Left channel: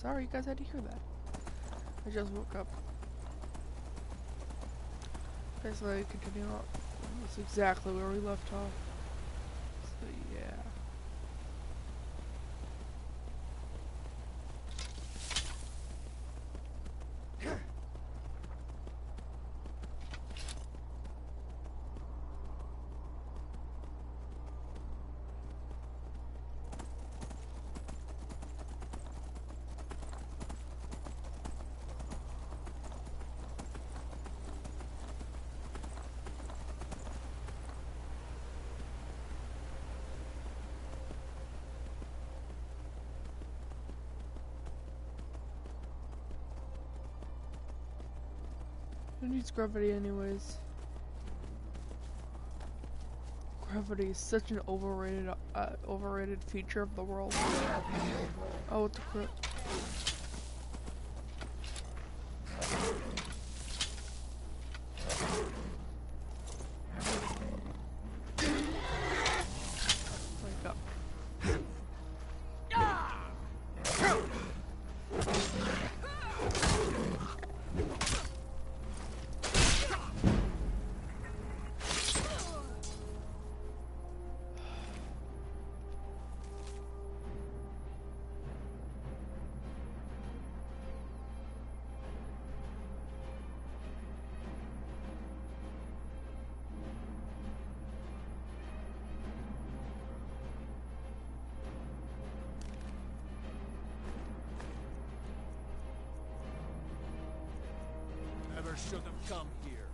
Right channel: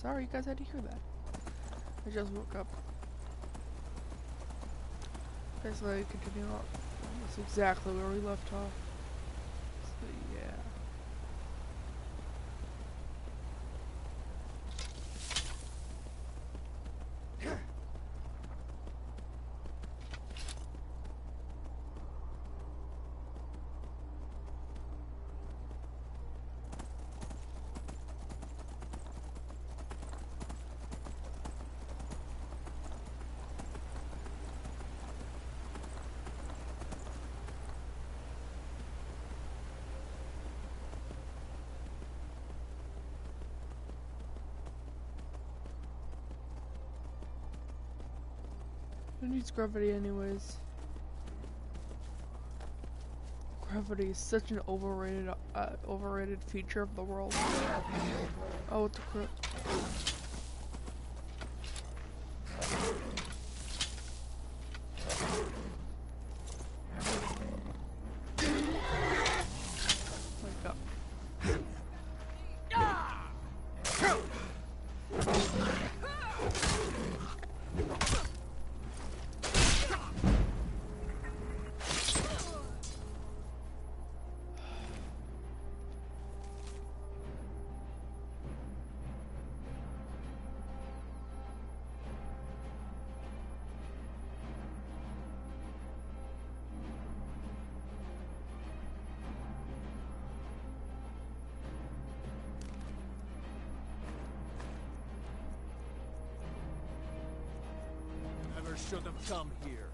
sorry you guys had to hear that. I just woke up. Okay, so I continue on. That's exactly where we left off. So yeah. Who needs gravity anyways? Gravity is such an overrated feature of the world. Oh, what the crap. Wake up. Never should have come here.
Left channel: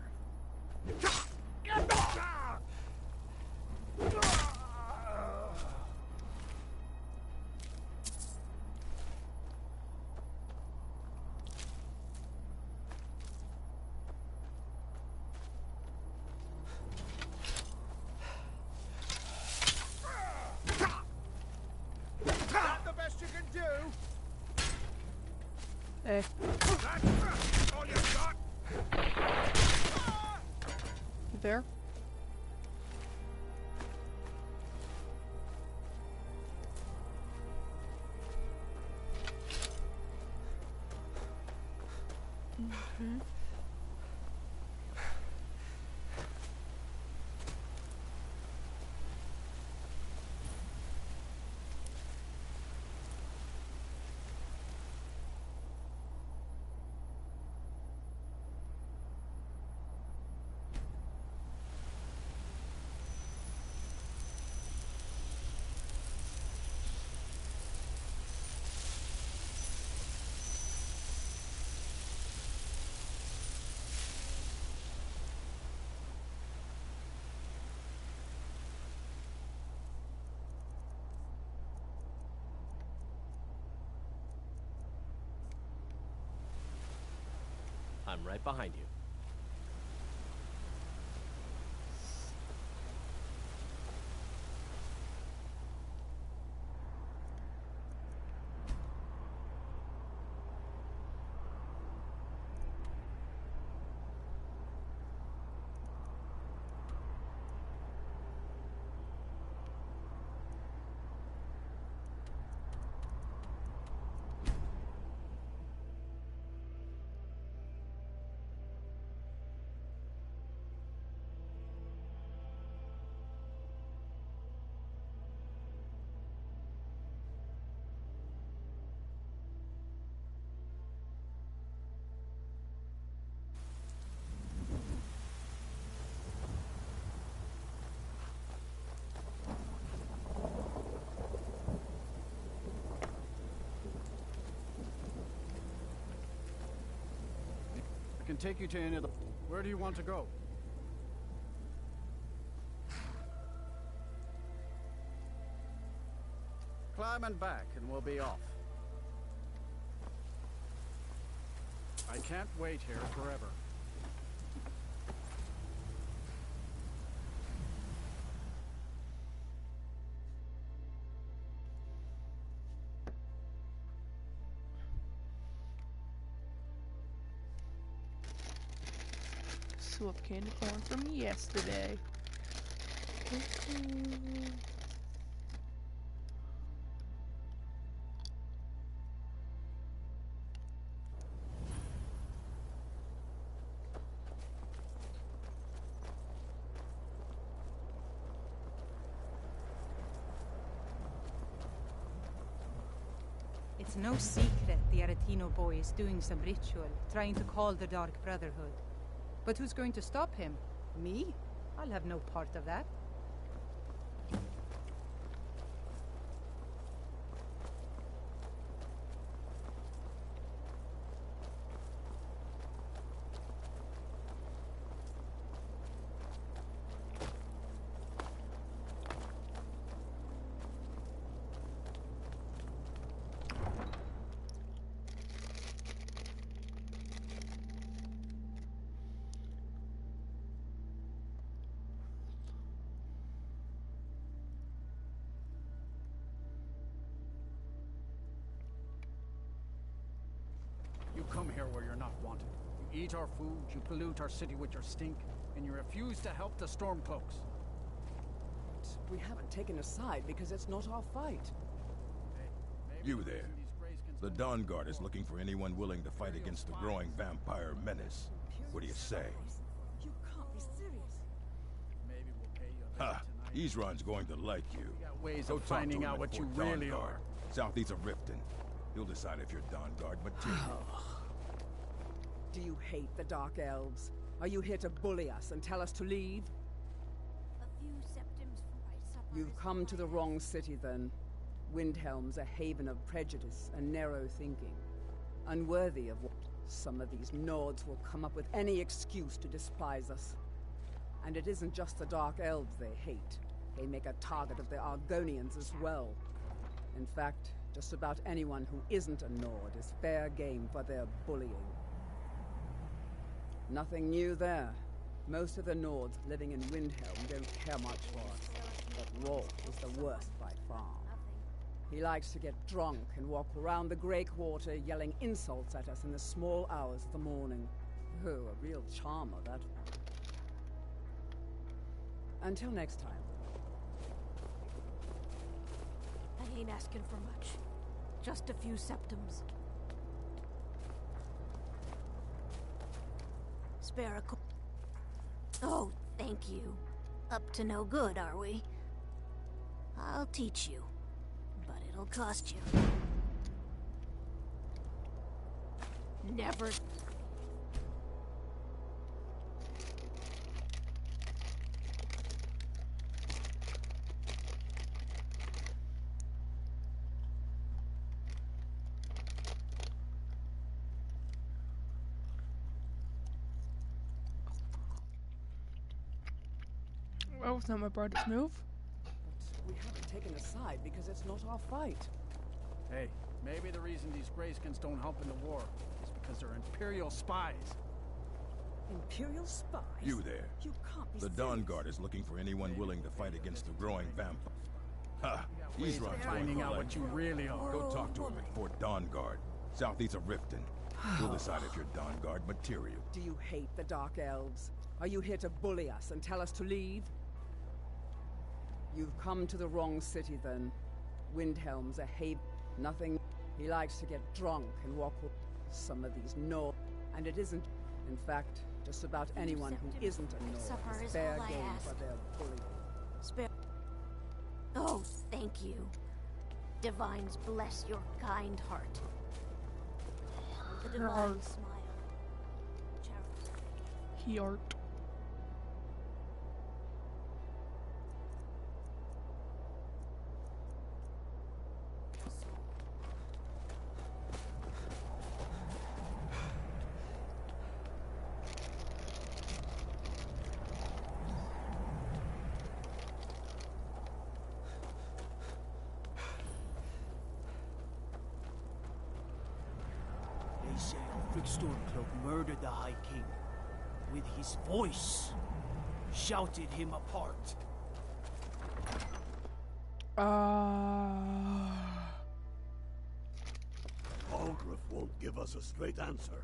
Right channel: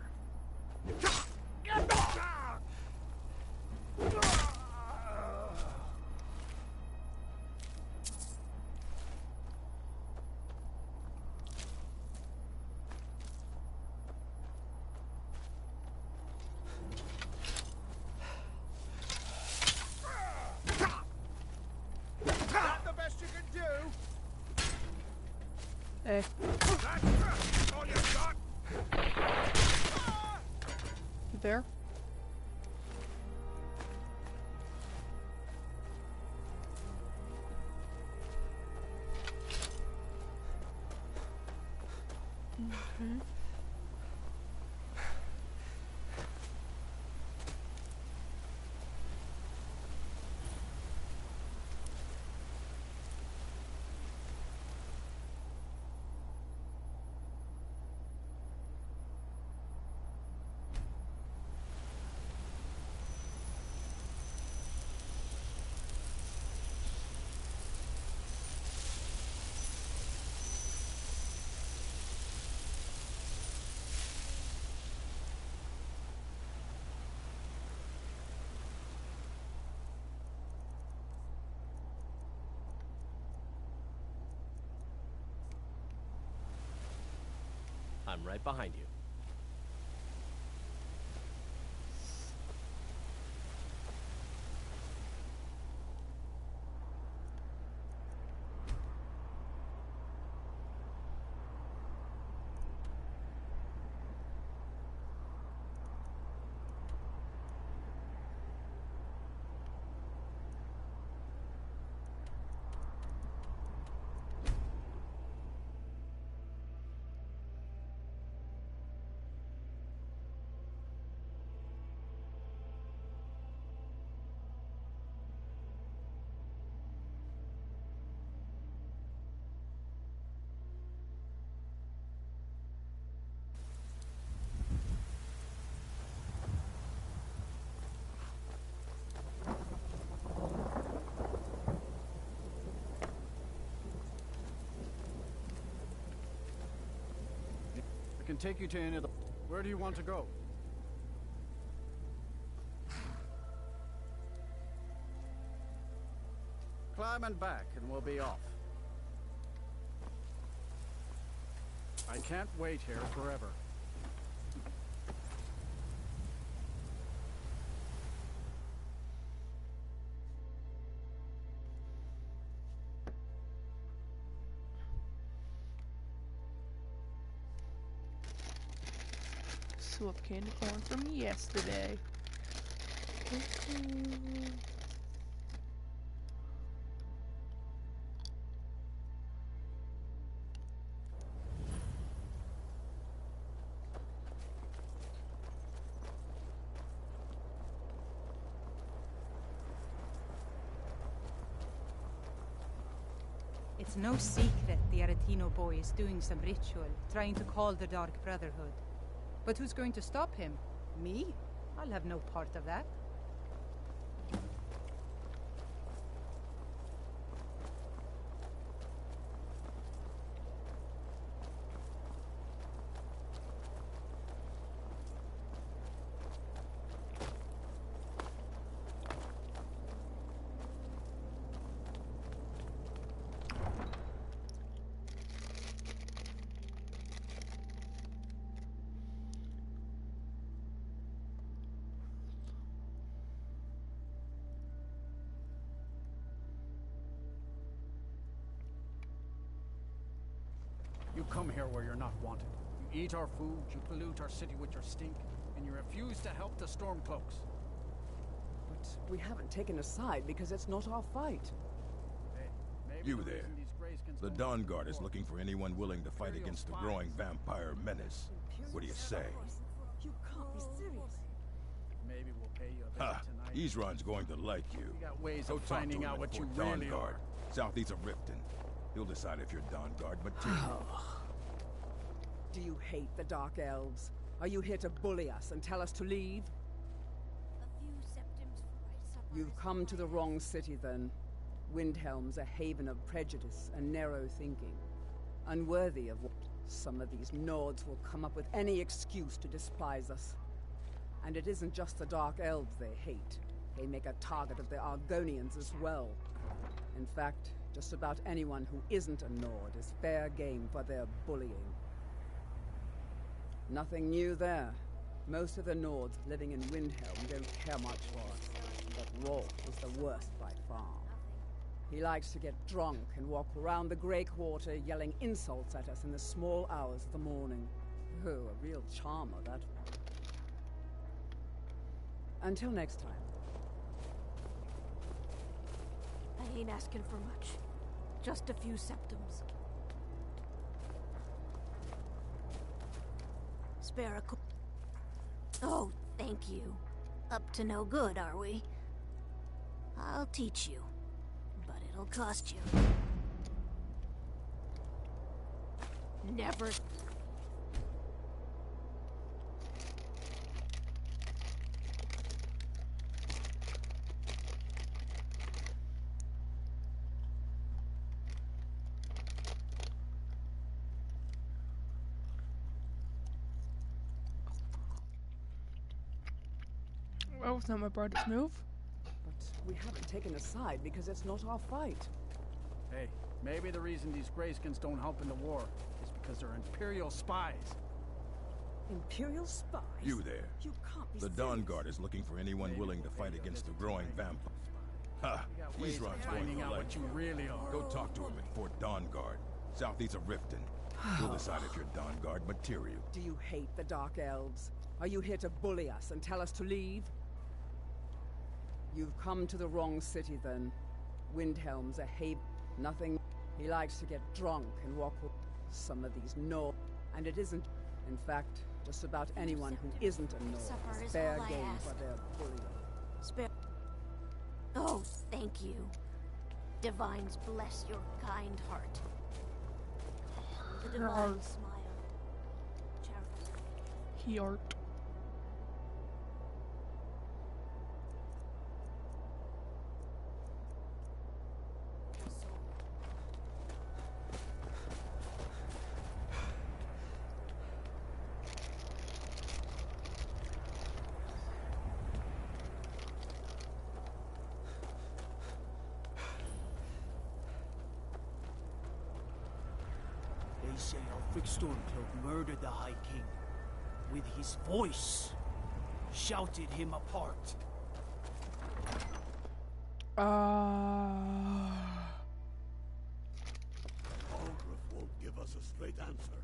Not the best you can do. Hey. That's all you got. You there? Okay. I'm right behind you. I can take you to any of the... Where do you want to go? Climb and back, and we'll be off. I can't wait here forever. Swap candy corn from yesterday. It's no secret the Aretino boy is doing some ritual, trying to call the Dark Brotherhood. But who's going to stop him? Me? I'll have no part of that. You come here where you're not wanted. You eat our food, you pollute our city with your stink, and you refuse to help the Stormcloaks. But we haven't taken a side because it's not our fight. Hey, maybe You the there. reason these Greyskins The don't Dawn help Guard is war looking for anyone willing to fight against the growing vampire menace. What do you say? You can't be serious. Maybe we'll pay you a Ha! visit tonight. Ezron's going to like you. We got ways Go of talk finding to him out at what you Fort Dawn really Guard, are. southeast of Riften. He'll decide if you're Dawn Guard material. Do you hate the Dark Elves? Are you here to bully us and tell us to leave? A few septims for my supper. You've come to the wrong city, then. Windhelm's a haven of prejudice and narrow thinking. Unworthy of what some of these Nords will come up with any excuse to despise us. And it isn't just the Dark Elves they hate. They make a target of the Argonians as well. In fact, just about anyone who isn't a Nord is fair game for their bullying. Nothing new there. Most of the Nords living in Windhelm don't care much for us. But Rolf is the worst by far. He likes to get drunk and walk around the Grey Quarter yelling insults at us in the small hours of the morning. Oh, a real charmer, that one. Until next time. I ain't asking for much. Just a few septims. Spare a Oh, thank you. Up to no good, are we? I'll teach you. But it'll cost you. Never. That was not my brightest move. But we haven't taken a side because it's not our fight. Hey, maybe the reason these Greyskins don't help in the war is because they're Imperial spies. Imperial spies? You there. You can't be The serious. Dawn Guard is looking for anyone willing to fight against the growing vampire. Ha! We got ways of Ezron's going finding to out like what you you. really are. Go talk to him at Fort Dawn Guard, southeast of Riften. He'll decide if you're Dawn Guard material. Do you hate the Dark Elves? Are you here to bully us and tell us to leave? You've come to the wrong city, then. Windhelm's a haven. Nothing. He likes to get drunk and walk with some of these Nord. And it isn't. In fact, just about anyone who isn't a Nord Supper is is fair all I game ask. for their bullying. Spare. Oh, thank you. Divines bless your kind heart. The divine Heart. smile. Charity. He art. They say Ulfric Stormcloak murdered the High King. With his voice. Shouted him apart. Algrif won't give us a straight answer.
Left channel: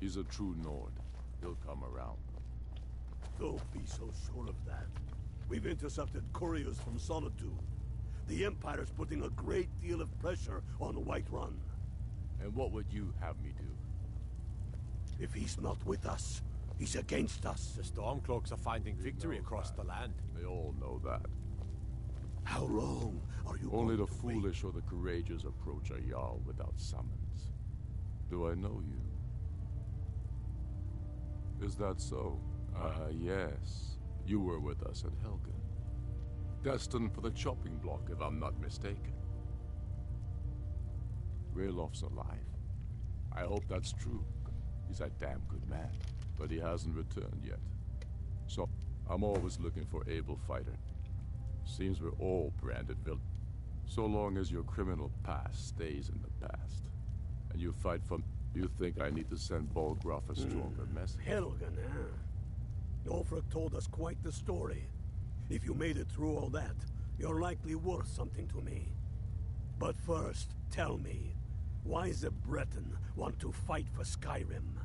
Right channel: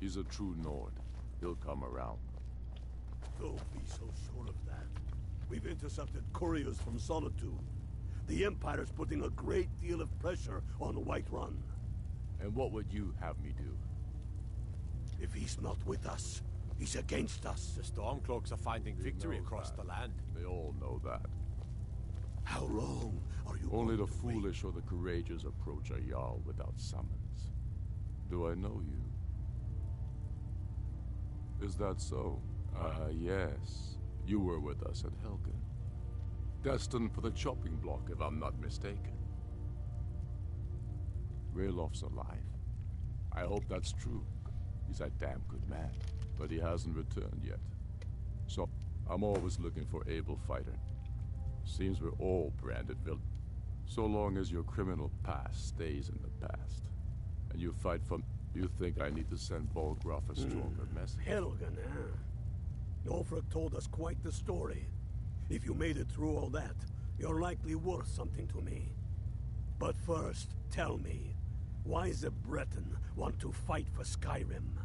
He's a true Nord. He'll come around. Don't be so sure of that. We've intercepted couriers from Solitude. The Empire's putting a great deal of pressure on Whiterun. And what would you have me do? If he's not with us, he's against us. The Stormcloaks are finding He victory knows across that. the land. They all know that. How long are you Only going the to wait? foolish or the courageous approach a Jarl without summons. Do I know you? Is that so? Ah, yes. You were with us at Helgen. Destined for the chopping block, if I'm not mistaken. Raylof's alive. I hope that's true. He's a damn good man, but he hasn't returned yet. So, I'm always looking for able fighter. Seems we're all branded villains. So long as your criminal past stays in the past, and you fight for... You think I need to send Volgraf a stronger message? Helgen, huh? Ulfric told us quite the story. If you made it through all that, you're likely worth something to me. But first, tell me, why does a Breton want to fight for Skyrim?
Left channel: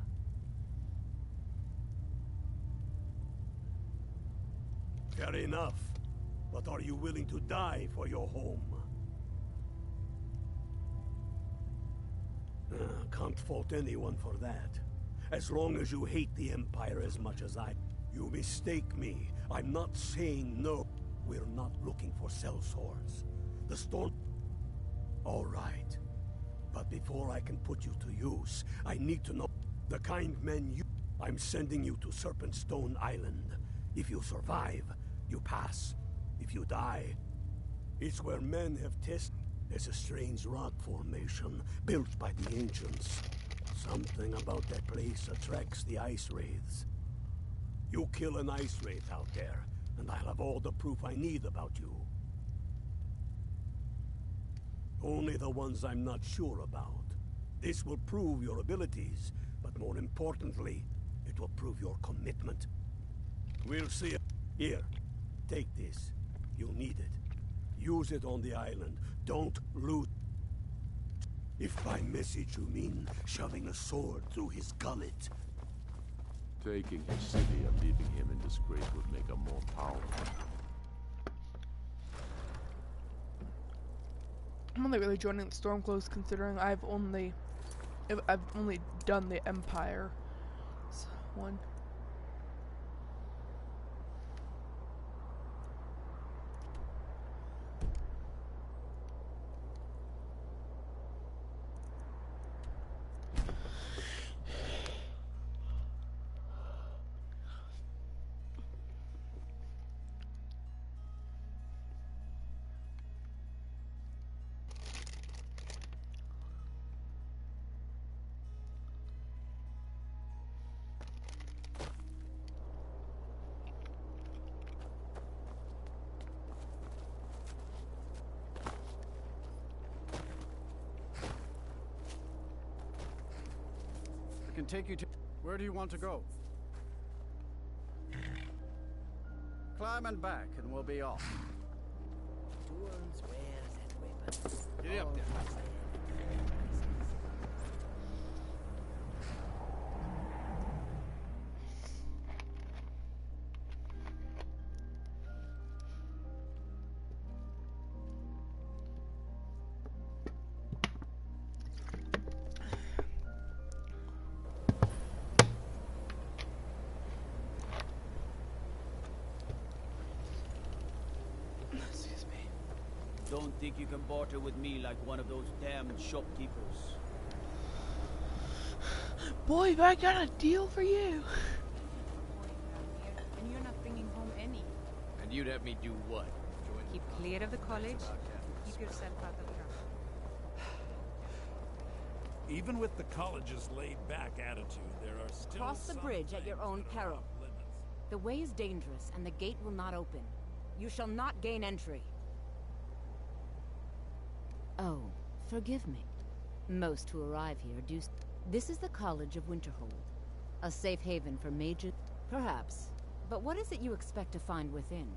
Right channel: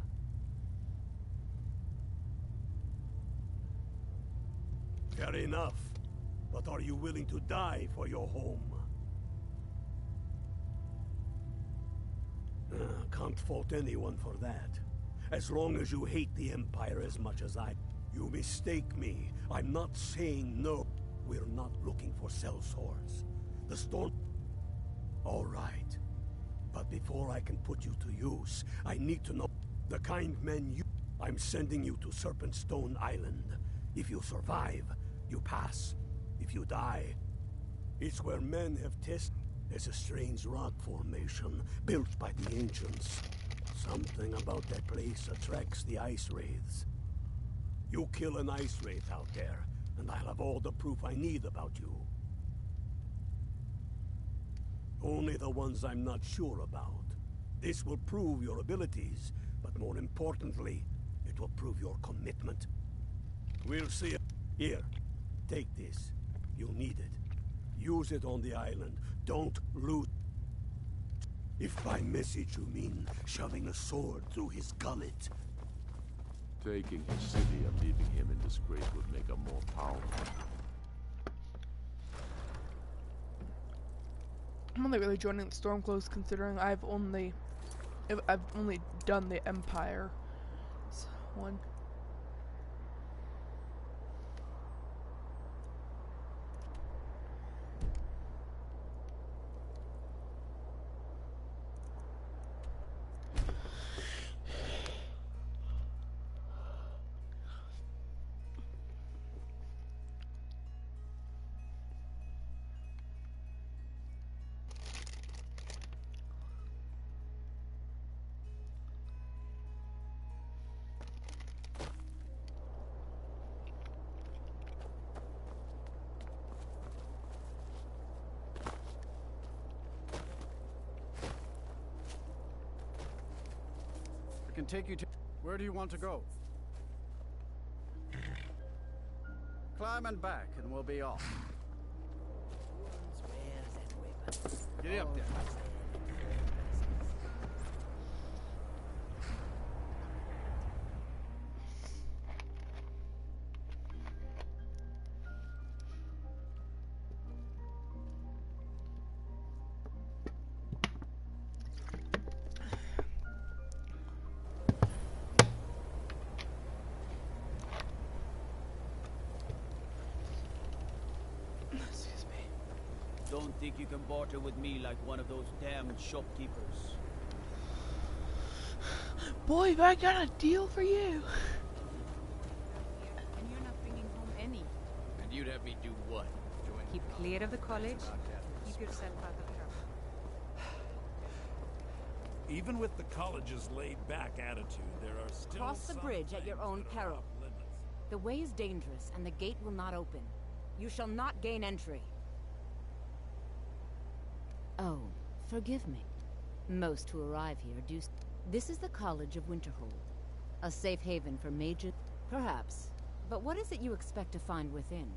Fair enough. But are you willing to die for your home? Can't fault anyone for that. As long as you hate the Empire as much as I... You mistake me. I'm not saying no. We're not looking for sellswords. The storm... All right. But before I can put you to use, I need to know the kind men you... I'm sending you to Serpentstone Island. If you survive, you pass. If you die, it's where men have tested. There's a strange rock formation built by the ancients. Something about that place attracts the ice wraiths. You kill an ice wraith out there, and I'll have all the proof I need about you. Only the ones I'm not sure about. This will prove your abilities, but more importantly, it will prove your commitment. We'll see. Here, take this. You'll need it. Use it on the island. Don't lose. If by message you mean shoving a sword through his gullet. Taking his city and leaving him in disgrace would make him more powerful. I'm only really joining the Stormcloaks considering I've only done the Empire one. I can take you to... Where do you want to go? Climb and back, and we'll be off. Get up there. Don't think you can barter with me like one of those damned shopkeepers. Boy, I got a deal for you. And you're not bringing home any. And you'd have me do what? Join Keep the clear of the college. about Keep yourself out of trouble. Even with the college's laid-back attitude, there are still Cross the some bridge at your things own that are peril. off limits. The way is dangerous, and the gate will not open. You shall not gain entry. Oh, forgive me. Most who arrive here do... This is the College of Winterhold. A safe haven for mages? Perhaps. But what is it you expect to find within?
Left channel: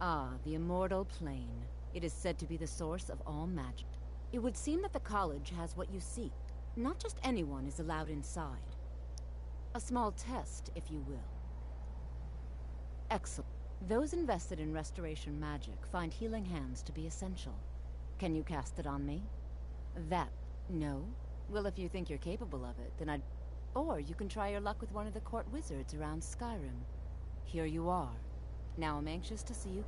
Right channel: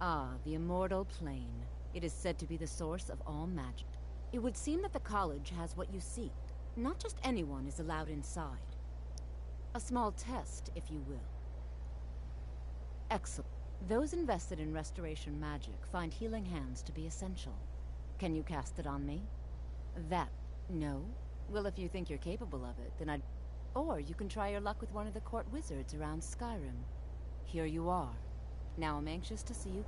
Ah, the Immortal Plane. It is said to be the source of all magic. It would seem that the college has what you seek. Not just anyone is allowed inside. A small test, if you will. Excellent. Those invested in restoration magic find healing hands to be essential. Can you cast it on me? That... no? Well, if you think you're capable of it, then I'd... Or you can try your luck with one of the court wizards around Skyrim. Here you are. Now I'm anxious to see you.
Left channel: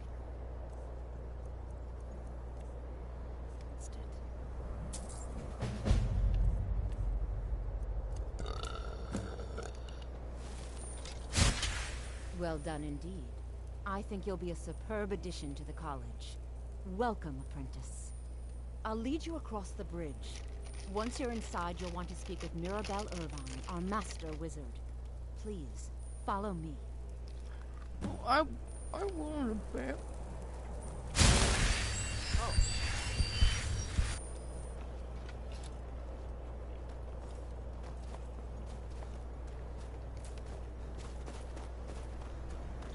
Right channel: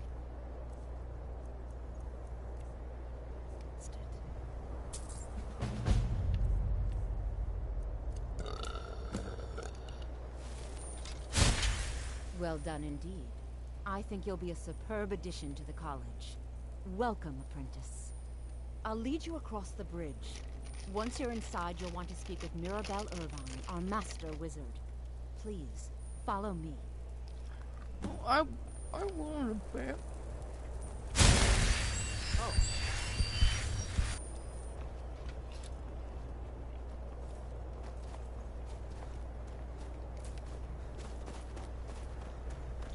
Well done indeed. I think you'll be a superb addition to the college. Welcome, apprentice. I'll lead you across the bridge. Once you're inside, you'll want to speak with Mirabelle Irvine, our master wizard. Please, follow me. I want a bit. Oh.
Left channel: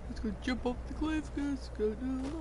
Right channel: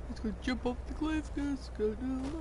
Let's go jump off the cliff, let's go to life.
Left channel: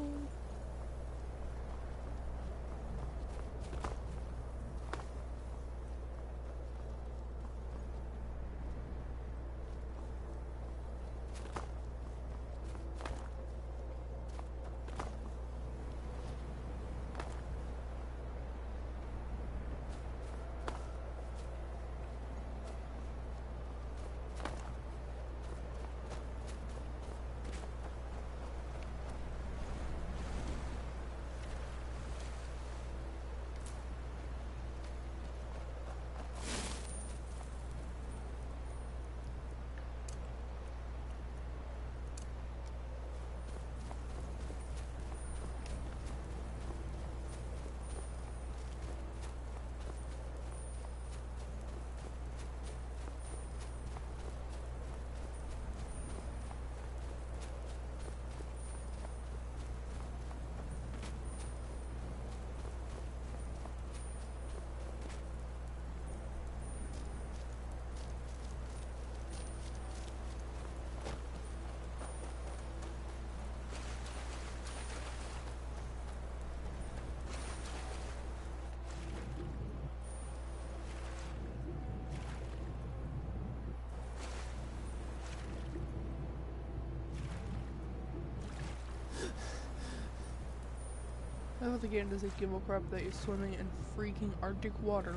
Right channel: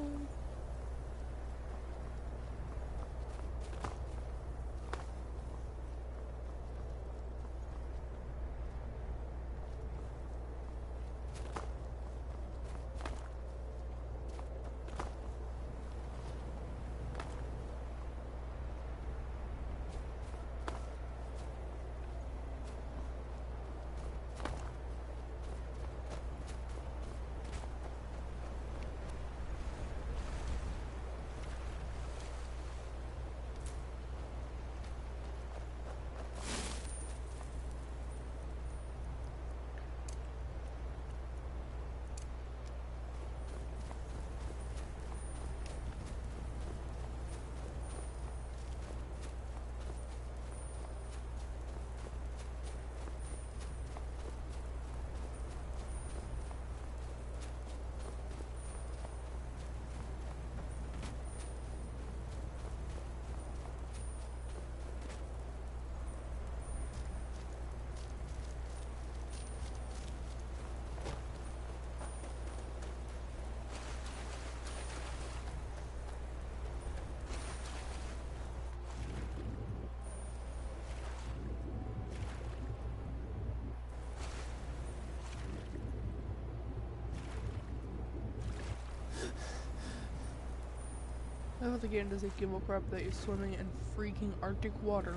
I thought the game doesn't give a crap that you're swimming in freaking Arctic water.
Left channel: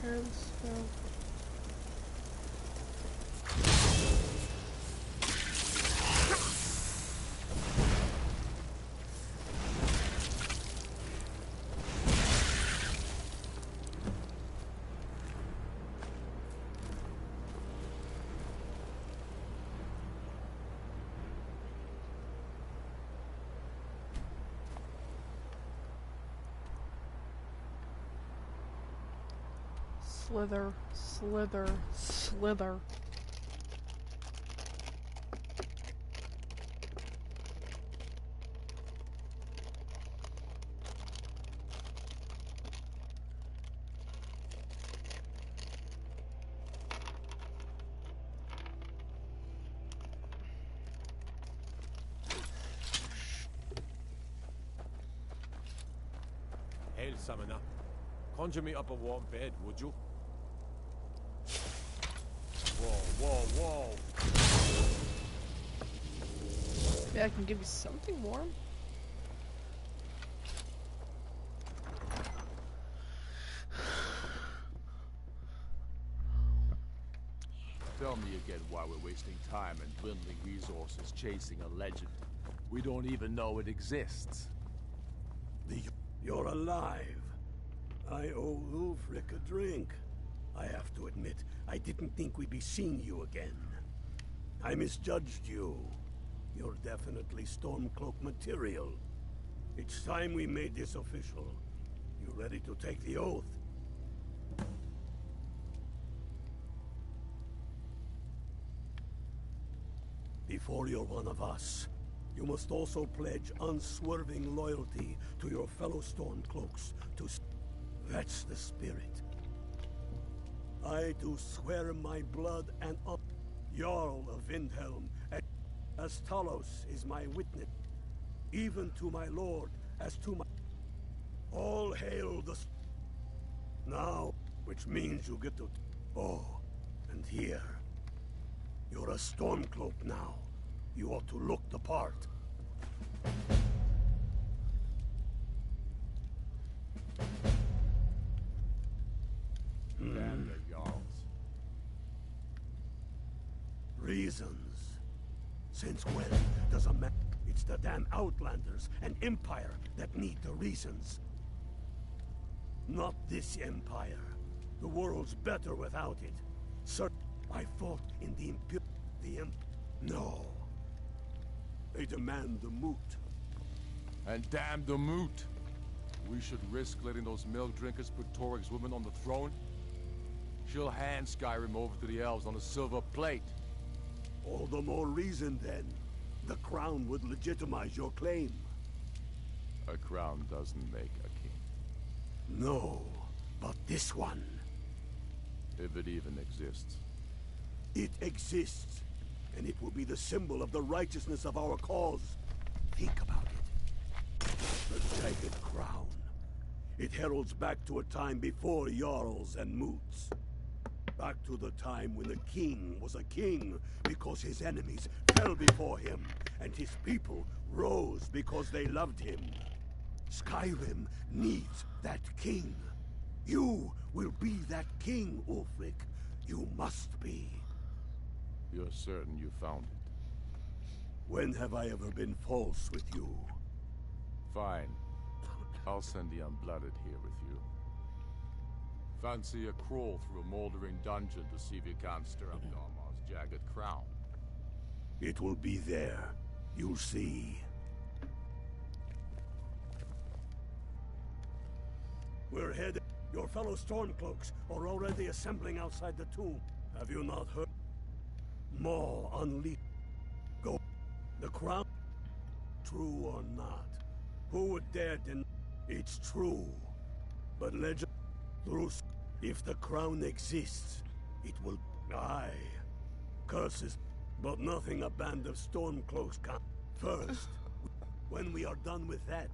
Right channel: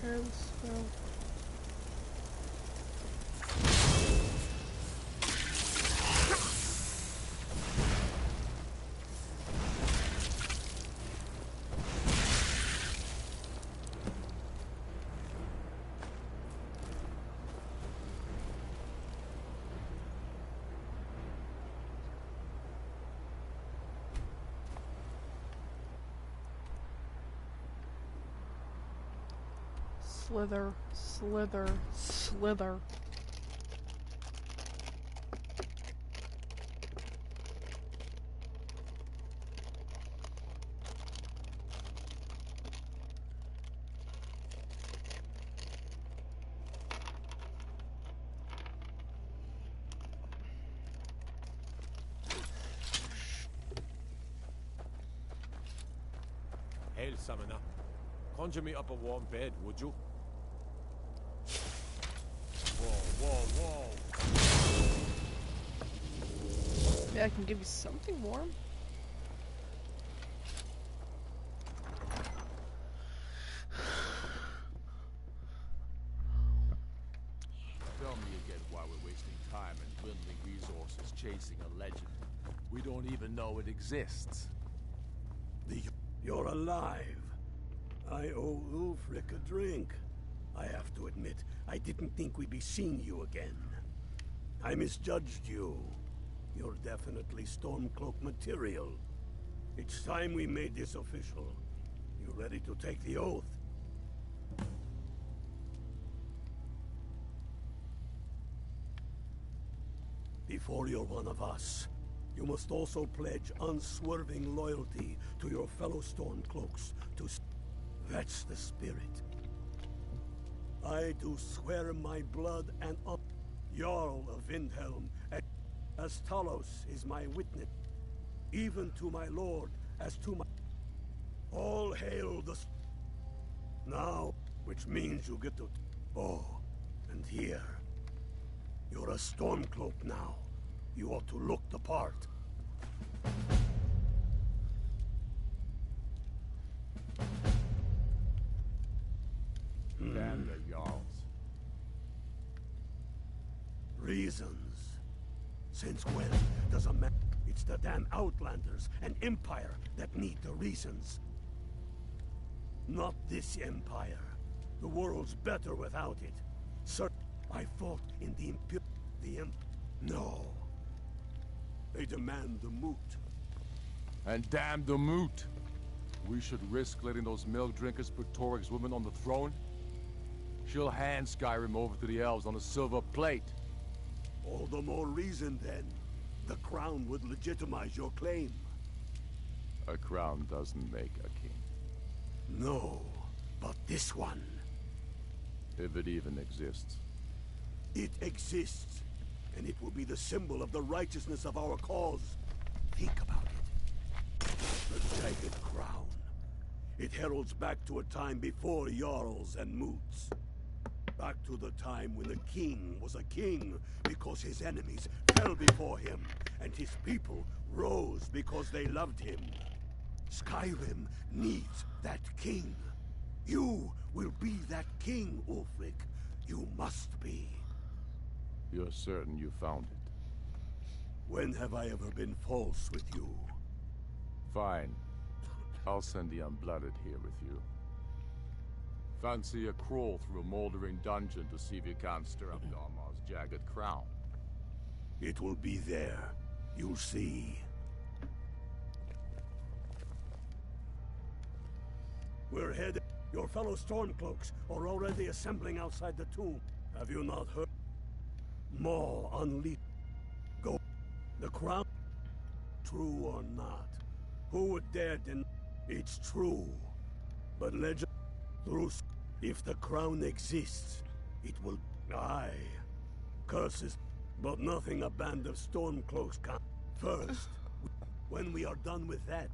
Prepare the spell. Slither, slither, slither. Hail, Summoner. Conjure me up a warm bed, would you? Whoa, whoa, whoa! Yeah, I can give you something warm. Tell me again why we're wasting time and dwindling resources chasing a legend. We don't even know it exists. You're alive. I owe Ulfric a drink. I have to admit, I didn't think we'd be seeing you again. I misjudged you. You're definitely Stormcloak material. It's time we made this official. You ready to take the oath? Before you're one of us, you must also pledge unswerving loyalty to your fellow Stormcloaks That's the spirit. I do swear my blood and honor, Jarl of Windhelm, as Talos is my witness, even to my lord, as to my... All hail the... Now, which means you get to... Oh, and here. You're a Stormcloak now. You ought to look the part. Damn the Jarls. Reasons. Since when does a man... It's the damn Outlanders and Empire that need the reasons. Not this Empire. The world's better without it. Sir, I fought in the No. They demand the moot. And damn the moot. We should risk letting those milk drinkers put Toryg's woman on the throne? She'll hand Skyrim over to the elves on a silver plate. All the more reason, then. The crown would legitimize your claim. A crown doesn't make a king. No, but this one. If it even exists. It exists, and it will be the symbol of the righteousness of our cause. Think about it. The jagged crown. It heralds back to a time before Jarls and Moots. Back to the time when the king was a king because his enemies fell before him, and his people rose because they loved him. Skyrim needs that king. You will be that king, Ulfric. You must be. You're certain you found it? When have I ever been false with you? Fine. I'll send the Unblooded here with you. Fancy a crawl through a moldering dungeon to see if you can't stir up Darmar's jagged crown. It will be there. You'll see. We're headed. Your fellow Stormcloaks are already assembling outside the tomb. Have you not heard? More unleashed. Go. The crown. True or not? Who would dare deny? It's true. But legend. Through. If the crown exists, it will... Aye. Curses. But nothing a band of Stormcloaks can... First, when we are done with that,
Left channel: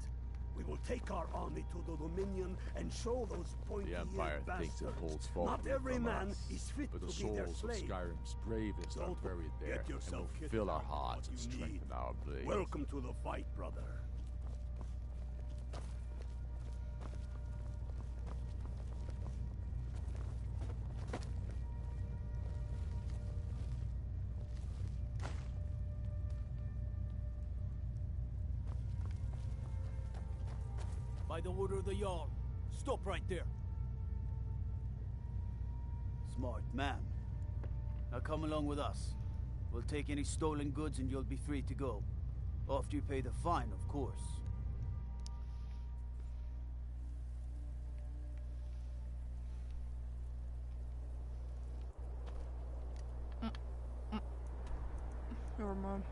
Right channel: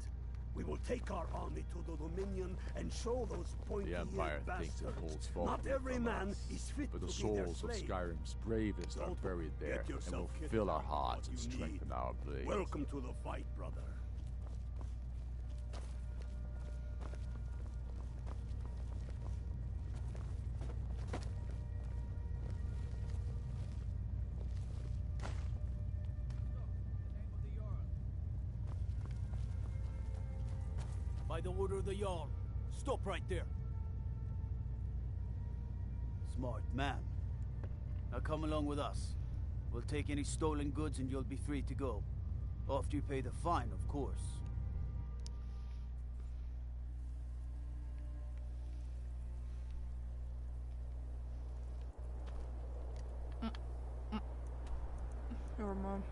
we will take our army to the Dominion and show those pointy-eared The Empire thinks it holds forth. Not every man is fit but the to be their souls of slave. Skyrim's bravest are buried there, and will fill our hearts and strengthen our blades. Welcome to the fight, brother. By the order of the Jarl. Stop right there. Smart man. Now come along with us. We'll take any stolen goods and you'll be free to go. After you pay the fine, of course. Never mind.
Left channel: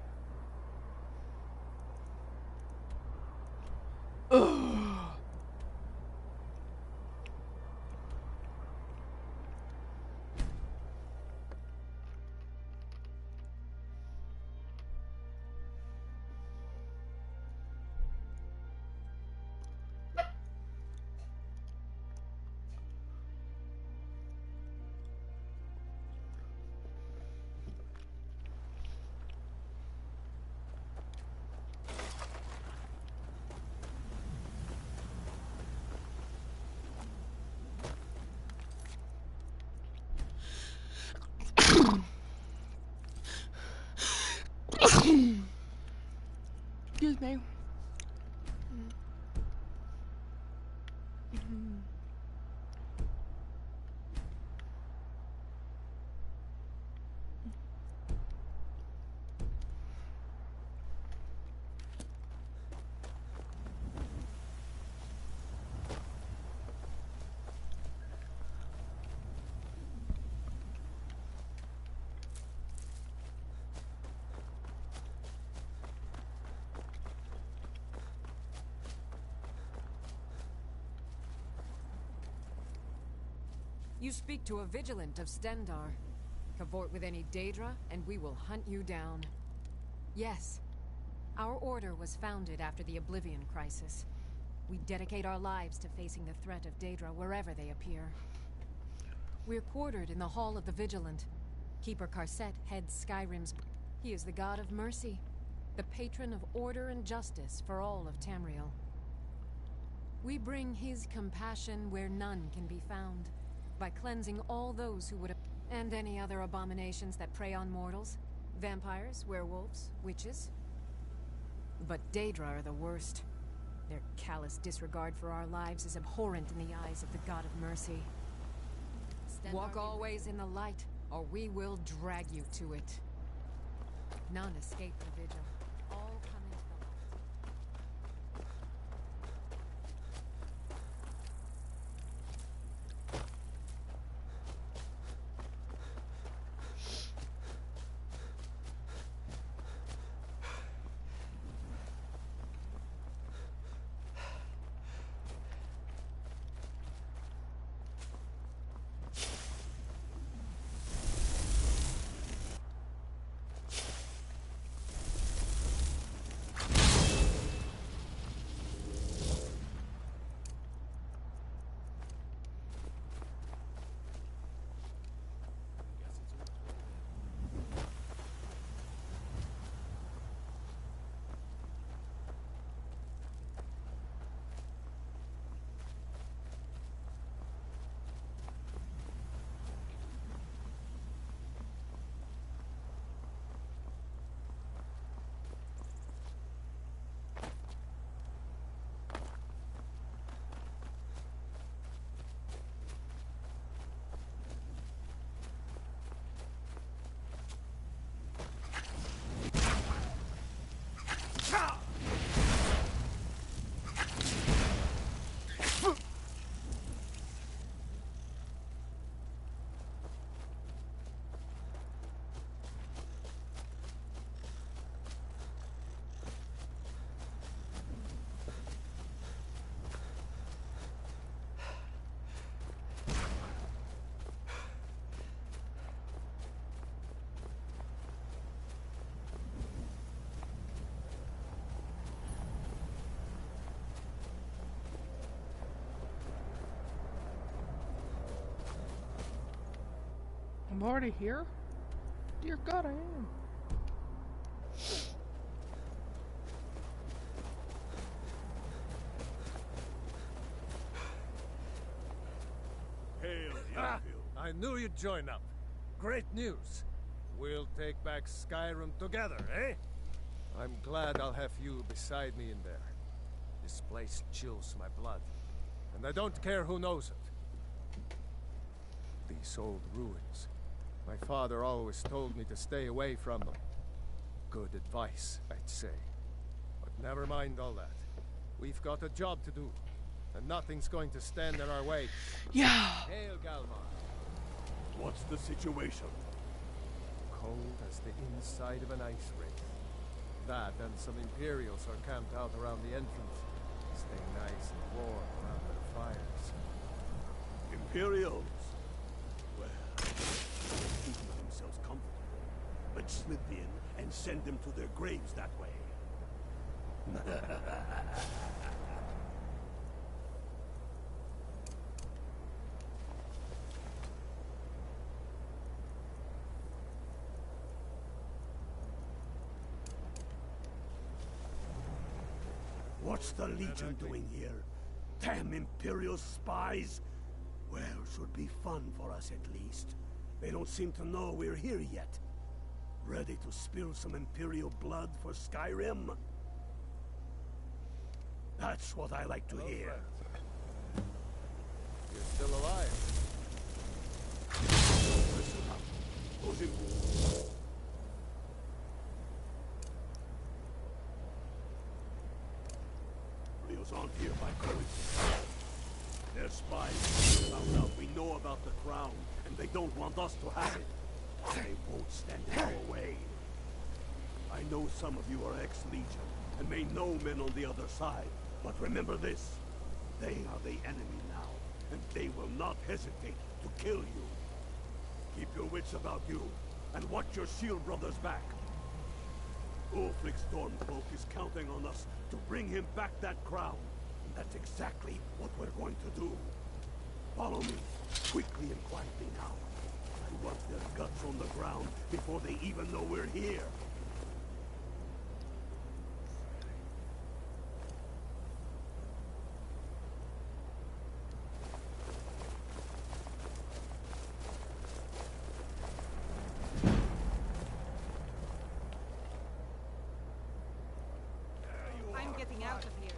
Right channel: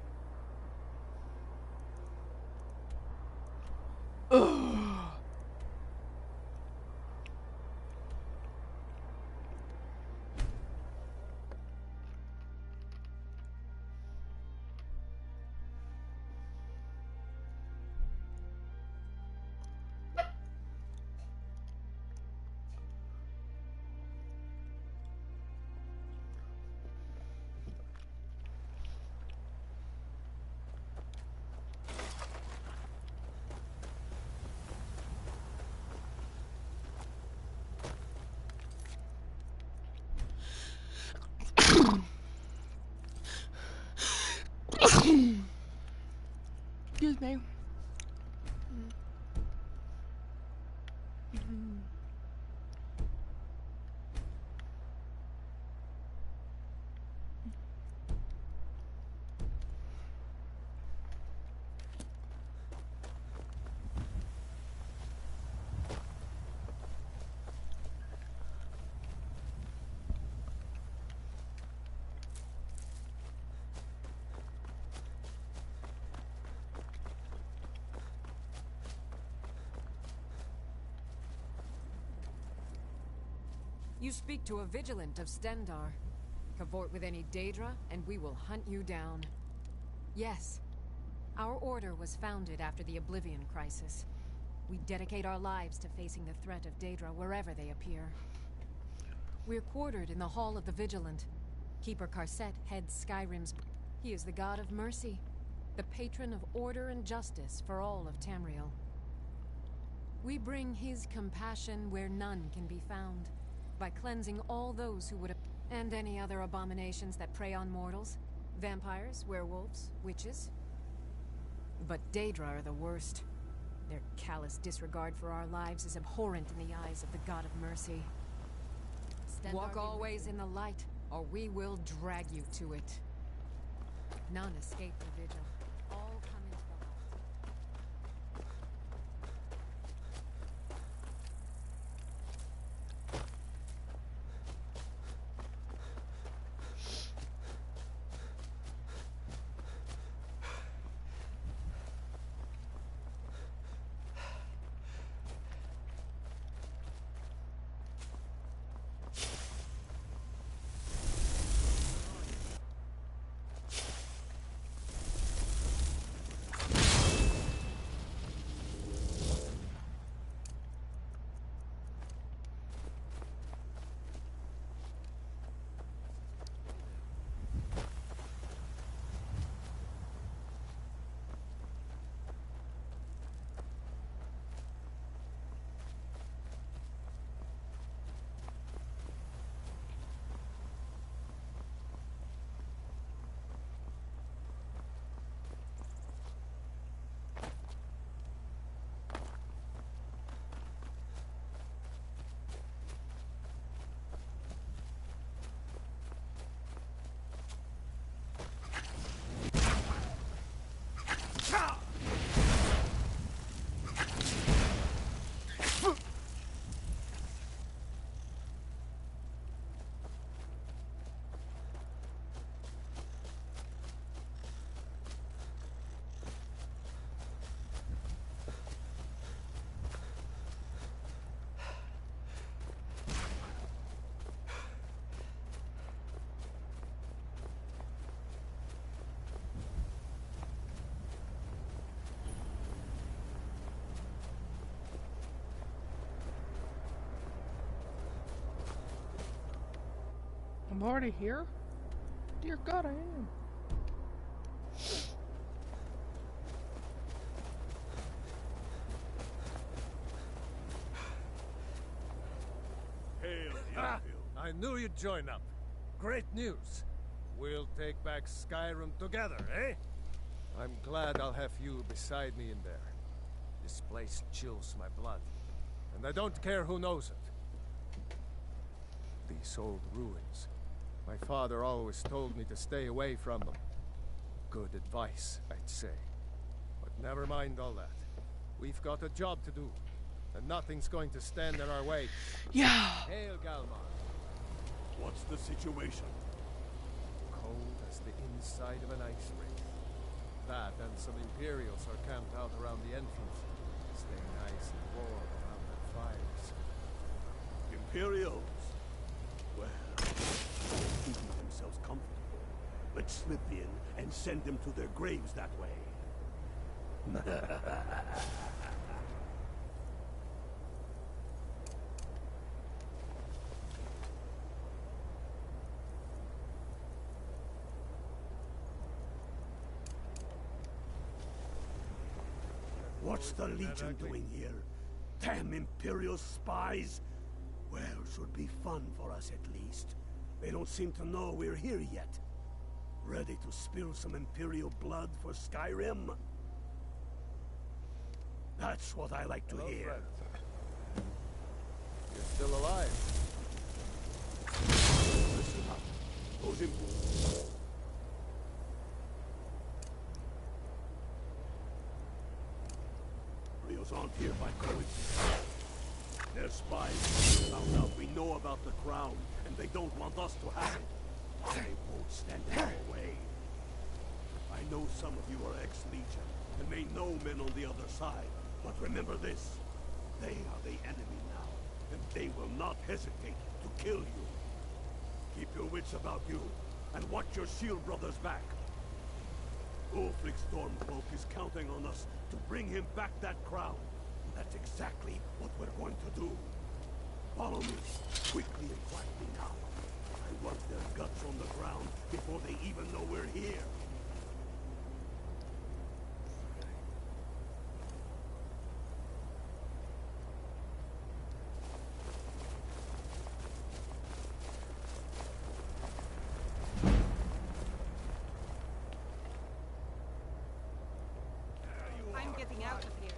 Excuse me. You speak to a vigilant of Stendar. Cavort with any Daedra, and we will hunt you down. Yes, our order was founded after the Oblivion Crisis. We dedicate our lives to facing the threat of Daedra wherever they appear. We're quartered in the Hall of the Vigilant. Keeper Karset heads Skyrim's... He is the god of mercy, the patron of order and justice for all of Tamriel. We bring his compassion where none can be found, by cleansing all those who would... and any other abominations that prey on mortals. Vampires, werewolves, witches. But Daedra are the worst. Their callous disregard for our lives is abhorrent in the eyes of the God of Mercy. Walk always in the light, or we will drag you to it. None escape the vigil. All come into the light. I'm already here? Dear God, I am. Hail, Ah, I knew you'd join up. Great news. We'll take back Skyrim together, eh? I'm glad I'll have you beside me in there. This place chills my blood, and I don't care who knows it. These old ruins. My father always told me to stay away from them. Good advice, I'd say. But never mind all that. We've got a job to do, and nothing's going to stand in our way. Yeah. Hail, Galmar. What's the situation? Cold as the inside of an ice wraith. That and some Imperials are camped out around the entrance, staying nice and warm around their fires. Imperials? Well, keeping themselves comfortable. Let's slip in and send them to their graves that way. What's the Legion doing here? Damn Imperial spies! Well, should be fun for us at least. They don't seem to know we're here yet. Ready to spill some Imperial blood for Skyrim? That's what I like to hear. Friend. You're still alive. Listen up. Those Imperials aren't here by coincidence. They're spies. Found out we know about the crown, and they don't want us to have it. They won't stand in our way. I know some of you are ex-Legion, and may know men on the other side. But remember this. They are the enemy now, and they will not hesitate to kill you. Keep your wits about you, and watch your shield brothers back. Ulfric Stormcloak is counting on us to bring him back that crown. And that's exactly what we're going to do. Follow me, quickly and quietly now. I want their guts on the ground before they even know we're here. I'm getting out of here.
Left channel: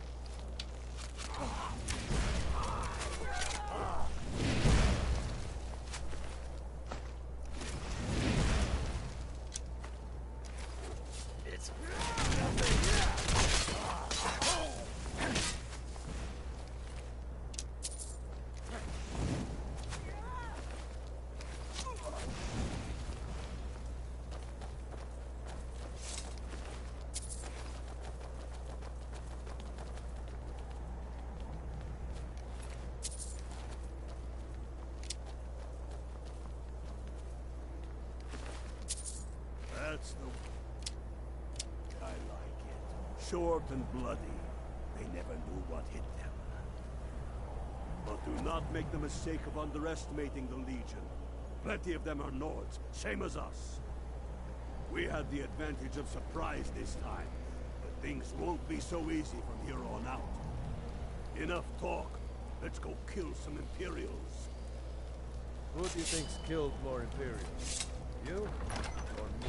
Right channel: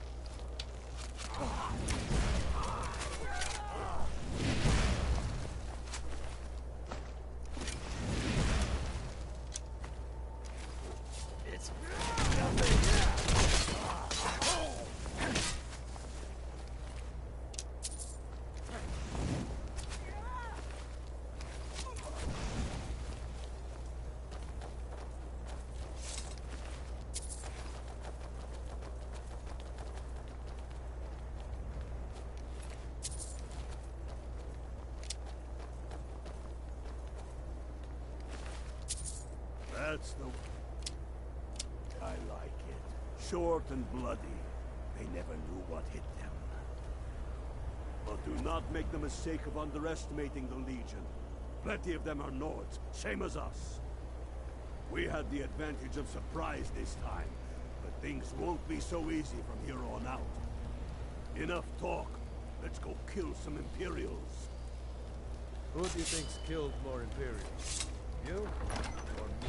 That's the... I like it. Short and bloody. They never knew what hit them. But do not make the mistake of underestimating the Legion. Plenty of them are Nords, same as us. We had the advantage of surprise this time, but things won't be so easy from here on out. Enough talk. Let's go kill some Imperials. Who do you think's killed more Imperials? You or me?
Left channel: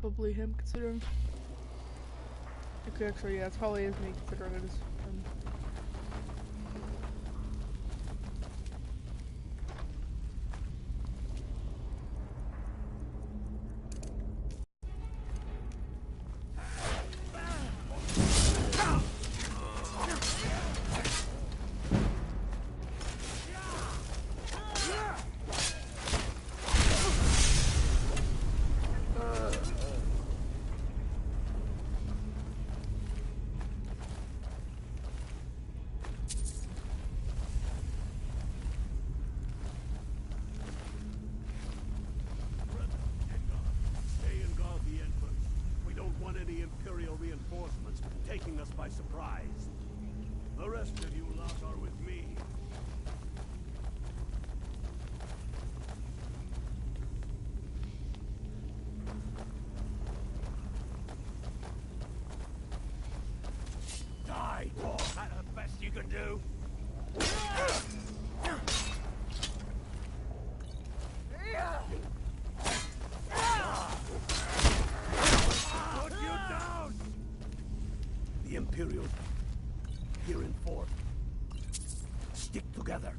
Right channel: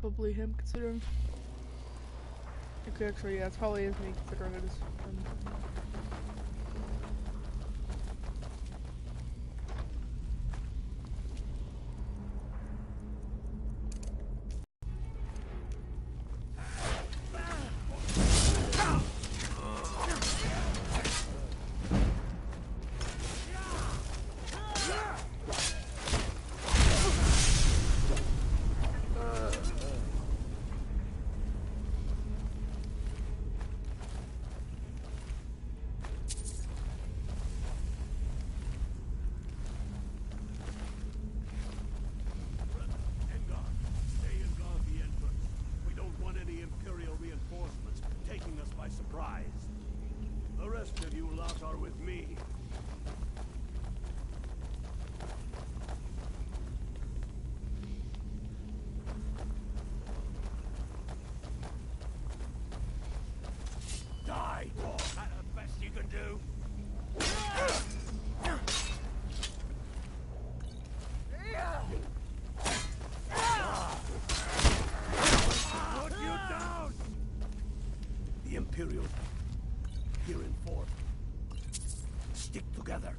Probably him, considering. Okay, actually, yeah, it probably is me, considering it is him. Taking us by surprise. The rest of you lot are with me. Die, dog. Is that the best you can do? Put you down! The Imperials here in fort. Stick together.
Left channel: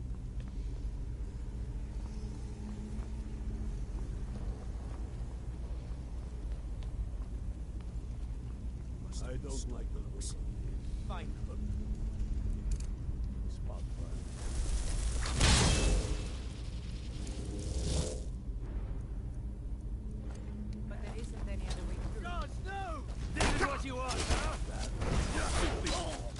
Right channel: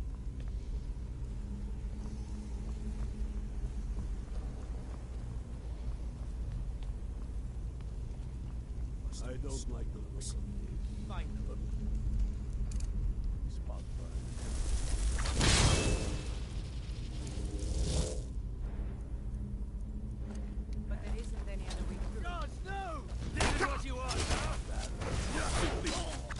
I don't like the look of this. Fine. Spot fire. But there isn't any other way through. God, no! This is what you want, huh?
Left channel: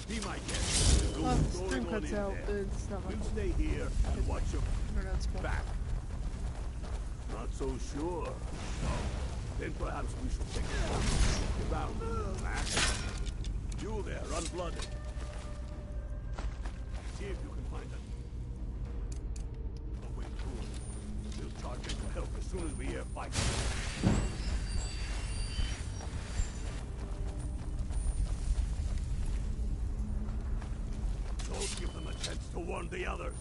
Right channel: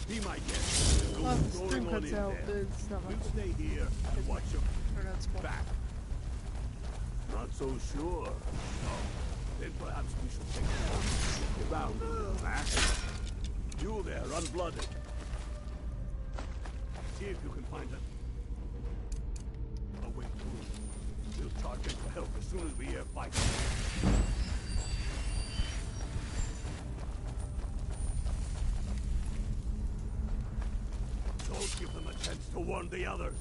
Be my guest. Go Well, if the going stream on cuts in out, there. it's not my We'll fault. stay here and watch your back. Not so sure. No. Then perhaps we should take a look around a little back. You there, unblooded. See if you can find a way through. We'll charge in for help as soon as we hear fighting. Don't give them a chance to warn the others.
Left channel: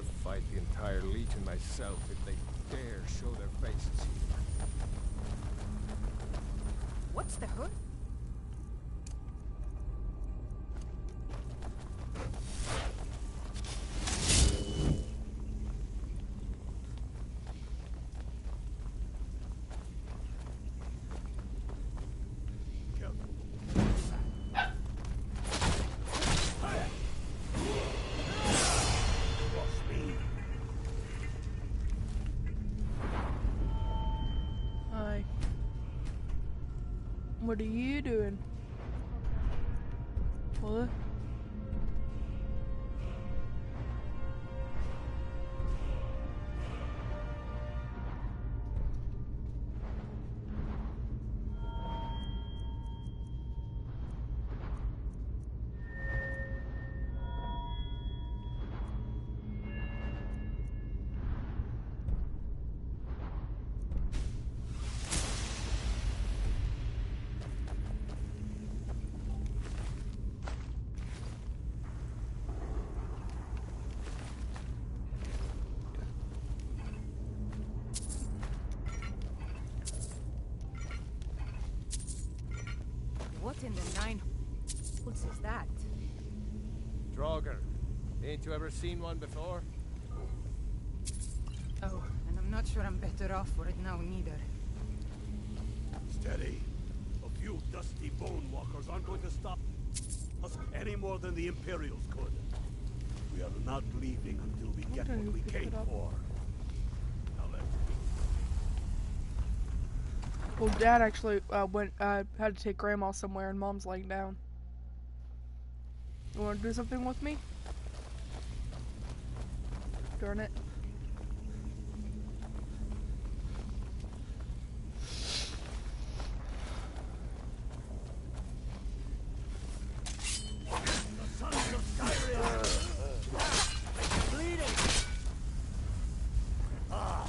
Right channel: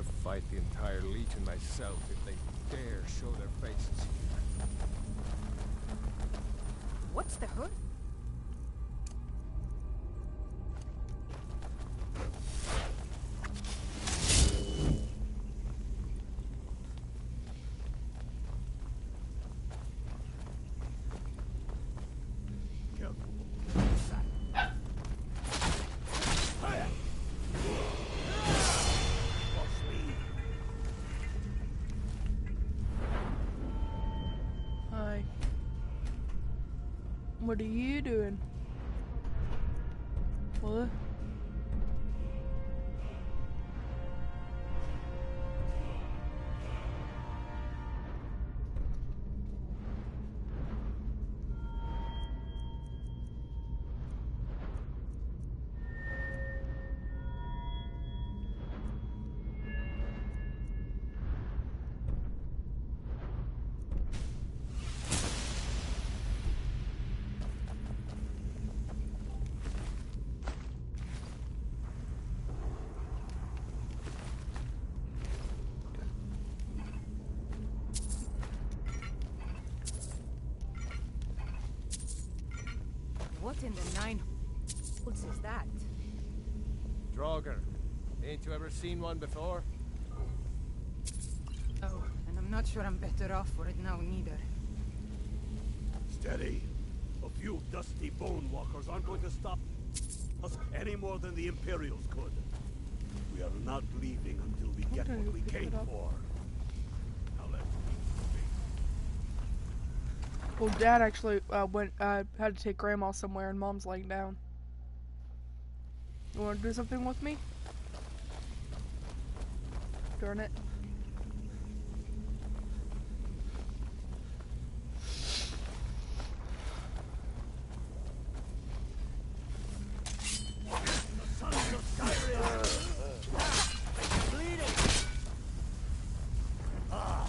I'll fight the entire Legion myself if they dare show their faces here. What's the hood? Hi. What are you doing? What? What in the nine holes is that? Draugr, ain't you ever seen one before? Oh, and I'm not sure I'm better off for it now neither. Steady. A few dusty bone walkers aren't going to stop us any more than the Imperials could. We are not leaving until we get what we came for. Now let's Well, Dad actually had to take Grandma somewhere, and Mom's laying down. You want to do something with me? Darn it. The sons of Skyrim! Bleeding! Ah,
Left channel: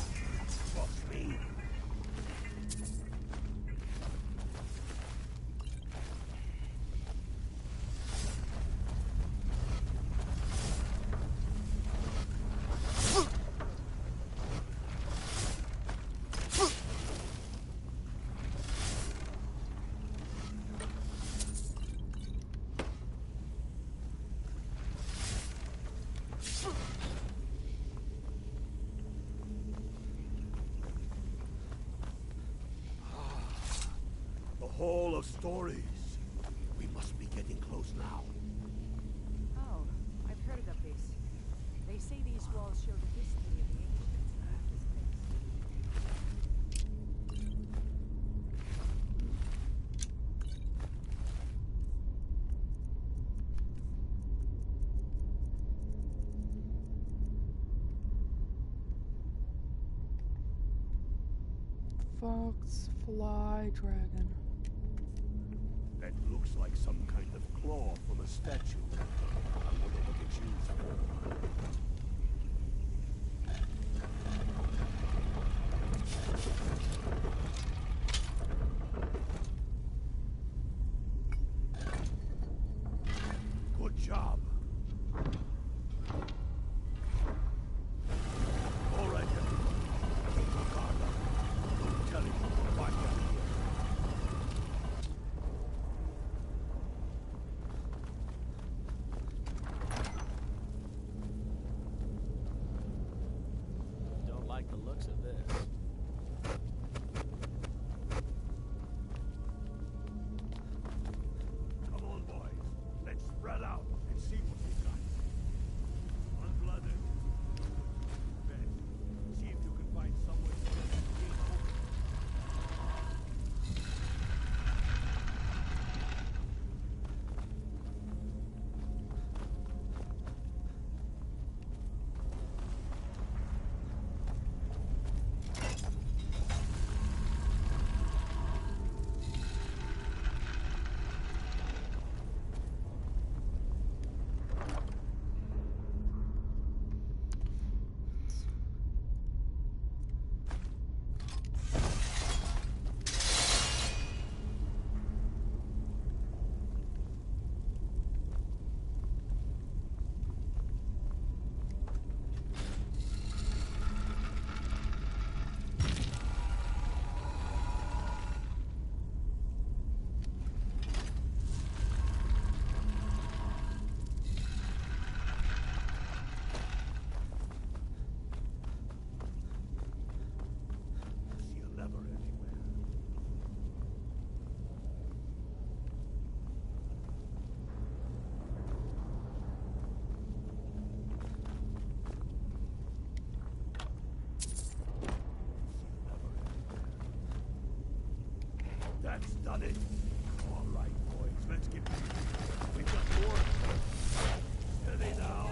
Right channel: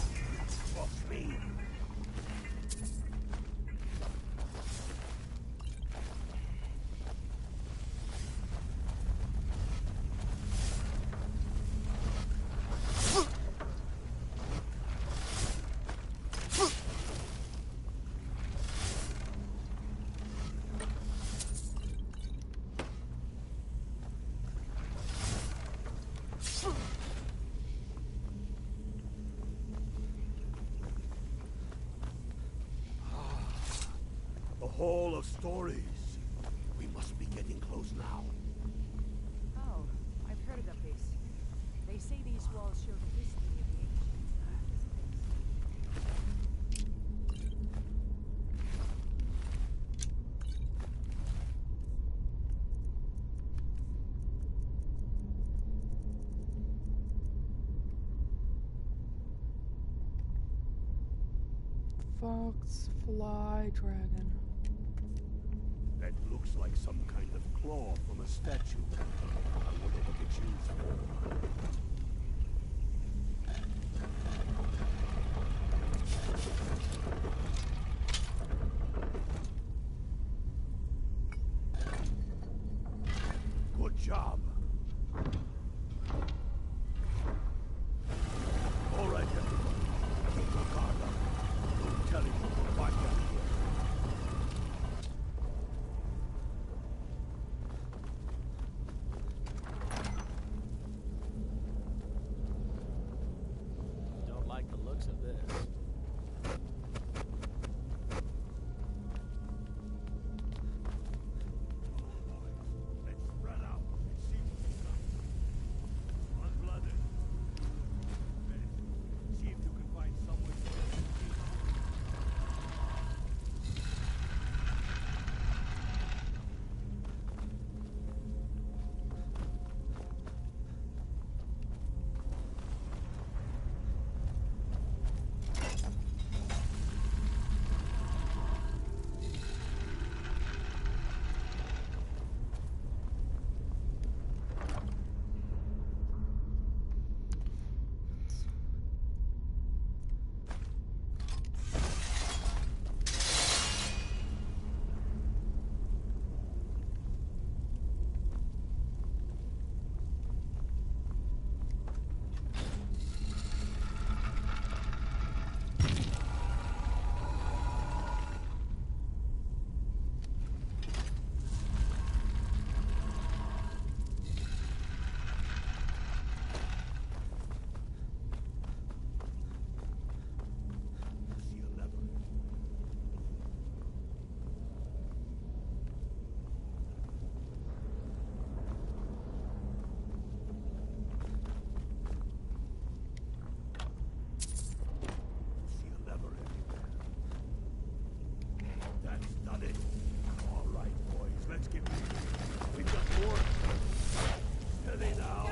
for me. Hall of Stories. We must be getting close now. Oh, I've heard of this. They say these walls show the history of the ancients of this Fox, fly, dragon. That looks like some kind of claw from a statue. I wonder what it's used for. Good job. All right, everyone. Keep your guard up. Don't tell him what we're down here. Don't like the looks of this. Come on, boys. Let's spread out and see what we got. Unblooded. Do what you do best. See if you can find someone to get the king over. they now?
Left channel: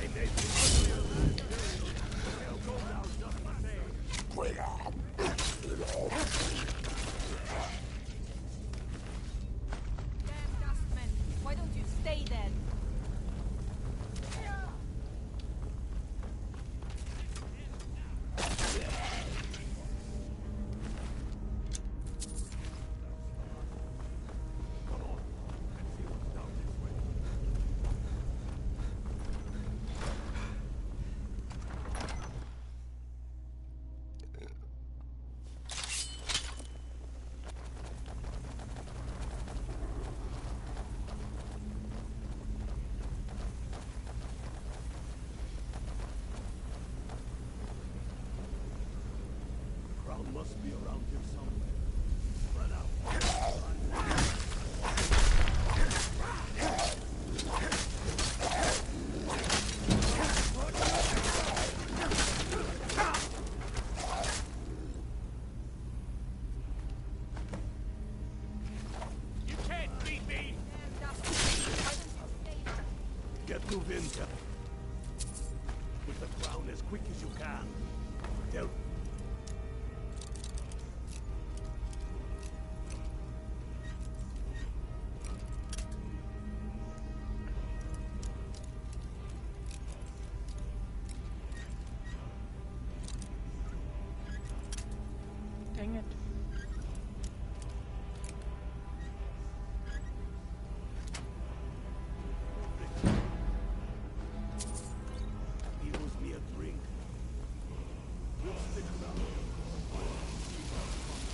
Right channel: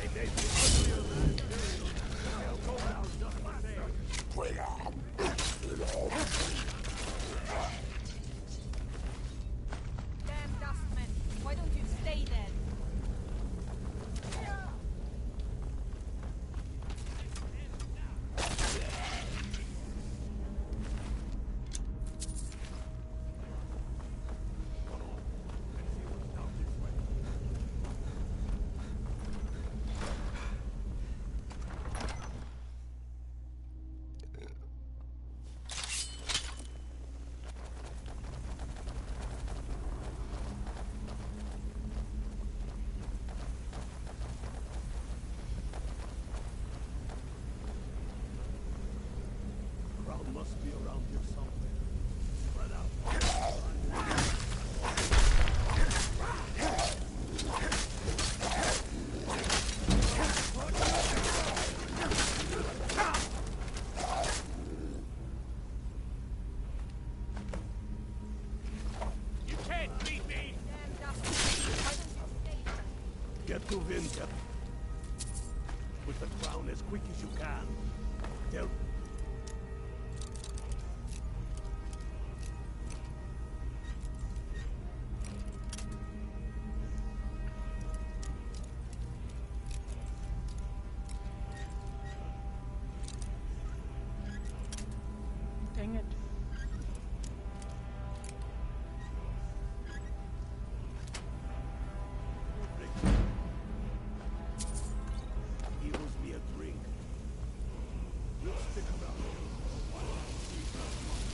They may be uglier than imperial, but they'll go down just the same. Damn dustmen! Why don't you stay then? Crown must be around here somewhere. Spread out. You can't beat me! Get to Vinter. With the crown as quick as you can. Tell... Dang it. He owes me a drink. We'll stick around here for a while and see where it comes.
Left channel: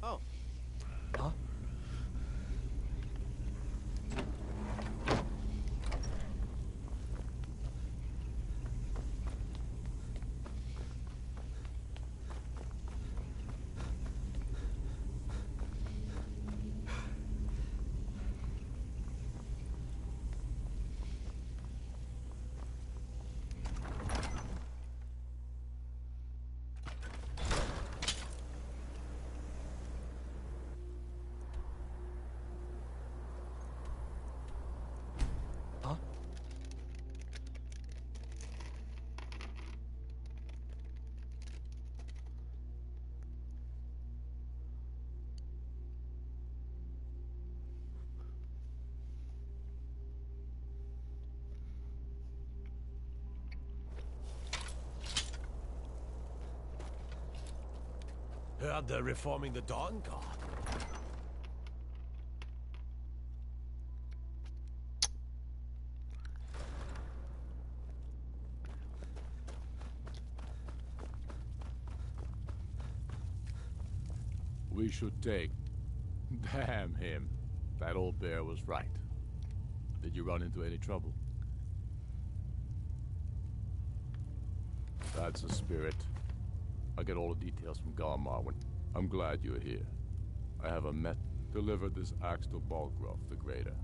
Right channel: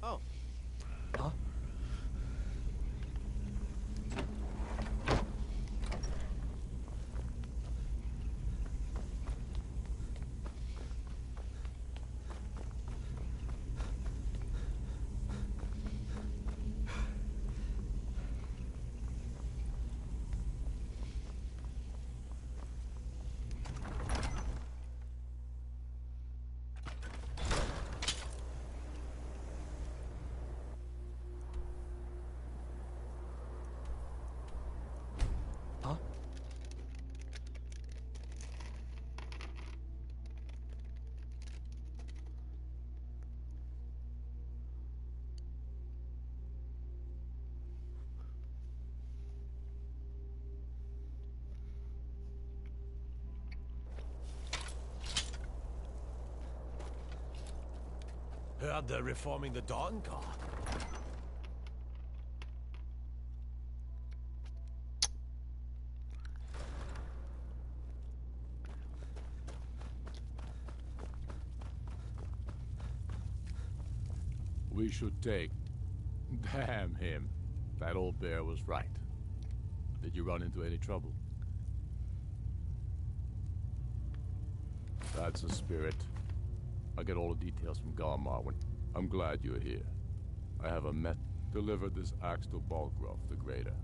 Oh. Huh? Heard they're reforming the Dawn Guard. We should take... Damn him. That old bear was right. Did you run into any trouble? That's the spirit. I'll get all the details from Galmar when... I'm glad you're here. I have a delivered this axe to Balgrove the Greater.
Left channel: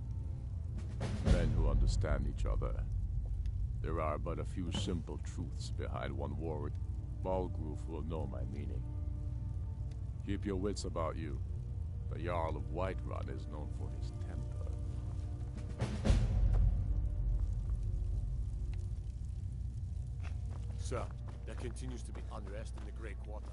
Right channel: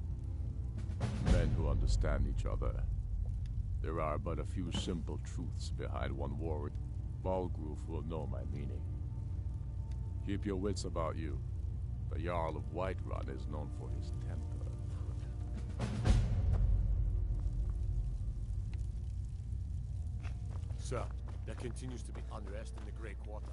Men who understand each other. There are but a few simple truths behind one warrior. Balgrove will know my meaning. Keep your wits about you. The Jarl of Whiterun is known for his temper. Sir, there continues to be unrest in the Grey Quarter.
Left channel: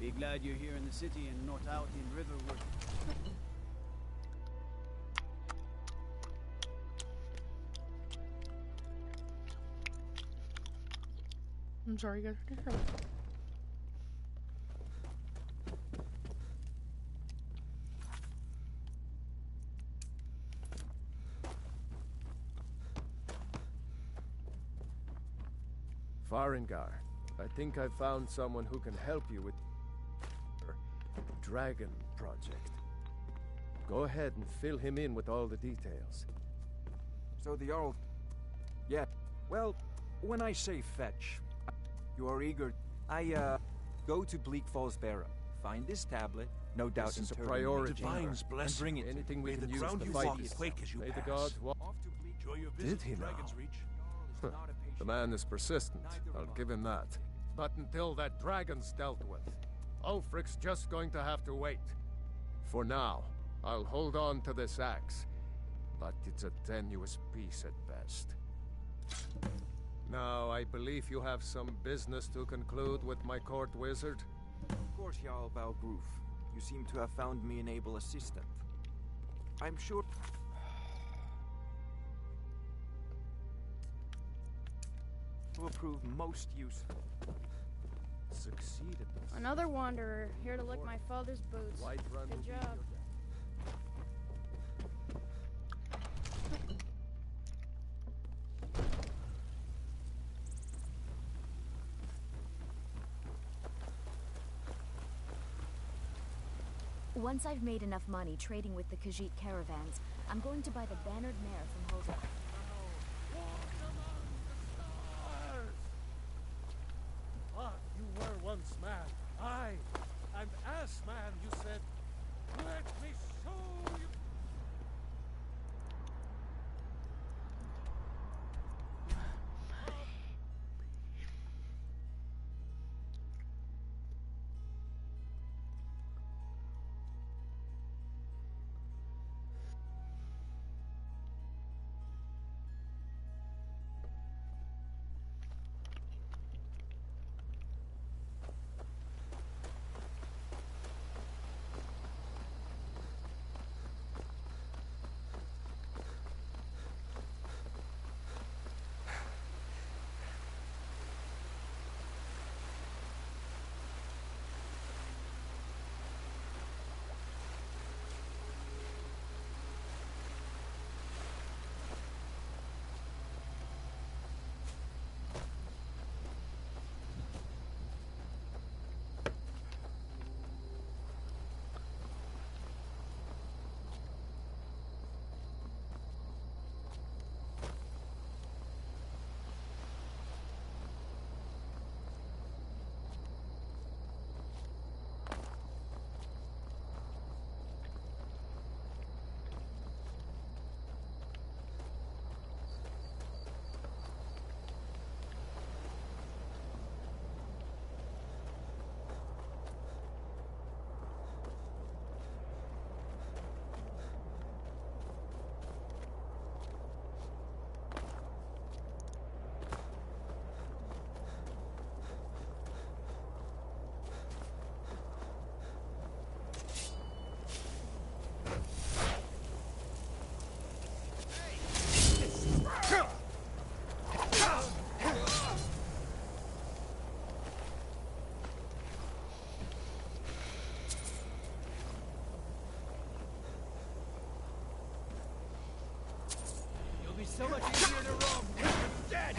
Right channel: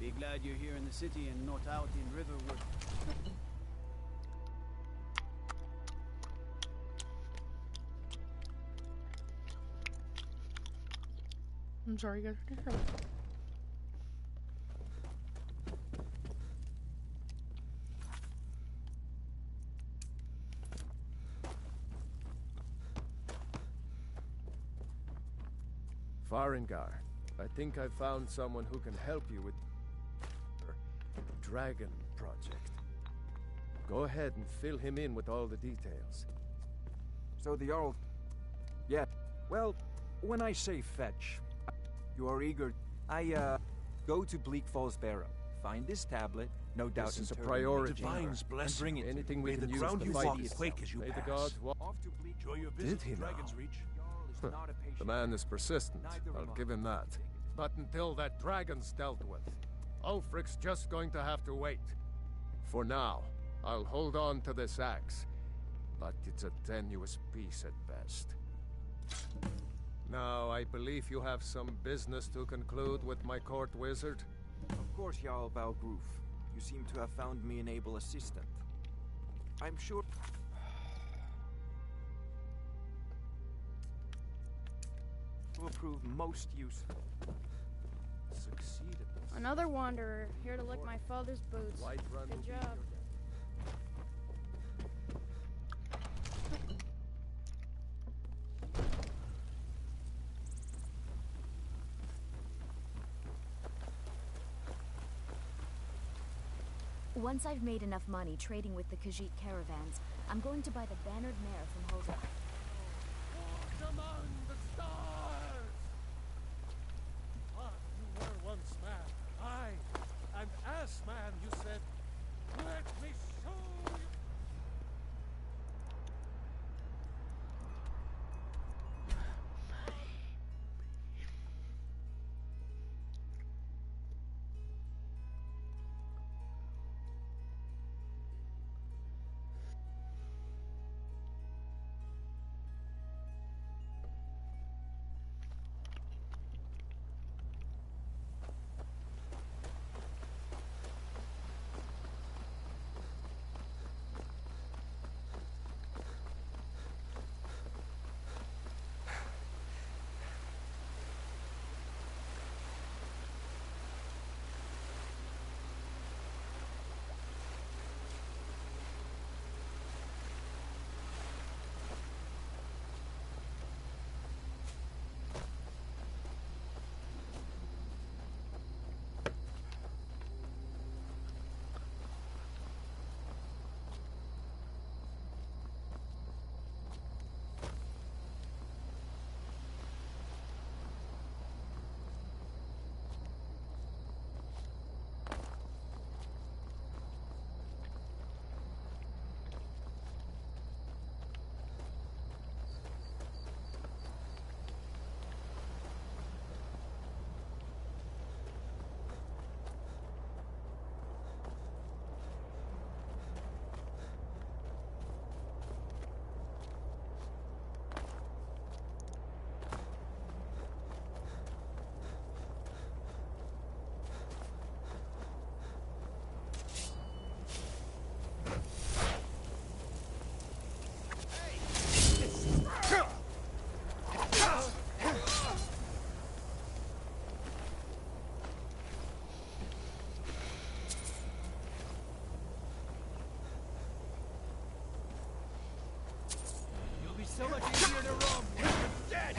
Be glad you're here in the city and not out in Riverwood. I'm sorry, guys. Farengar, I think I found someone who can help you with your dragon project. Go ahead and fill him in with all the details. So the Jarl... Yeah, well, when I say fetch, you are eager... go to Bleak Falls Barrow. Find this tablet, no doubt This is a interred in priority. the chamber, Divine's and blessing. bring it Anything to we me. can the use ground to you fight walk itself. quake as you May the pass. gods walk. Enjoy your Did visit he to now? Dragon's Reach. The man is persistent. I'll give him that. But until that dragon's dealt with, Ulfric's just going to have to wait. For now, I'll hold on to this axe, but it's a tenuous piece at best. Now, I believe you have some business to conclude with my court wizard. Of course, Jarl Valgroof. You seem to have found me an able assistant. I'm sure... will prove most useful. Succeeded. Another wanderer, here to lick my father's boots. Whiterun will Good be job. your death. Once I've made enough money trading with the Khajiit caravans, I'm going to buy the bannered mare from Hoda. Walk among the stars! Ah, you were once man. Aye, and as man you said, let me show you. You'll be so much easier to rob when you're dead!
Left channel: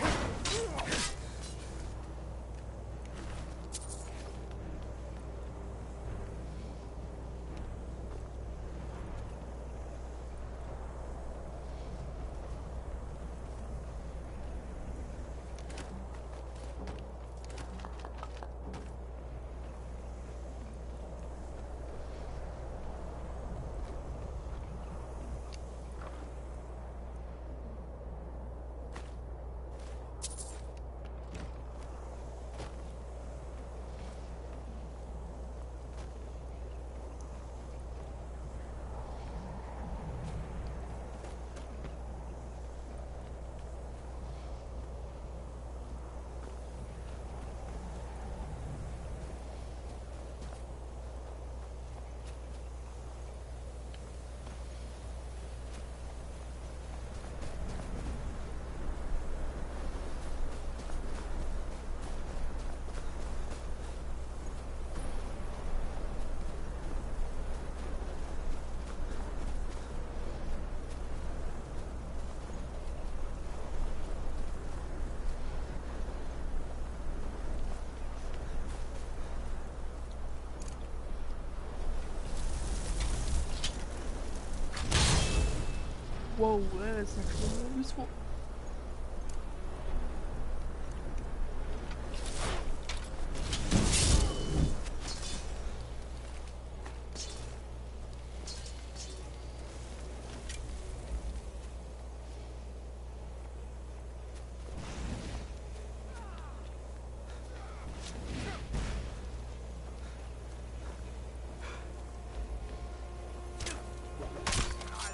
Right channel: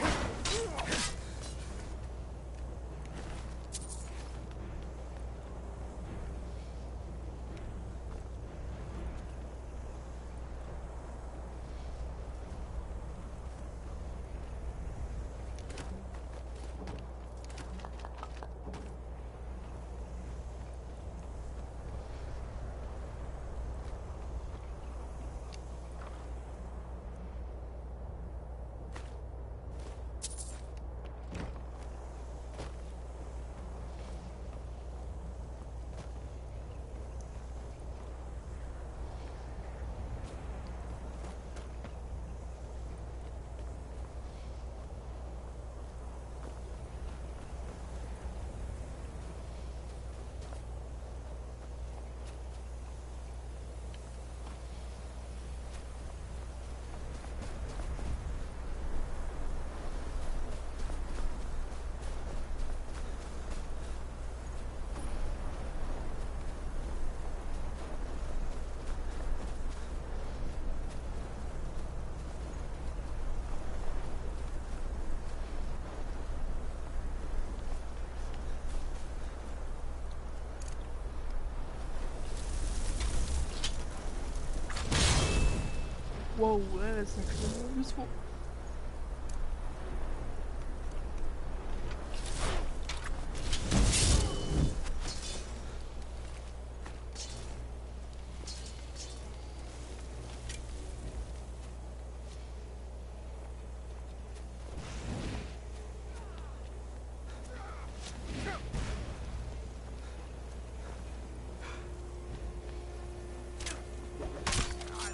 Whoa, that is actually really useful.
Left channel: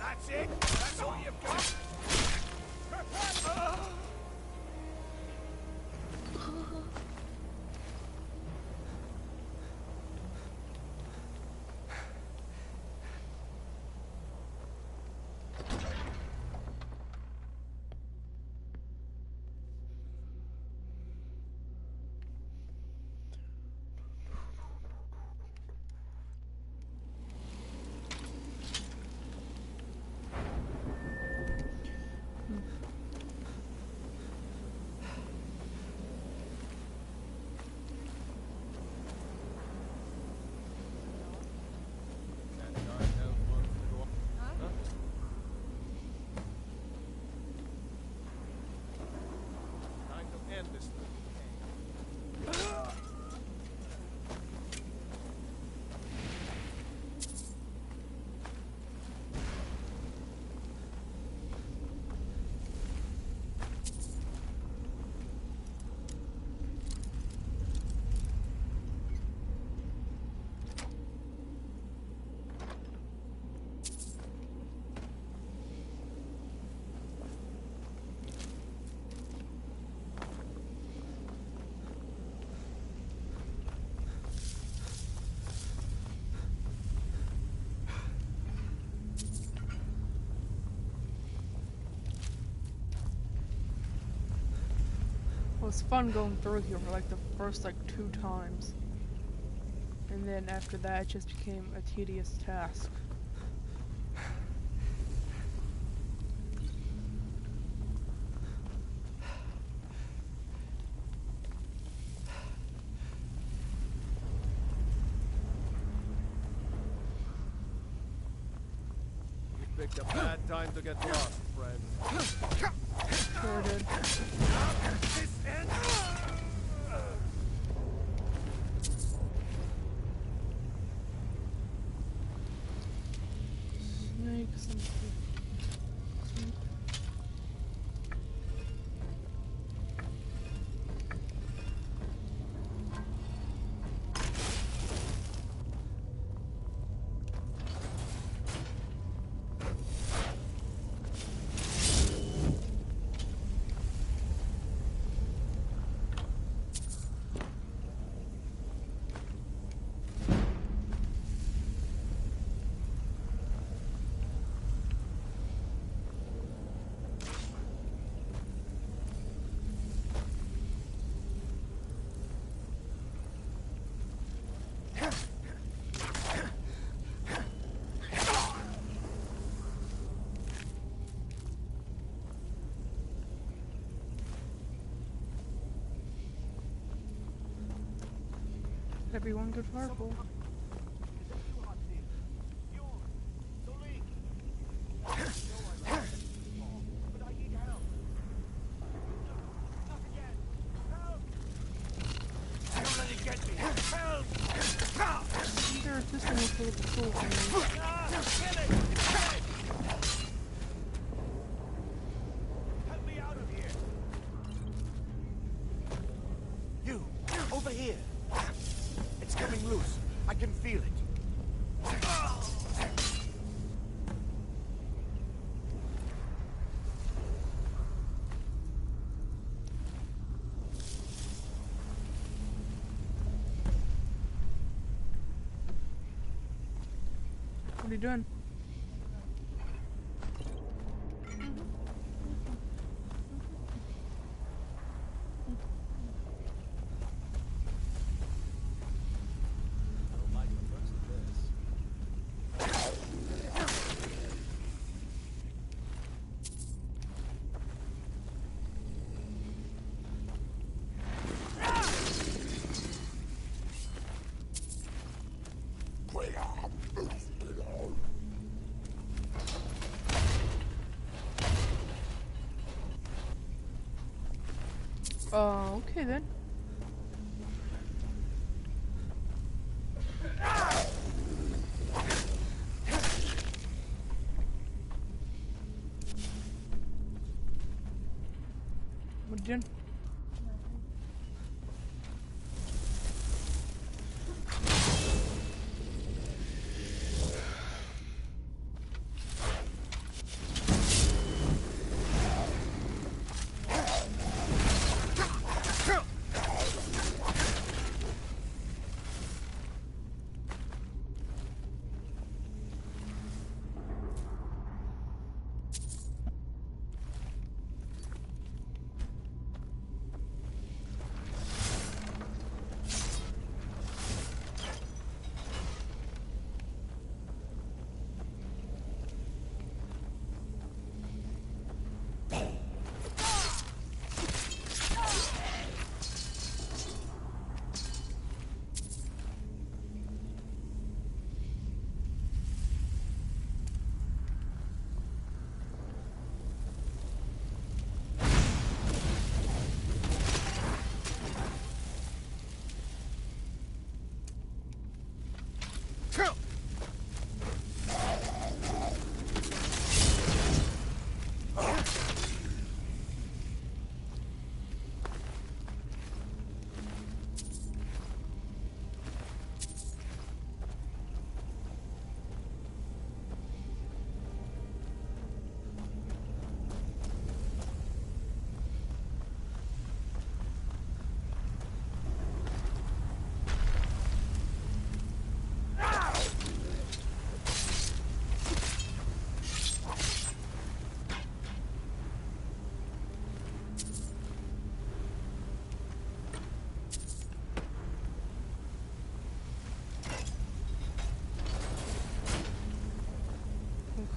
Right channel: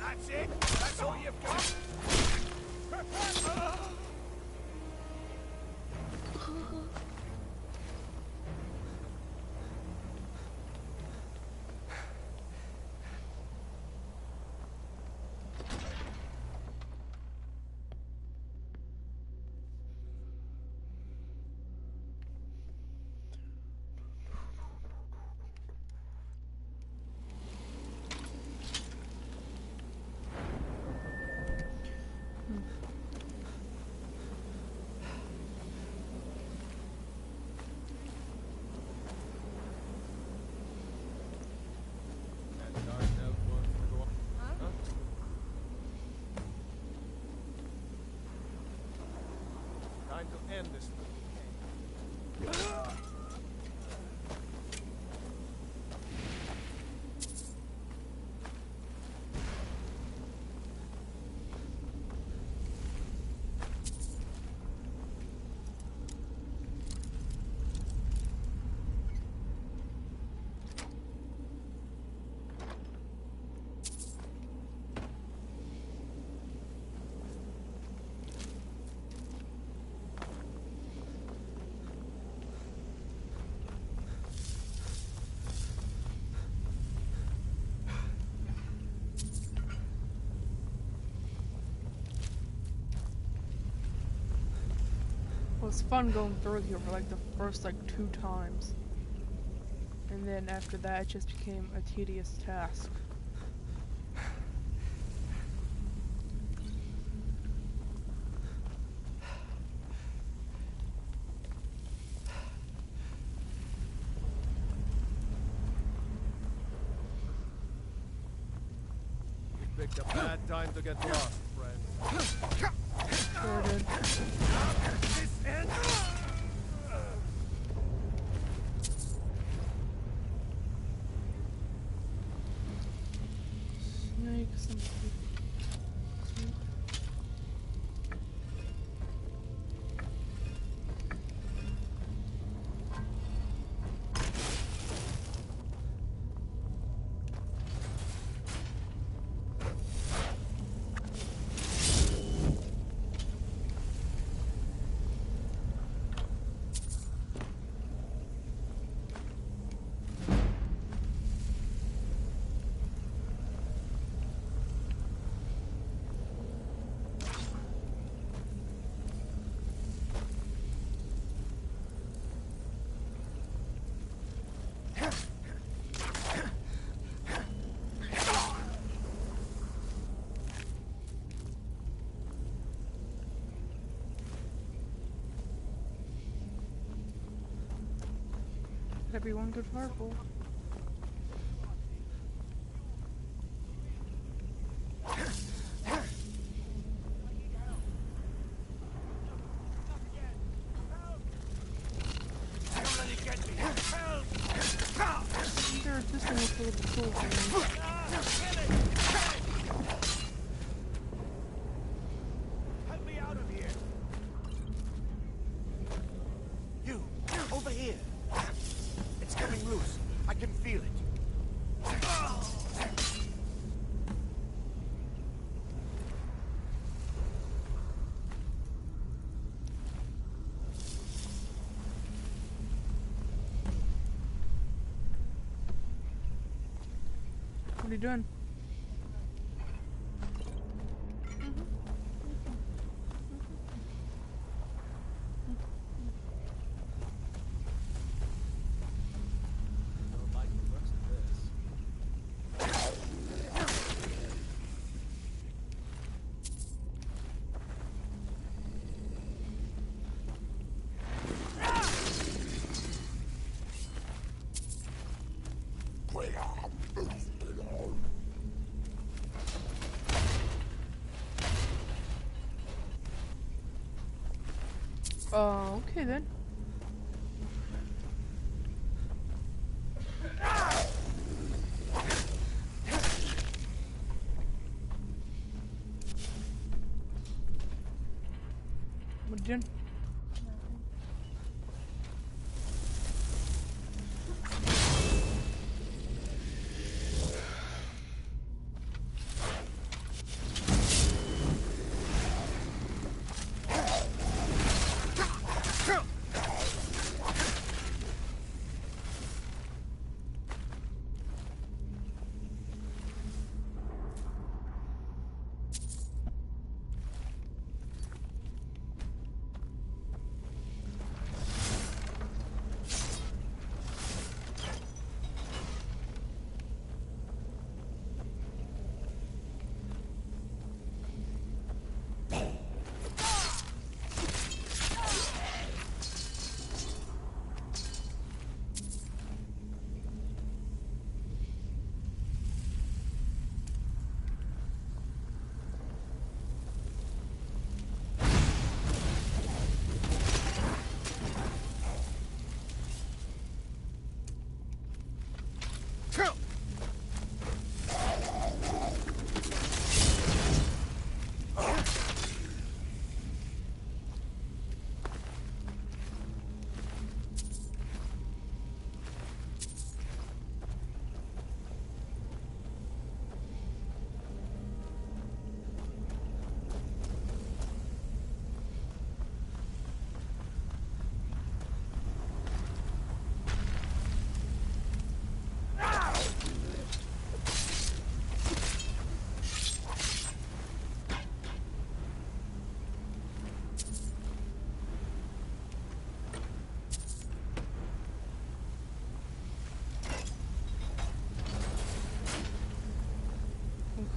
That's it? That's all you've got? Time to end this thing. It was fun going through here for like the first like 2 times. And then after that it just became a tedious task. You picked a bad time to get lost, friend. Sure did. This end. Snake, something. Everyone good fireball. I wonder if this one was full of the tool thing. Help me out of here. You, over here. It's coming loose. I can feel it. What are you doing? Okay then. What did you do?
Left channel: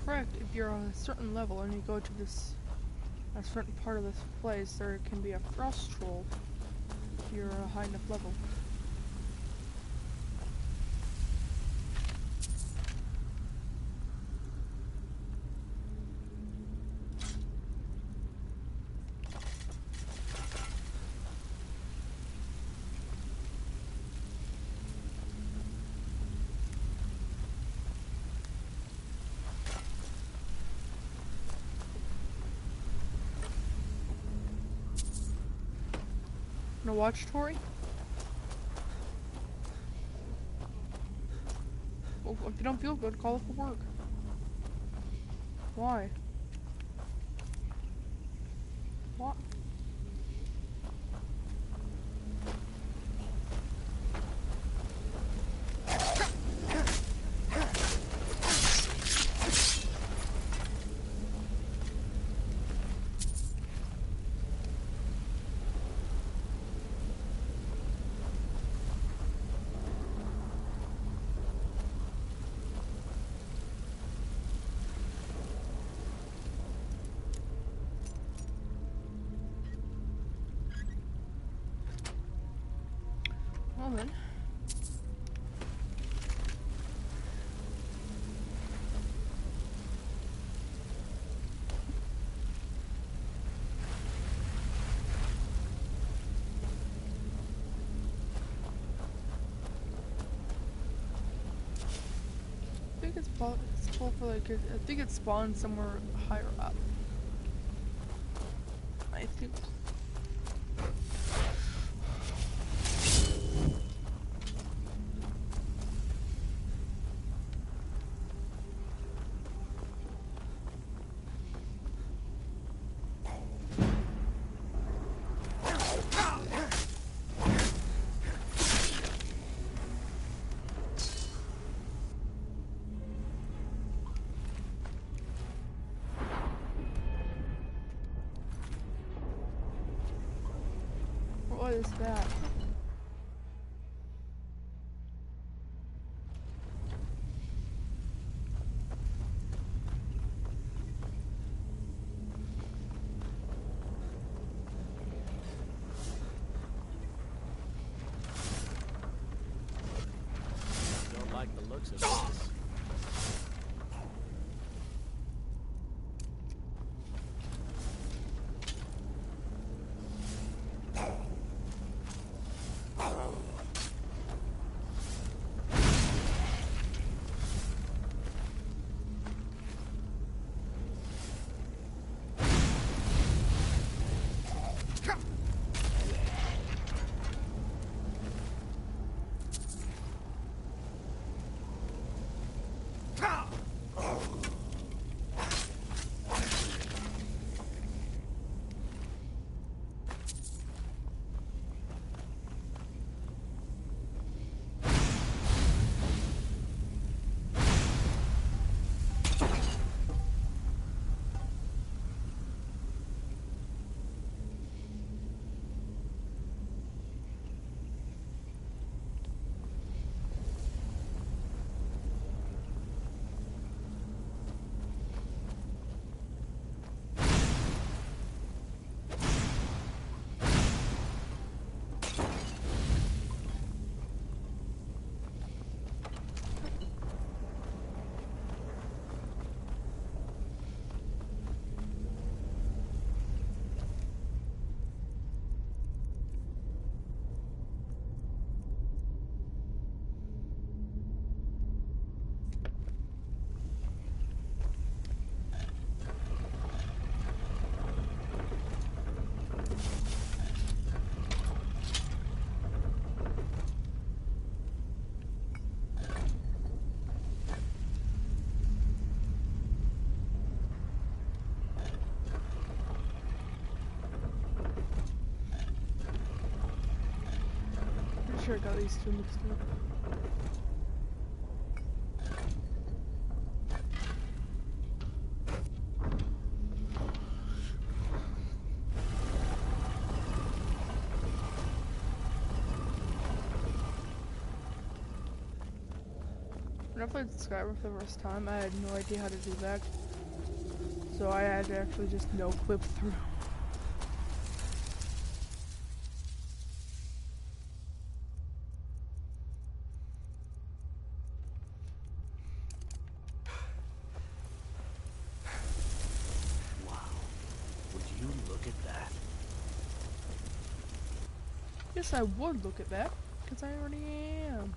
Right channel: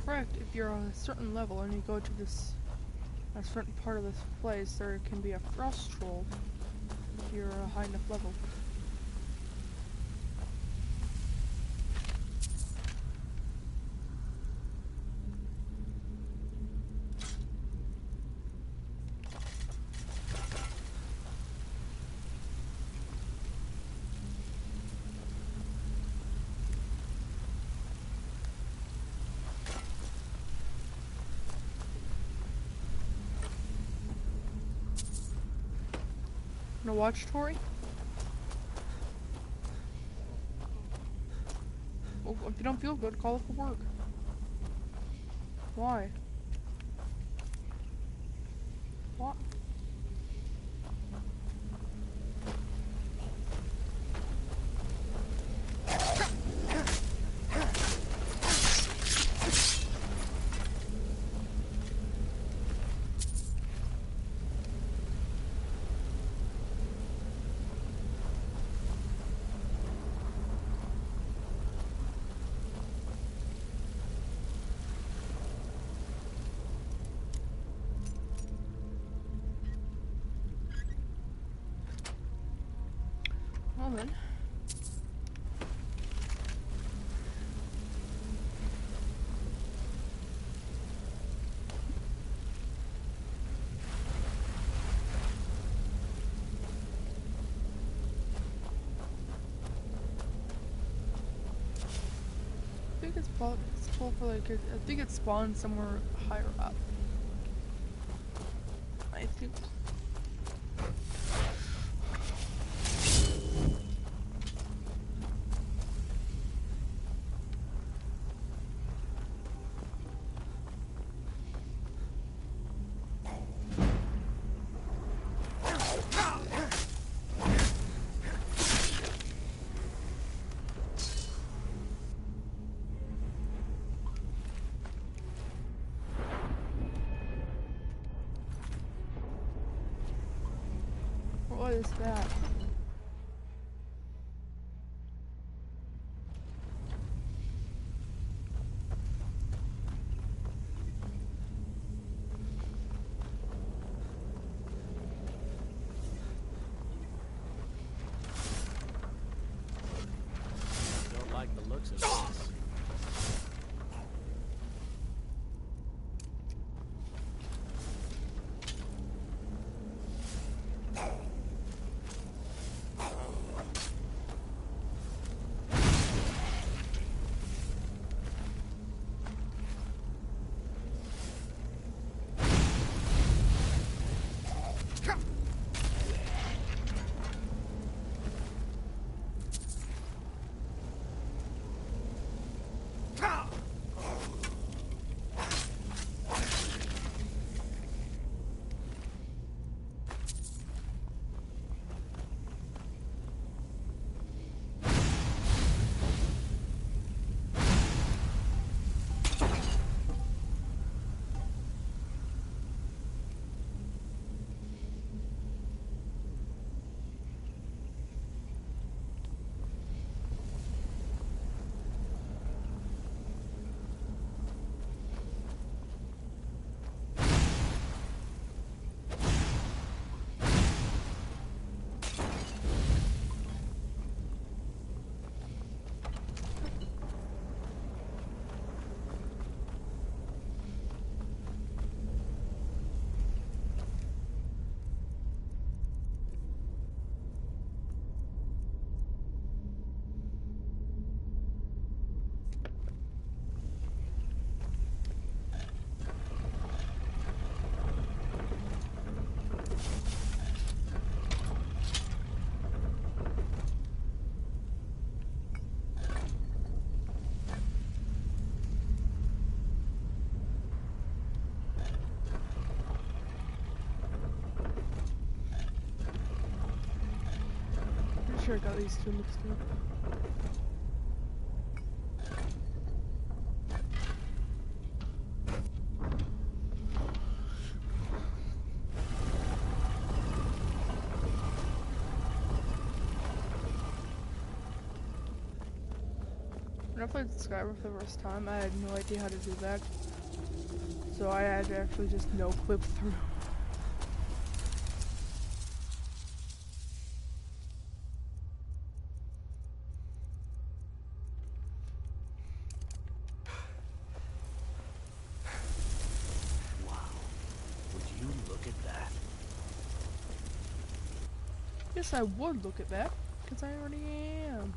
Correct, if you're on a certain level and you go to a certain part of this place, there can be a frost troll if you're a high enough level. Wanna watch, Tori? Well, if you don't feel good, call it for work. Why? What? Well then. I think it's full for like, I think it spawns somewhere higher up. I think. What is that? Don't like the looks of this. sure I got these two mixed up. When I played Skyrim for the first time, I had no idea how to do that. So I had to actually just no-clip through. Yes, I would look at that, because I already am.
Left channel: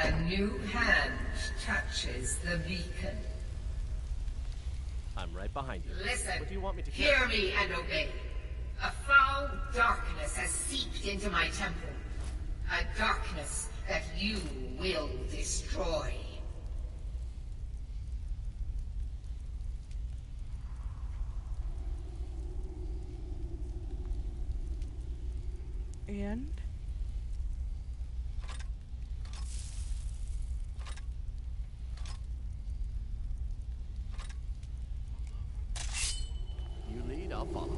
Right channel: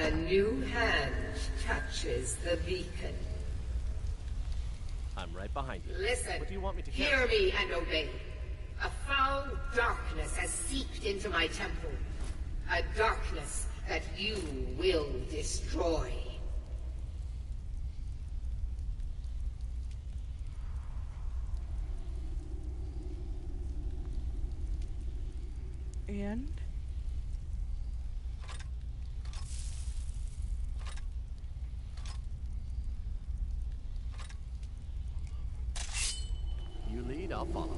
A new hand touches the beacon. I'm right behind you. Listen. What do you want me to hear me and obey. A foul darkness has seeped into my temple. A darkness that you will destroy. And? You lead, I'll follow.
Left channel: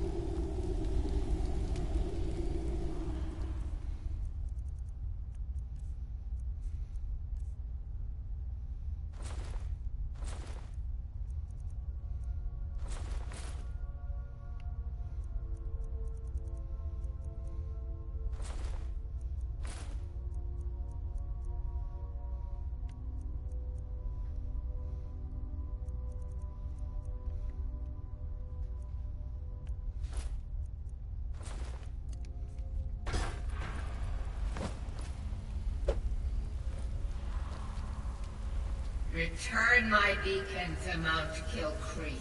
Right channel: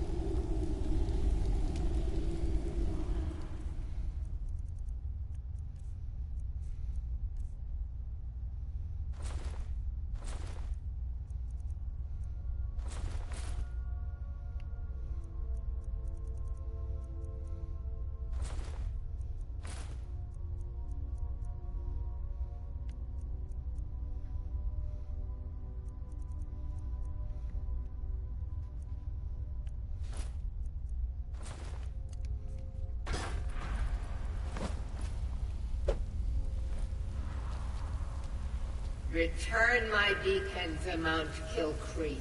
Return my beacon to Mount Kilcreek.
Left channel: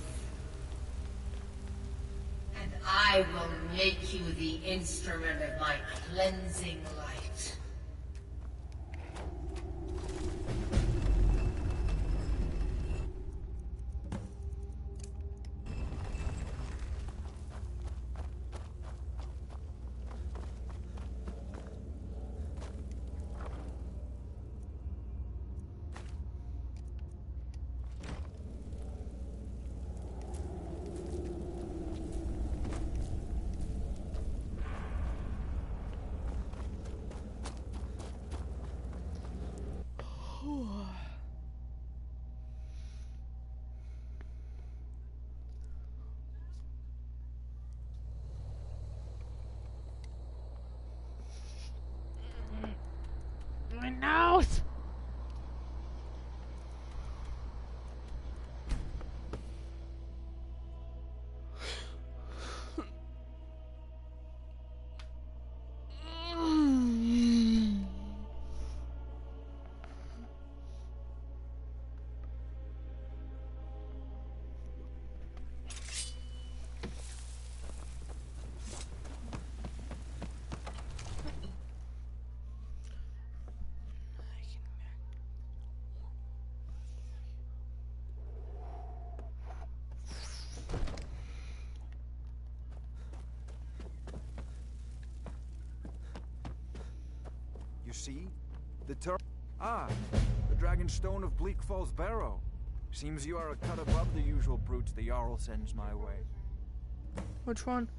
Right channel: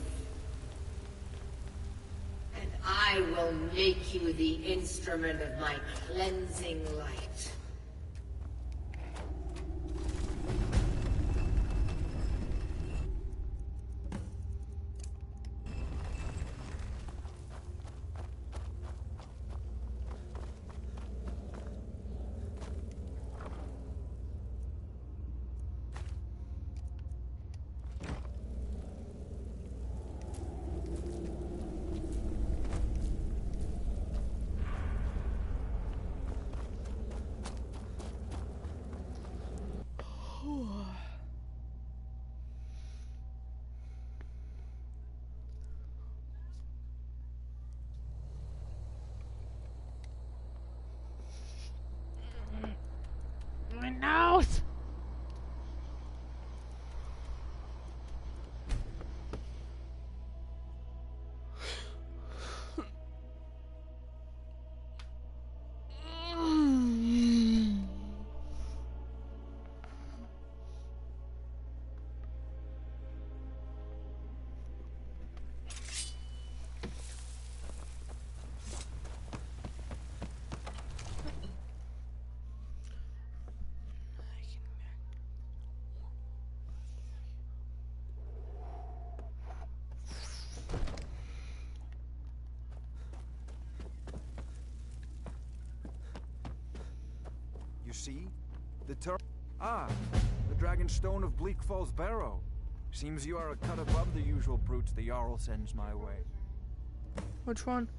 And I will make you the instrument of my cleansing light. My nose! You see? The Dragon Stone of Bleak Falls Barrow. Seems you are a cut above the usual brutes the Jarl sends my way. Which one?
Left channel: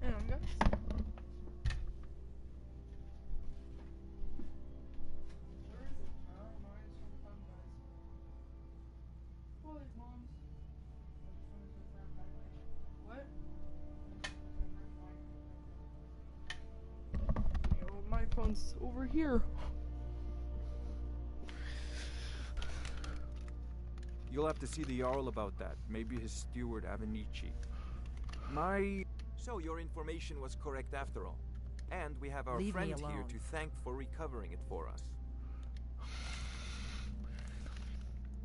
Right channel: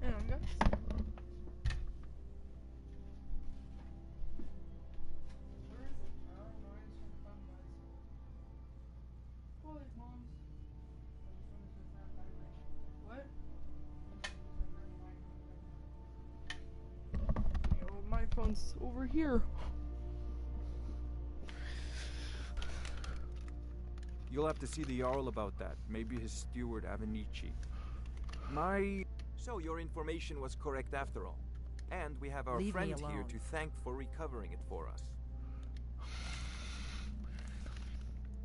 Hang on, guys. Where is it? one's over here. You'll have to see the Jarl about that. Maybe his steward, Avenici. So your information was correct after all. And we have our Leave me friend here alone. to thank for recovering it for us.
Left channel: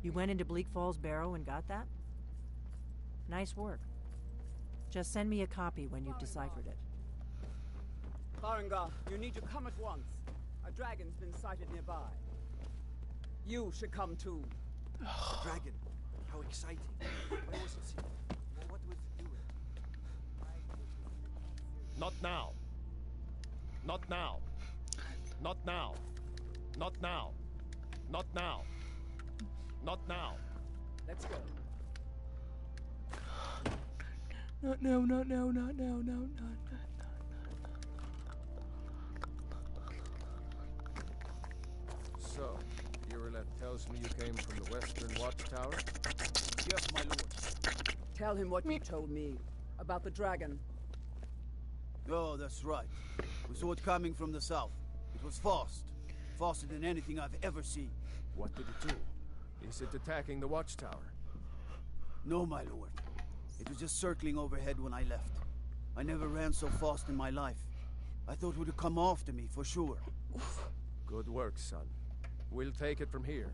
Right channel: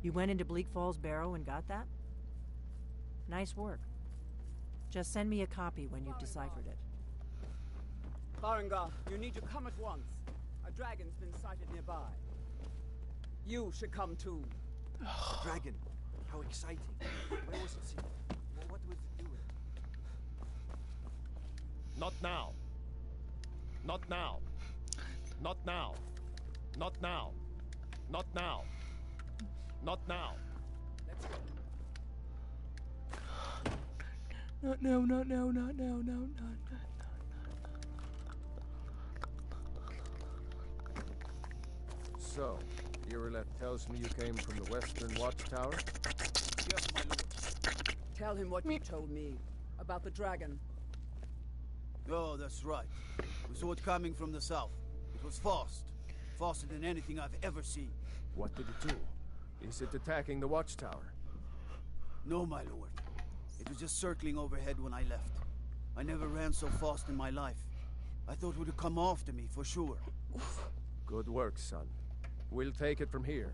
You went into Bleak Falls Barrow and got that? Nice work. Just send me a copy when you've deciphered it. Farengar, you need to come at once. A dragon's been sighted nearby. You should come too. A dragon. How exciting. Where was it seen? What was it doing? Not now. Not now. Not now. Not now. Not now. Not now. Let's go. Not now, not now, not now, no, not. So, Irileth tells me you came from the Western Watchtower? Yes, my lord. Tell him what you told me about the dragon. Oh, that's right. We saw it coming from the south. It was fast. Faster than anything I've ever seen. What did it do? Is it attacking the Watchtower? No, my lord. It was just circling overhead when I left. I never ran so fast in my life. I thought it would have come after me, for sure. Good work, son. We'll take it from here.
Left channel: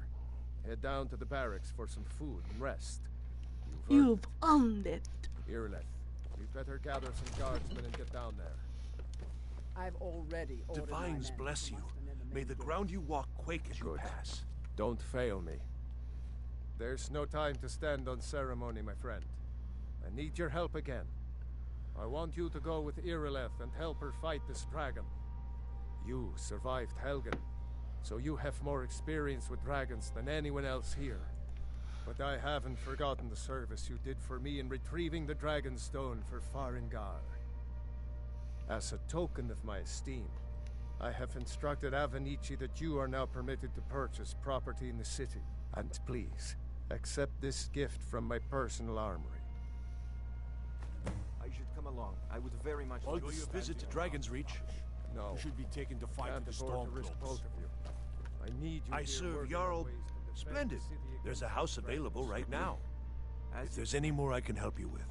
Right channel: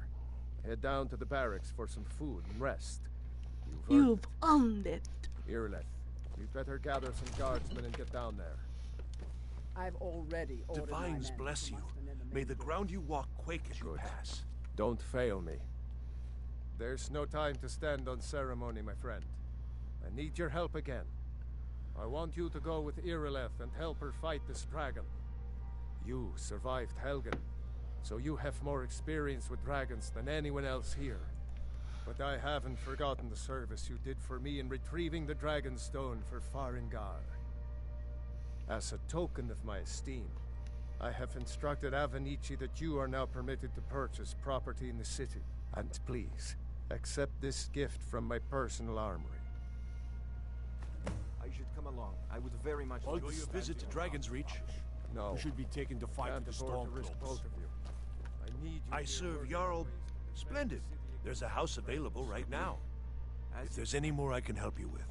Head down to the barracks for some food and rest. You've earned it. Irileth, you'd better gather some guardsmen and get down there. I've already ordered my Divines men bless to you. muster in the May main the gate. ground you walk quake as you pass. Don't fail me. There's no time to stand on ceremony, my friend. I need your help again. I want you to go with Irileth and help her fight this dragon. You survived Helgen, so you have more experience with dragons than anyone else here. But I haven't forgotten the service you did for me in retrieving the dragon stone for Farengar. As a token of my esteem, I have instructed Avenici that you are now permitted to purchase property in the city. And please, accept this gift from my personal armory. I should come along. I would very much Enjoy like to your stand visit to in Dragon's Reach. No. You should be taken to fight Can't with the afford to risk Stormcloaks. both of you. I need you I here serve working Jarl. on ways to defend Splendid. the city There's a against house the available dragons. right now. If there's any more I can help you with.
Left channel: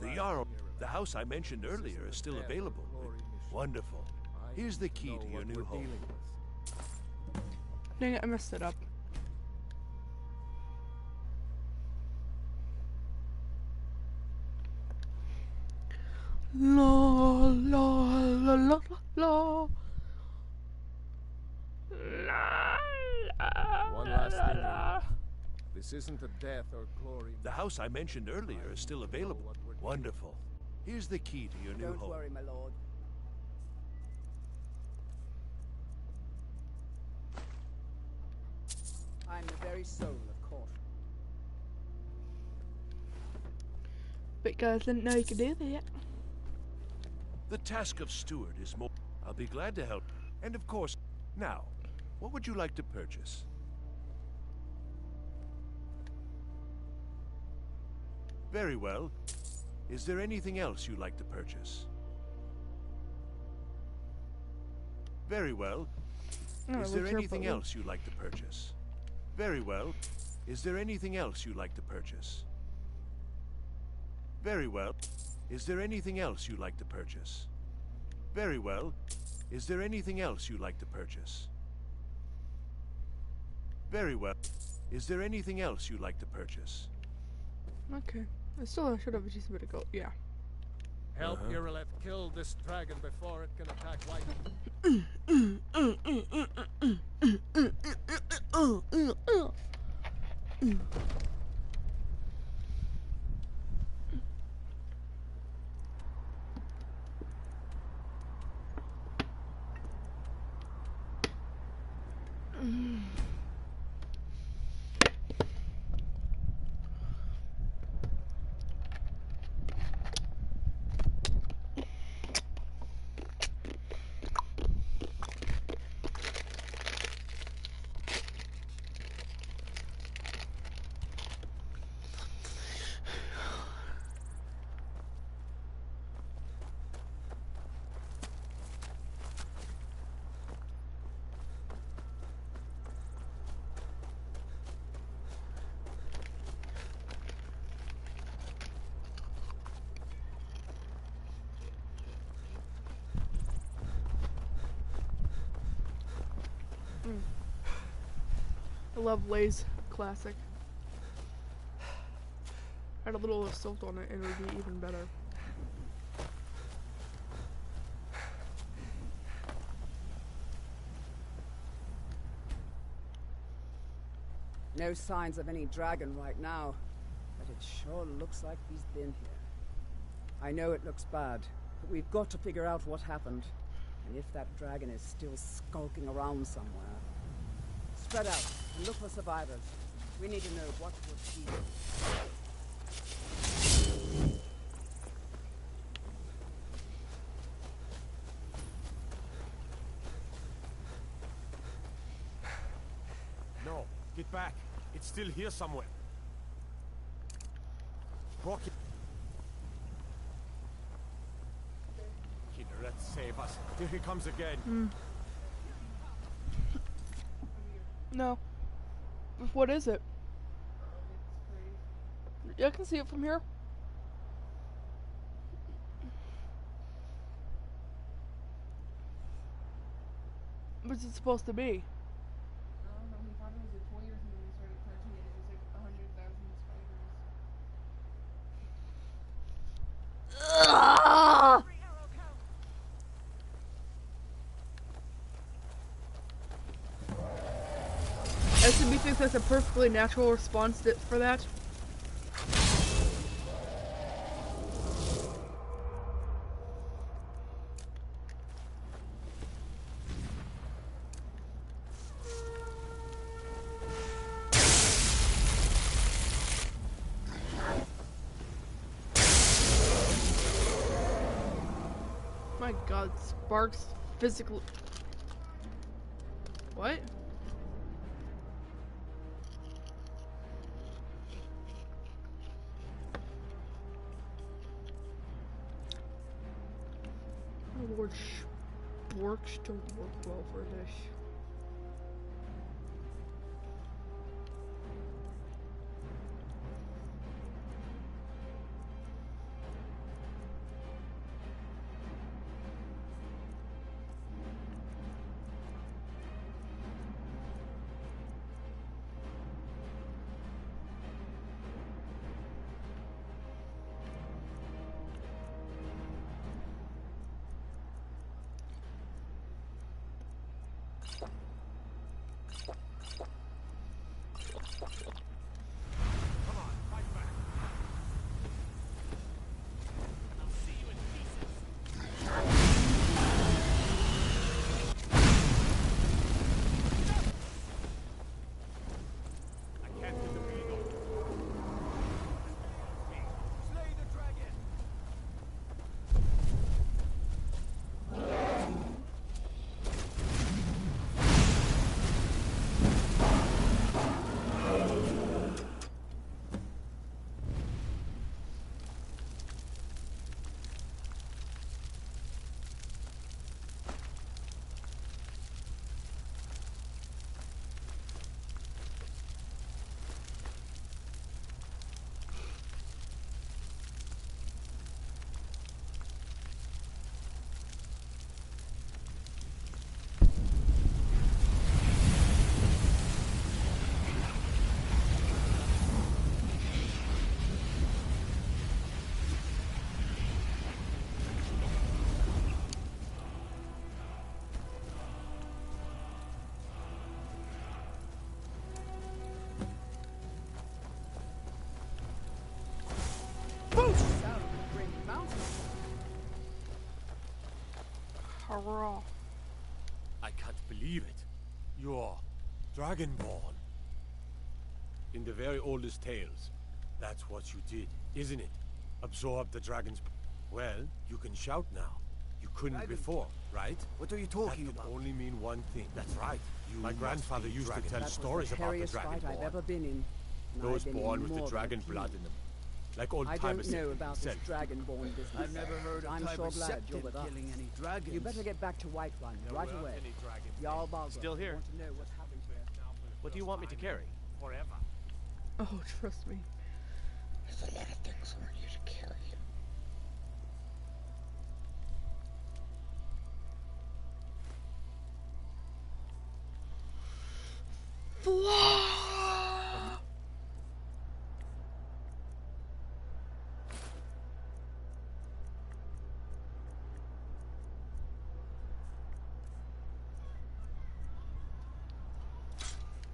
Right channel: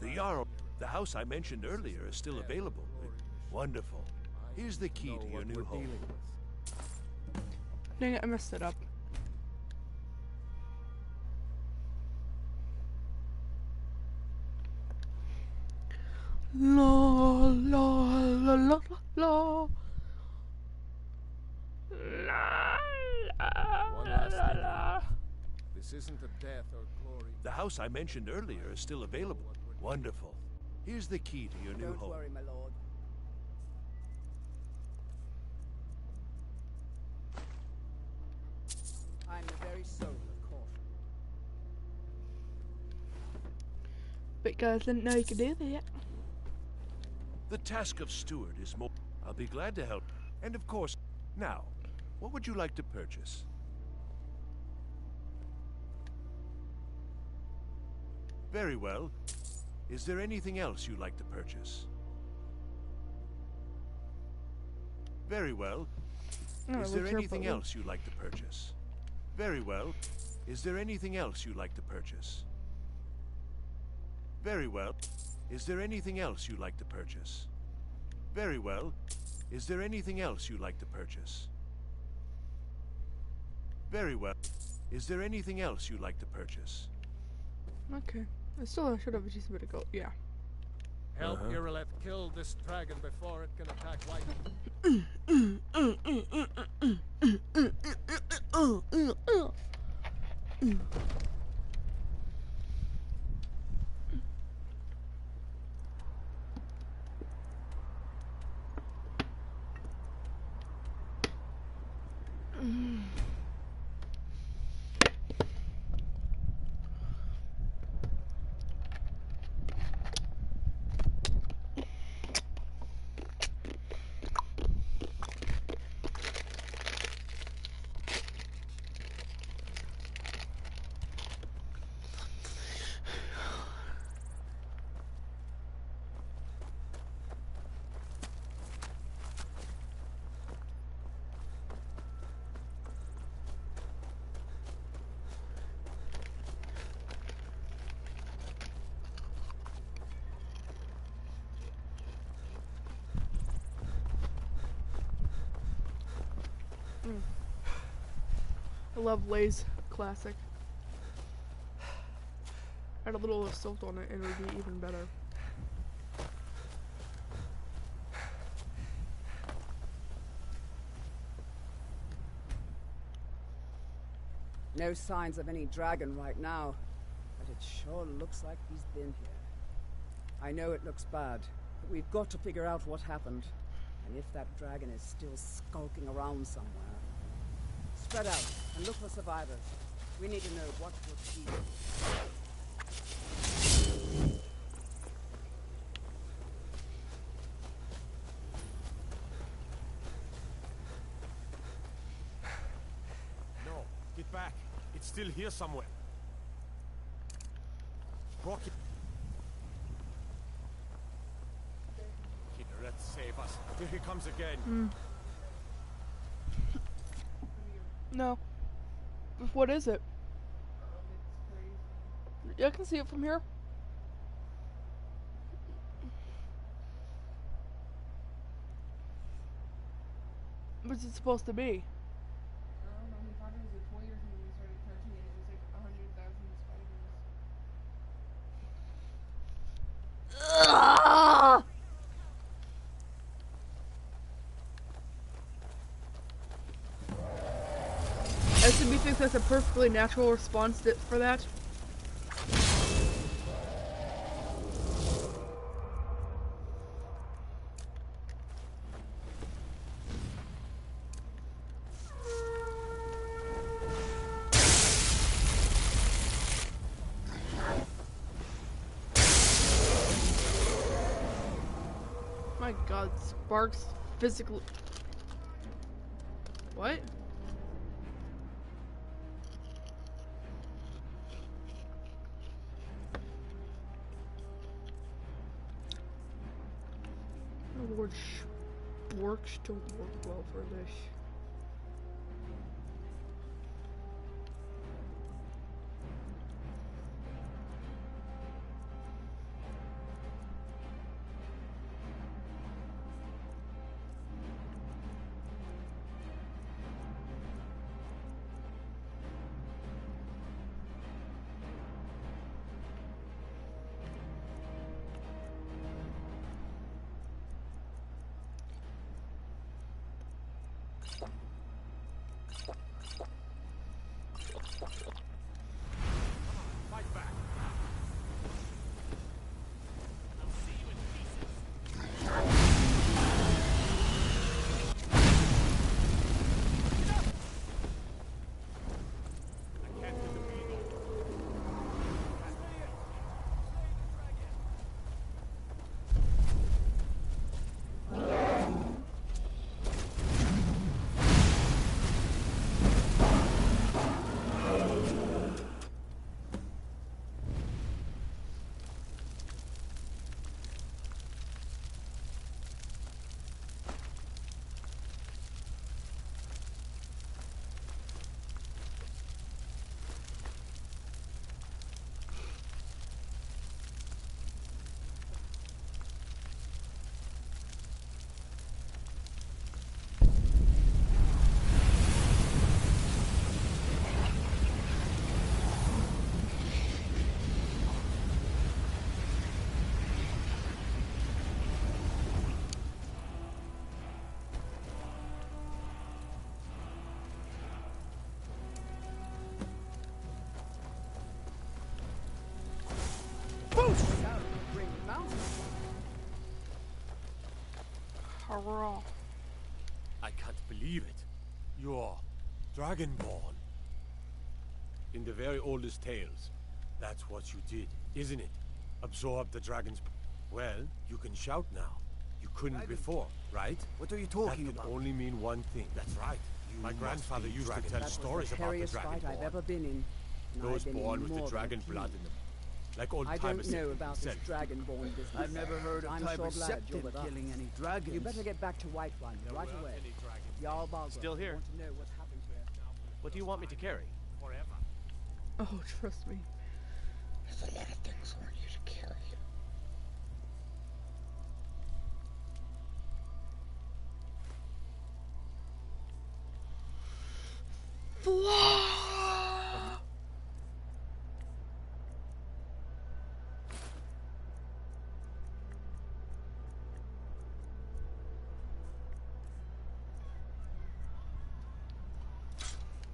The Jarl, the house I mentioned earlier, is still available. Wonderful. Here's the key to your new home. Dang it, I messed it up. La la la la la la. One last thing. This isn't a death or glory. The house I mentioned earlier is still available. Wonderful. Here's the key to your new Don't home. worry, my lord. I'm the very soul of caution. But guys didn't know you could do that. The task of steward is more... I'll be glad to help. And of course, now, what would you like to purchase? Very well. Is there anything else you'd like to purchase? Very well. No, Is there what's your anything button? else you'd like to purchase? Very well. Is there anything else you'd like to purchase? Very well. Is there anything else you'd like to purchase? Very well. Is there anything else you'd like to purchase? Very well. Is there anything else you'd like to purchase? Okay. I still should have just a bit ago. Yeah. Help Irileth kill this dragon before it can attack White. I love Lay's classic. Add a little salt on it and it would be even better. No signs of any dragon right now, but it sure looks like he's been here. I know it looks bad, but we've got to figure out what happened, and if that dragon is still skulking around somewhere. Spread out and look for survivors. We need to know what was he. No, get back. It's still here somewhere. Rocky. Kinneret, save us. Here he comes again. No. What is it? Yeah, I can see it from here. What's it supposed to be? I don't know, he thought it was a toy or something and started touching it. It was like 100,000 spiders. Ugh! SMB thinks that's a perfectly natural response for that. My god, Sparks physically... What? Lord, Sporks don't work well for this. Hurrah. I can't believe it. You're Dragonborn. In the very oldest tales, that's what you did, isn't it? Absorb the dragon's... Well, you can shout now. You couldn't before, right? What are you talking about? That can only mean one thing. That's right. My grandfather used to tell stories about the That was the hairiest fight I've ever been in. Those born with the dragon blood in them. Like old timers. I don't know about this dragonborn business. I've never heard of I'm so glad you're Septim with us. killing any dragons. You better get back to Whiterun right away. Jarl Balgruuf Still here. want to know what happened to it. What do you want me to carry? Forever. Oh, trust me. There's a lot of things I want you to carry.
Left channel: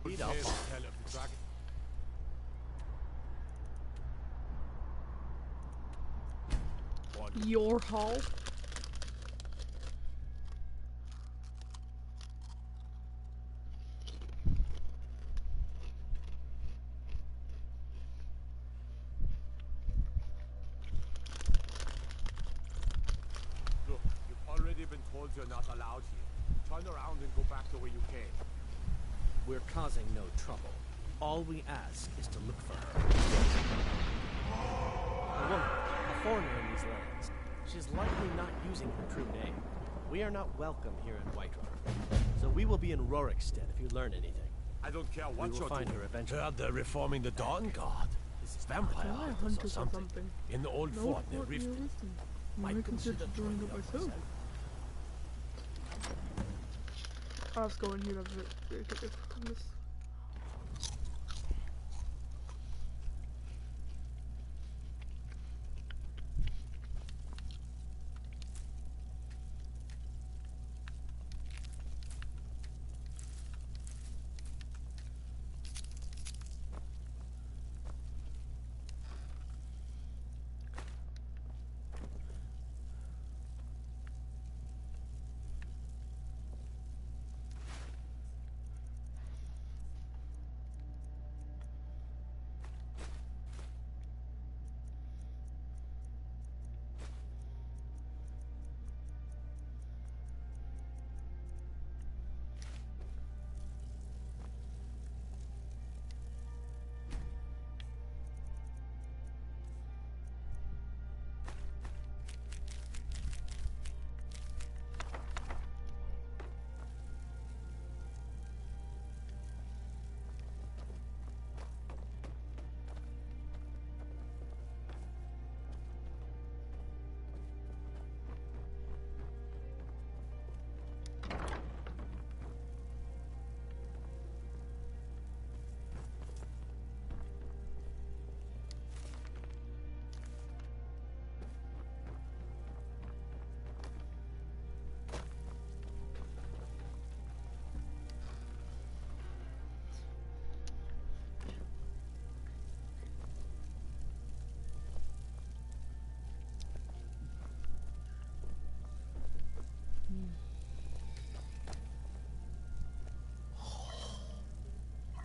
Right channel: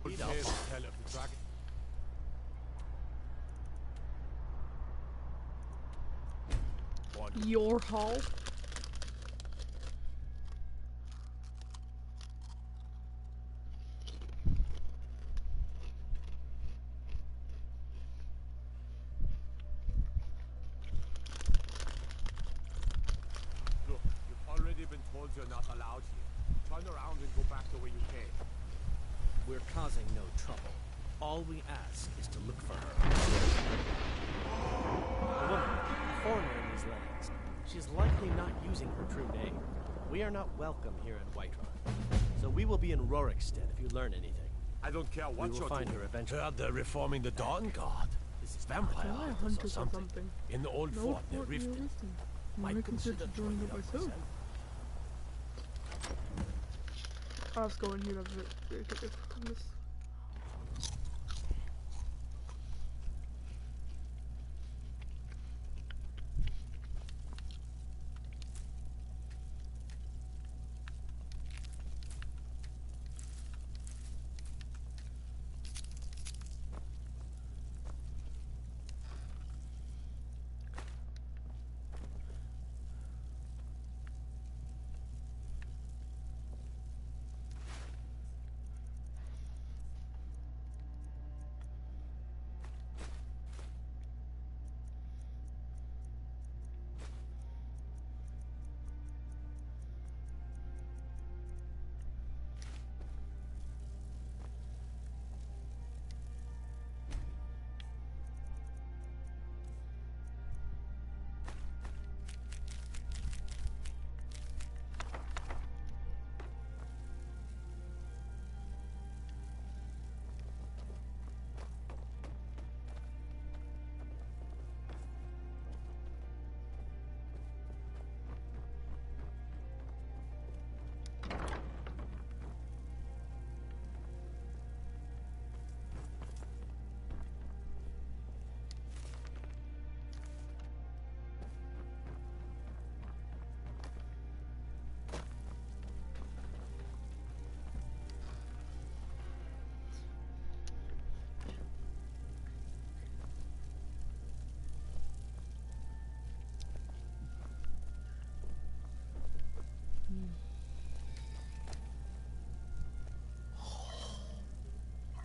Lead up. Tell of the dragon. Your hall. Look, you've already been told you're not allowed here. Turn around and go back the way you came. We're causing no trouble. All we ask is to look for her. A woman, a foreigner in these lands. She's likely not using her true name. We are not welcome here in Whiterun. So we will be in Rorikstead if you learn anything. I don't care what We will you're find doing. her eventually. Heard they're reforming the Dawn Guard. This is vampire Am I a hunters hunter or or something. something? In the old No, fort near Fort near Riften. Riften. I Might consider consider joining joining it up myself. I'll just go in here on this.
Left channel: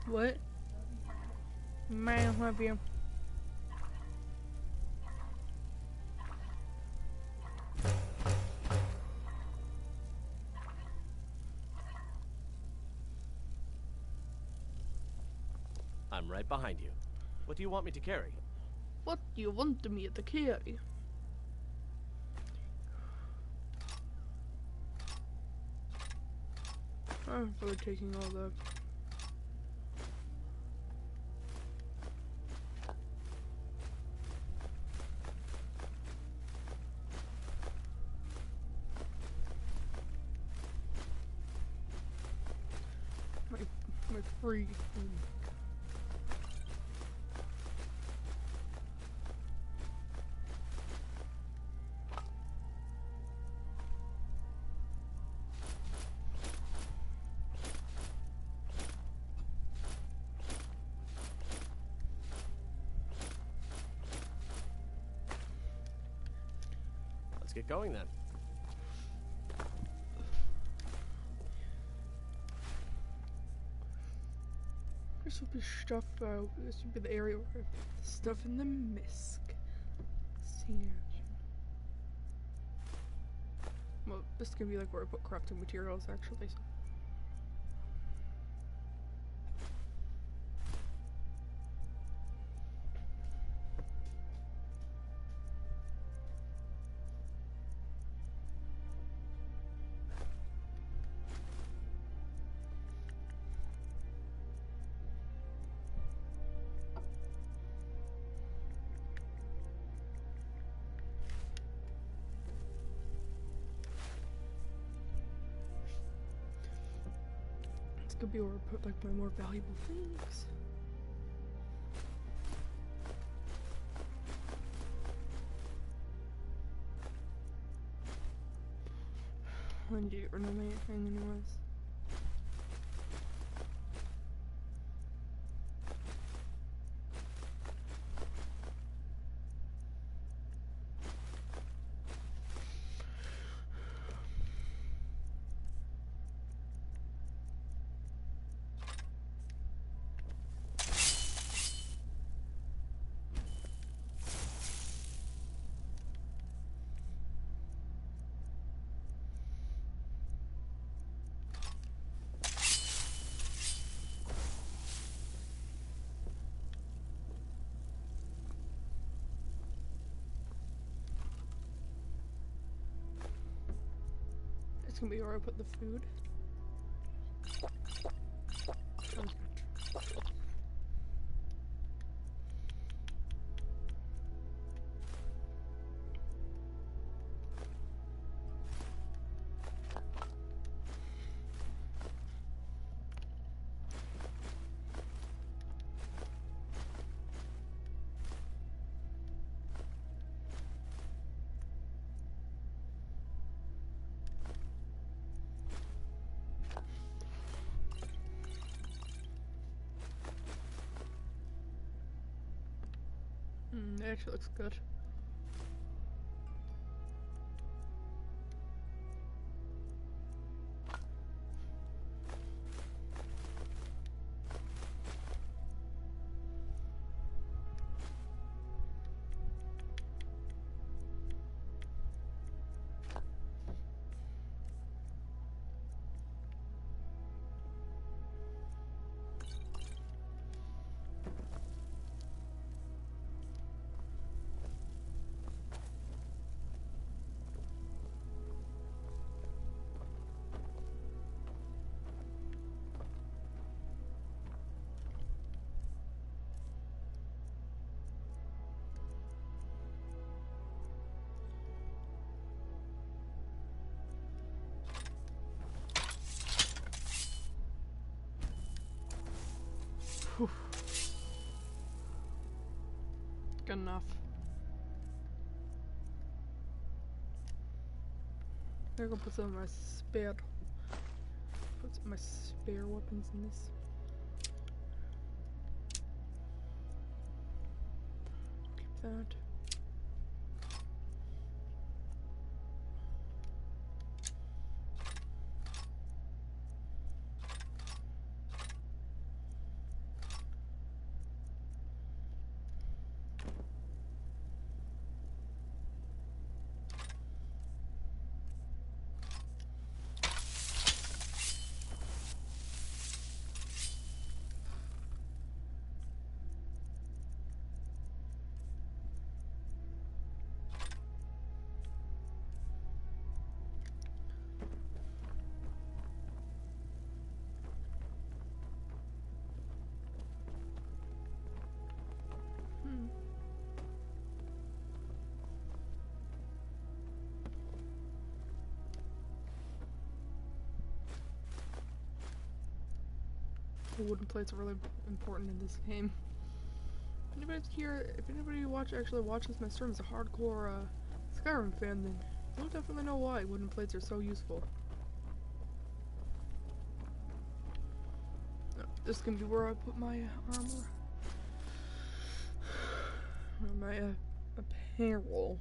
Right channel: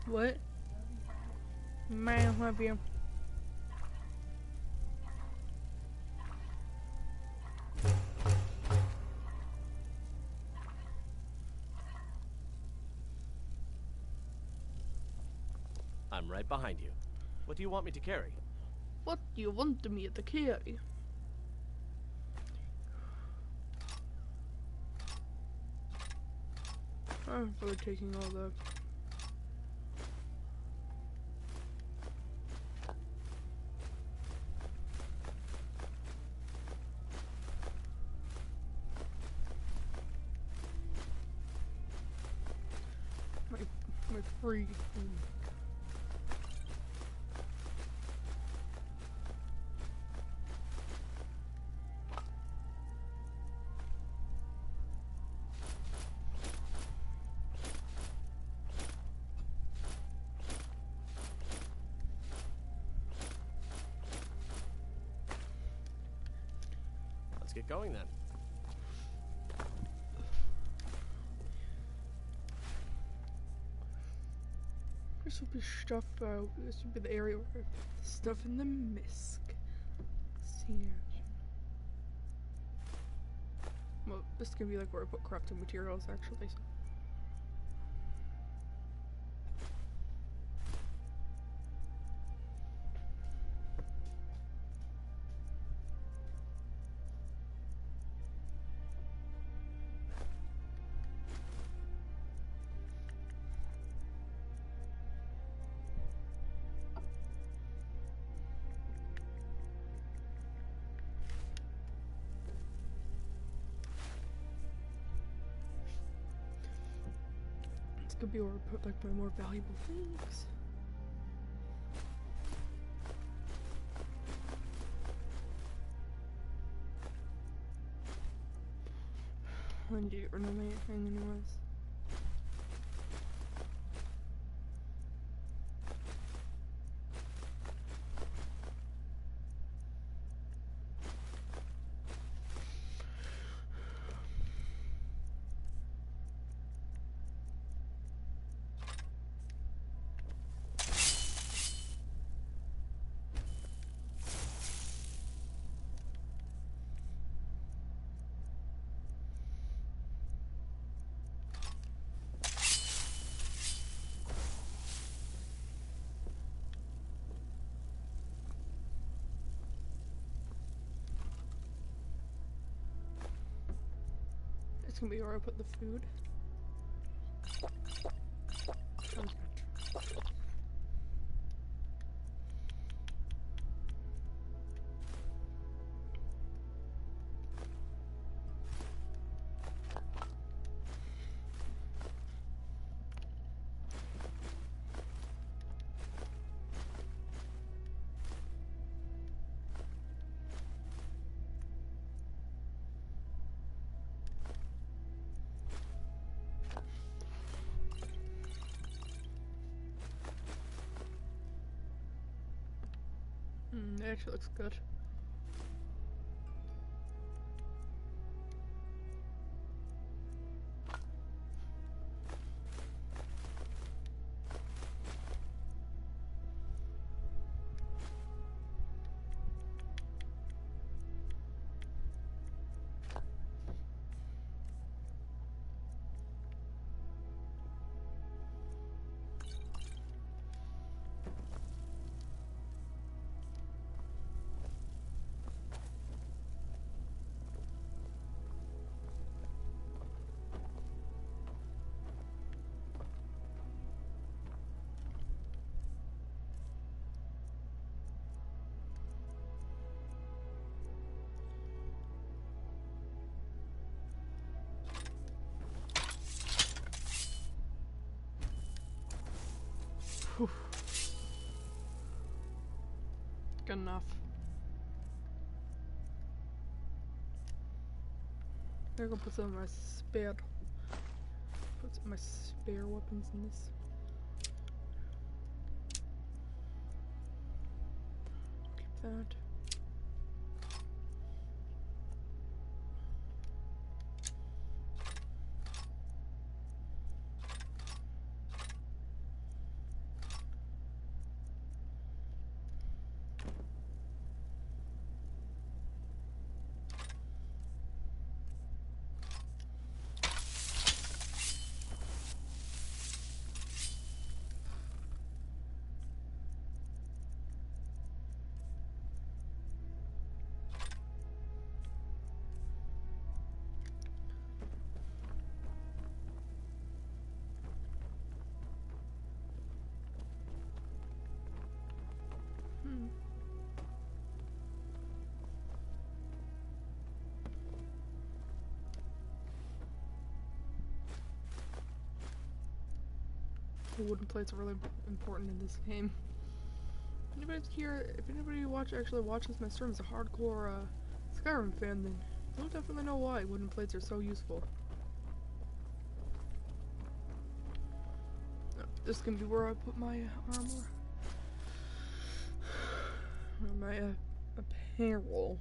What? Man, love you. I'm right behind you. What do you want me to carry? What do you want me to carry? I'm really taking all the... my free... Let's get going then. This will be stuff, this will be the area where I put the stuff in the misc. See. Well, this is gonna be like where I put crafting materials actually, so. could be where I put like my more valuable things. I need to get rid of my thing anyways. It's gonna be where I put the food. Sounds good. It actually looks good. Whew. Good enough. I'm gonna put some of my spare weapons in this. Keep that. Wooden plates are really important in this game. If anybody actually watches my stream is a hardcore Skyrim fan, then you'll definitely know why wooden plates are so useful. This is gonna be where I put my armor. Or my apparel.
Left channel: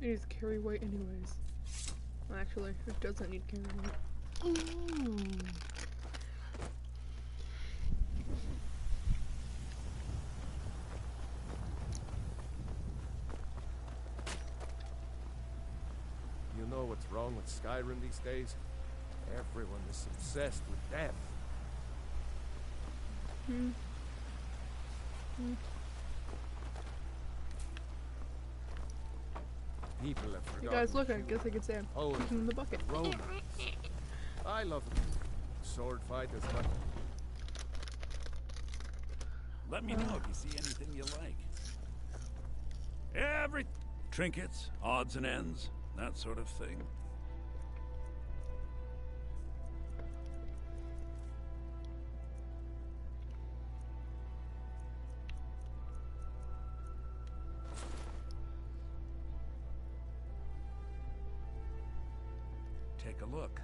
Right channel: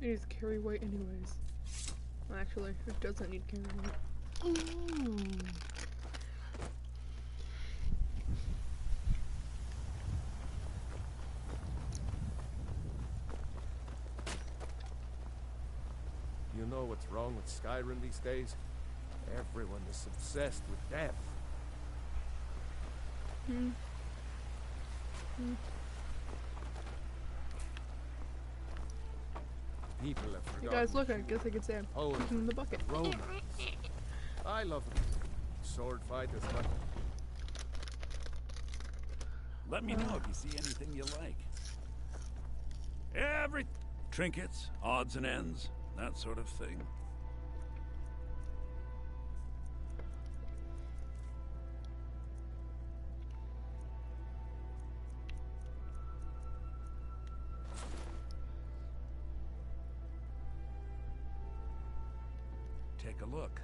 It needs carry weight anyways. Well, actually, it doesn't need carry weight. Ooh. You know what's wrong with Skyrim these days? Everyone is obsessed with death. People have You forgotten. guys look, I guess I could say I'm Poetry, kicking in the bucket. romance. I love sword fight as much. Let me know if you see anything you like. Every trinkets, odds and ends, that sort of thing. Take a look.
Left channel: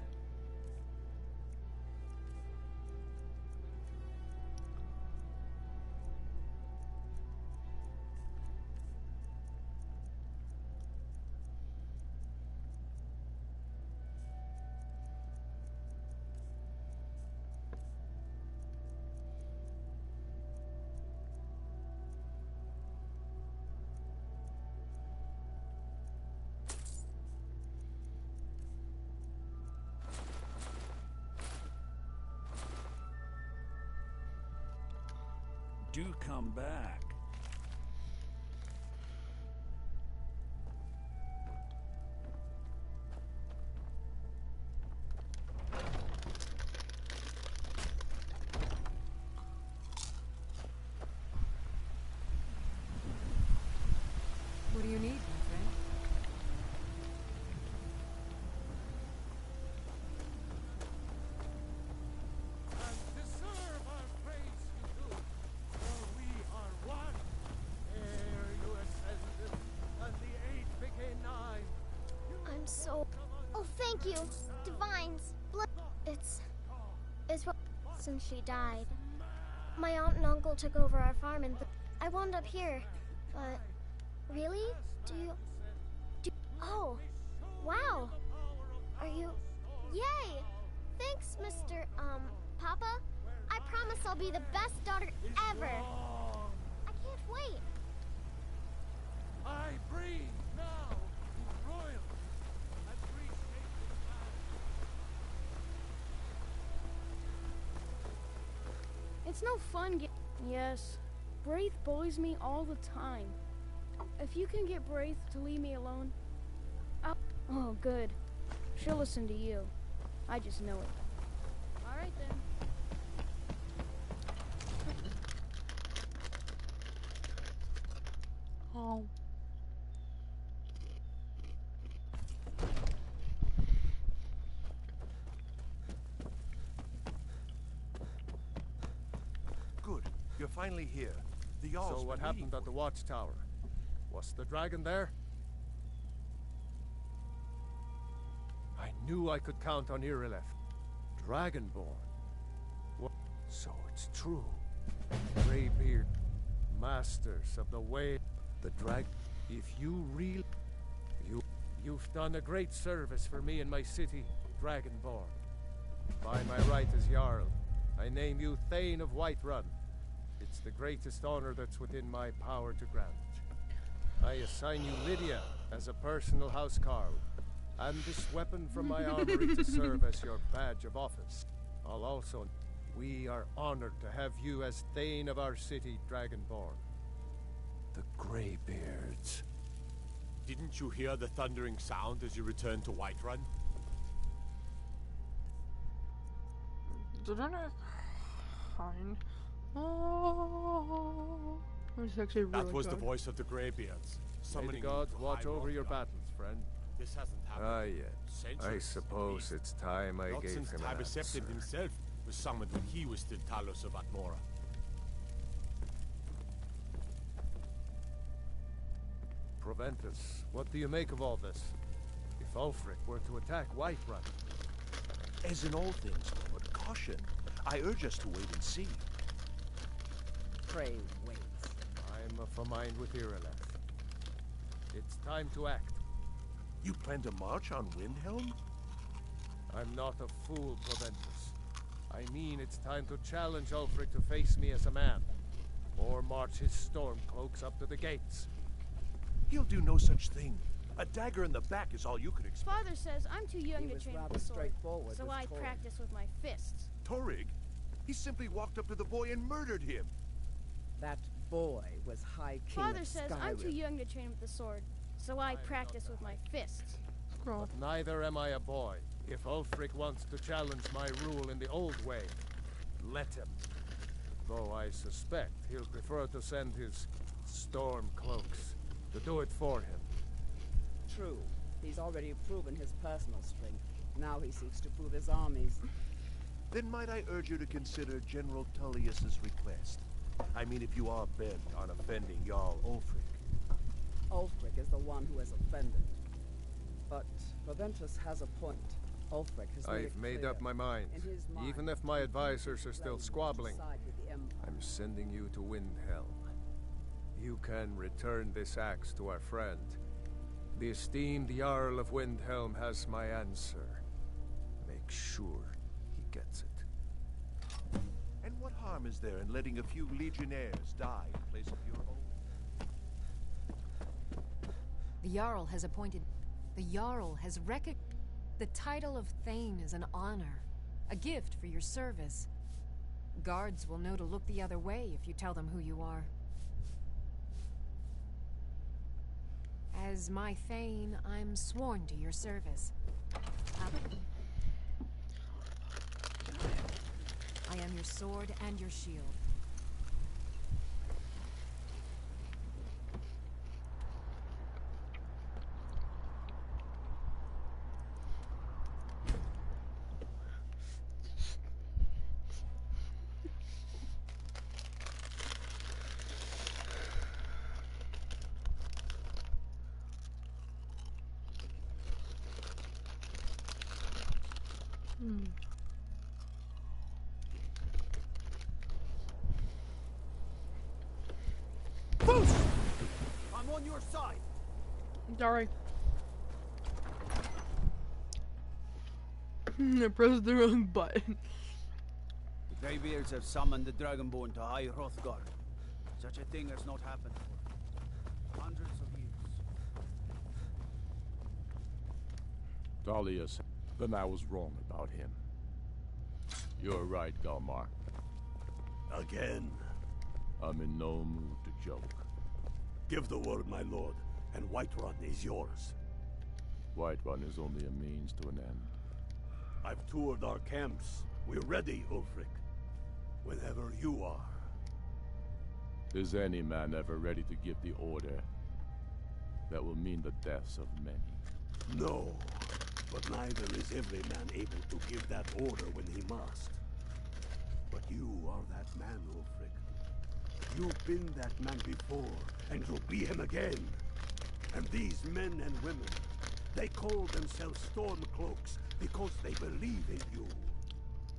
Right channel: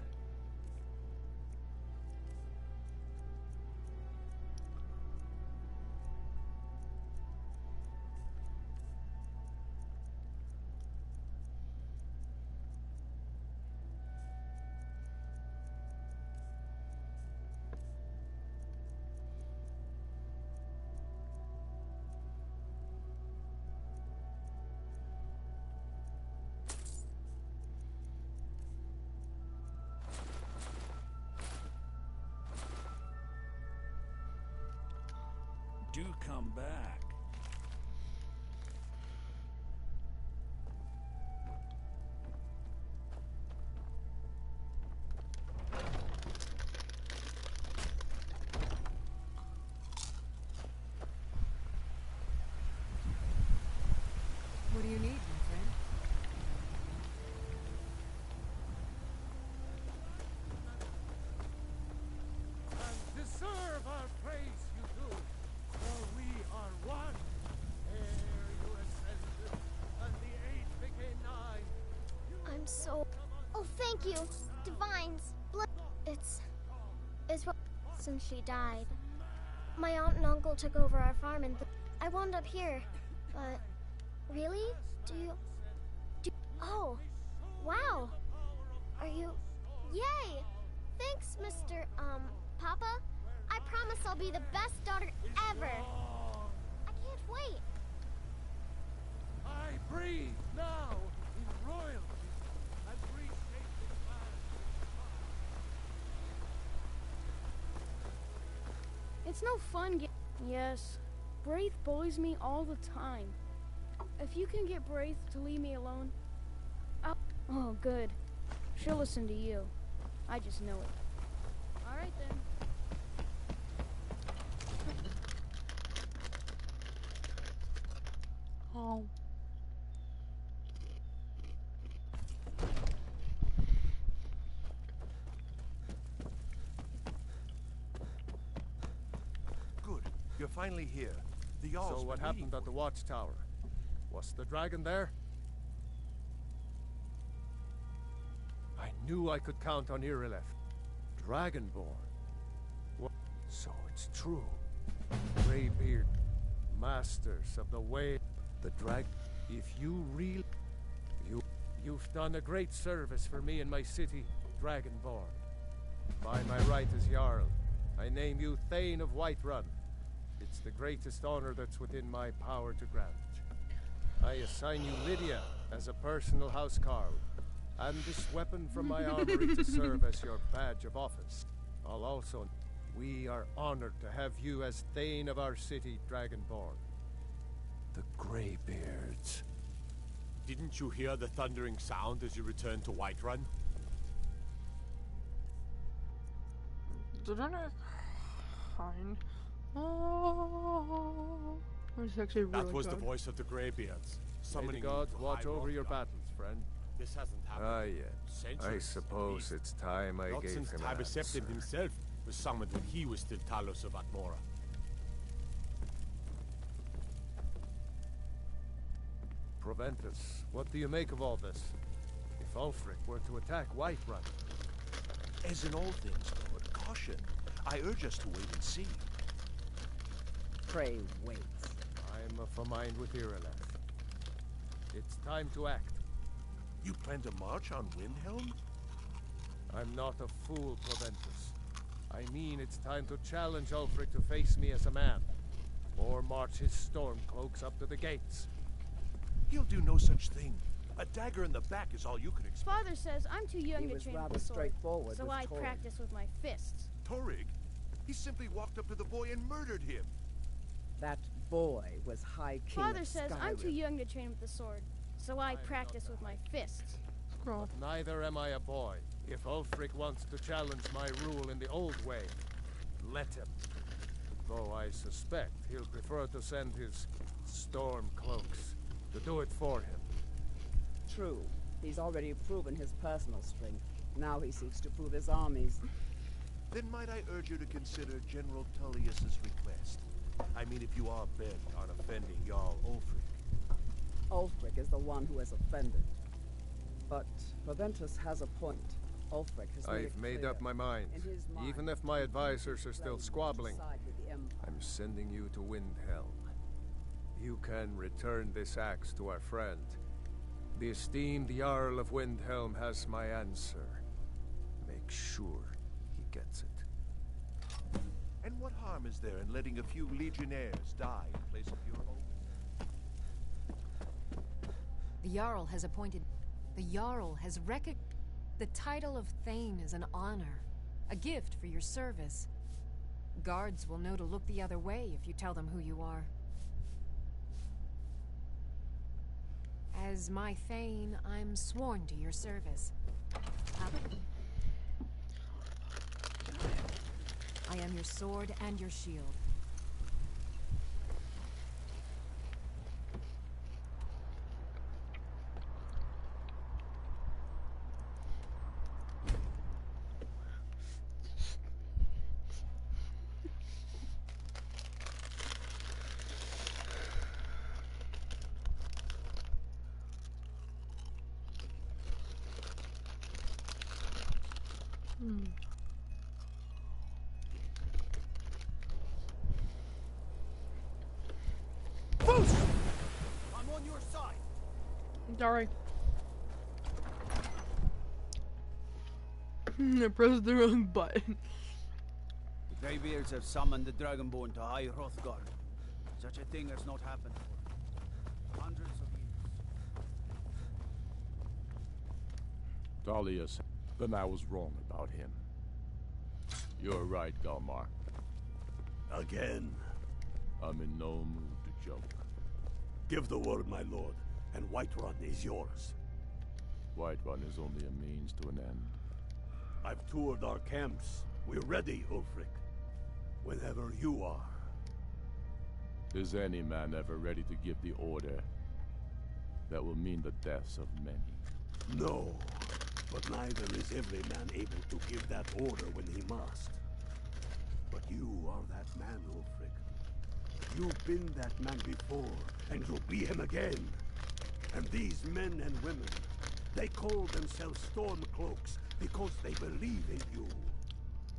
Do come back. What do you need, my friend? And deserve our praise you do, for we are one. Ere you ascended, and the 8 became 9. I'm so... Oh, thank you, Divines. It's what... Since she died. My aunt and uncle took over our farm and I wound up here. But... Really? Oh, wow. Are you... Yay! Thanks, Mr. Papa. I promise I'll be the best daughter ever. I can't wait. I breathe now in royalty and reshaping man. It's no fun Yes, Braith bullies me all the time. If you can get Braith to leave me alone, Oh, good. She'll listen to you. I just know it. All right, then. Oh. Good. You're finally here. The Jarl's So what been happened waiting at the watchtower? Was the dragon there? I knew I could count on Irileth. Dragonborn. What? So it's true. Greybeard, masters of the way, the drag. If you really, you've done a great service for me and my city, Dragonborn. By my right as Jarl, I name you Thane of Whiterun. It's the greatest honor that's within my power to grant. I assign you Lydia as a personal housecarl, and this weapon from my armory to serve as your badge of office. I'll also... We are honored to have you as Thane of our city, Dragonborn. The Greybeards. Didn't you hear the thundering sound as you returned to Whiterun? Didn't I find? Oh, it's actually really That was good. the voice of the Greybeards, May summoning the gods you to watch High over Rock your Garden. battles, friend. This hasn't happened. Ah, yes. I Centuries, suppose at it's time I Not gave since him an Tiber answer. himself was summoned when he was still Talos of Atmora. Proventus, what do you make of all this? If Ulfric were to attack Whiterun, As in all things, Lord, caution. I urge us to wait and see. Pray wait. I'm of a mind with Irileth. It's time to act. You plan to march on Windhelm? I'm not a fool, Proventus. I mean it's time to challenge Ulfric to face me as a man, or march his stormcloaks up to the gates. He'll do no such thing. A dagger in the back is all you could expect. Father says I'm too young He to was train with rather the sword, straightforward so with I Torg. practice with my fists. Torrig? He simply walked up to the boy and murdered him. That boy was High King Father of says Skyrim. I'm too young to train with the sword, so I practice with my fists. But neither am I a boy. If Ulfric wants to challenge my rule in the old way, let him. Though I suspect he'll prefer to send his storm cloaks to do it for him. True. He's already proven his personal strength. Now he seeks to prove his armies. Then might I urge you to consider General Tullius's request? I mean, if you are bent on offending Jarl Ulfric. Ulfric is the one who has offended. But Proventus has a point. Ulfric has I've made up my mind. Even if my advisors are still squabbling, I'm sending you to Windhelm. You can return this axe to our friend. The esteemed Jarl of Windhelm has my answer. Make sure he gets it. And what harm is there in letting a few legionnaires die in place of your own? The Jarl has appointed... The Jarl has recognized... The title of Thane is an honor. A gift for your service. Guards will know to look the other way if you tell them who you are. As my Thane, I'm sworn to your service. I am your sword and your shield. I'm on your side. Sorry. I pressed the wrong button. The Greybeards have summoned the Dragonborn to High Hrothgar. Such a thing has not happened for hundreds of years. Tullius, then I was wrong about him. You're right, Galmar. Again. I'm in no mood to joke. Give the word, my lord, and Whiterun is yours. Whiterun is only a means to an end. I've toured our camps. We're ready, Ulfric. Whenever you are. Is any man ever ready to give the order that will mean the deaths of many? No, but neither is every man able to give that order when he must. But you are that man, Ulfric. You've been that man before, and you'll be him again. And these men and women, they call themselves Stormcloaks because they believe in you.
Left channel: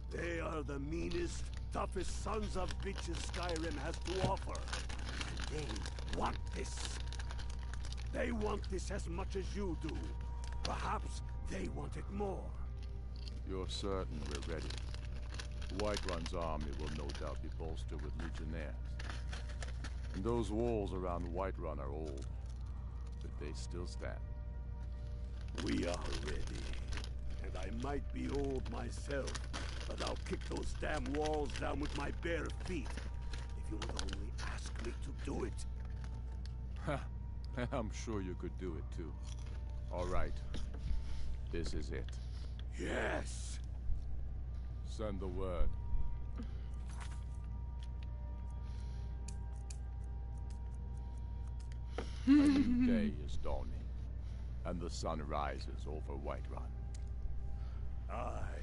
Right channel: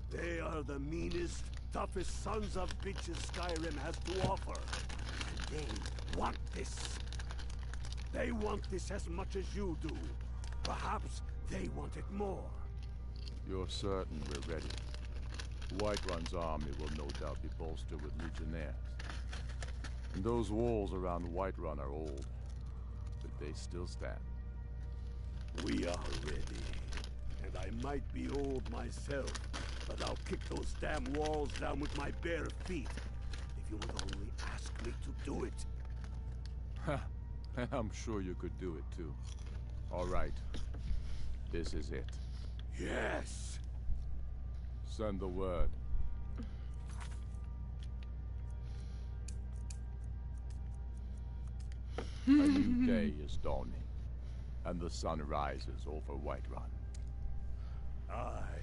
They are the meanest, toughest sons of bitches Skyrim has to offer. And they want this. They want this as much as you do. Perhaps they want it more. You're certain we're ready? Whiterun's army will no doubt be bolstered with legionnaires. And those walls around Whiterun are old, but they still stand. We are ready. And I might be old myself, but I'll kick those damn walls down with my bare feet. If you would only ask me to do it. Ha! I'm sure you could do it too. All right. This is it. Yes! Send the word. A new day is dawning, and the sun rises over Whiterun. Aye,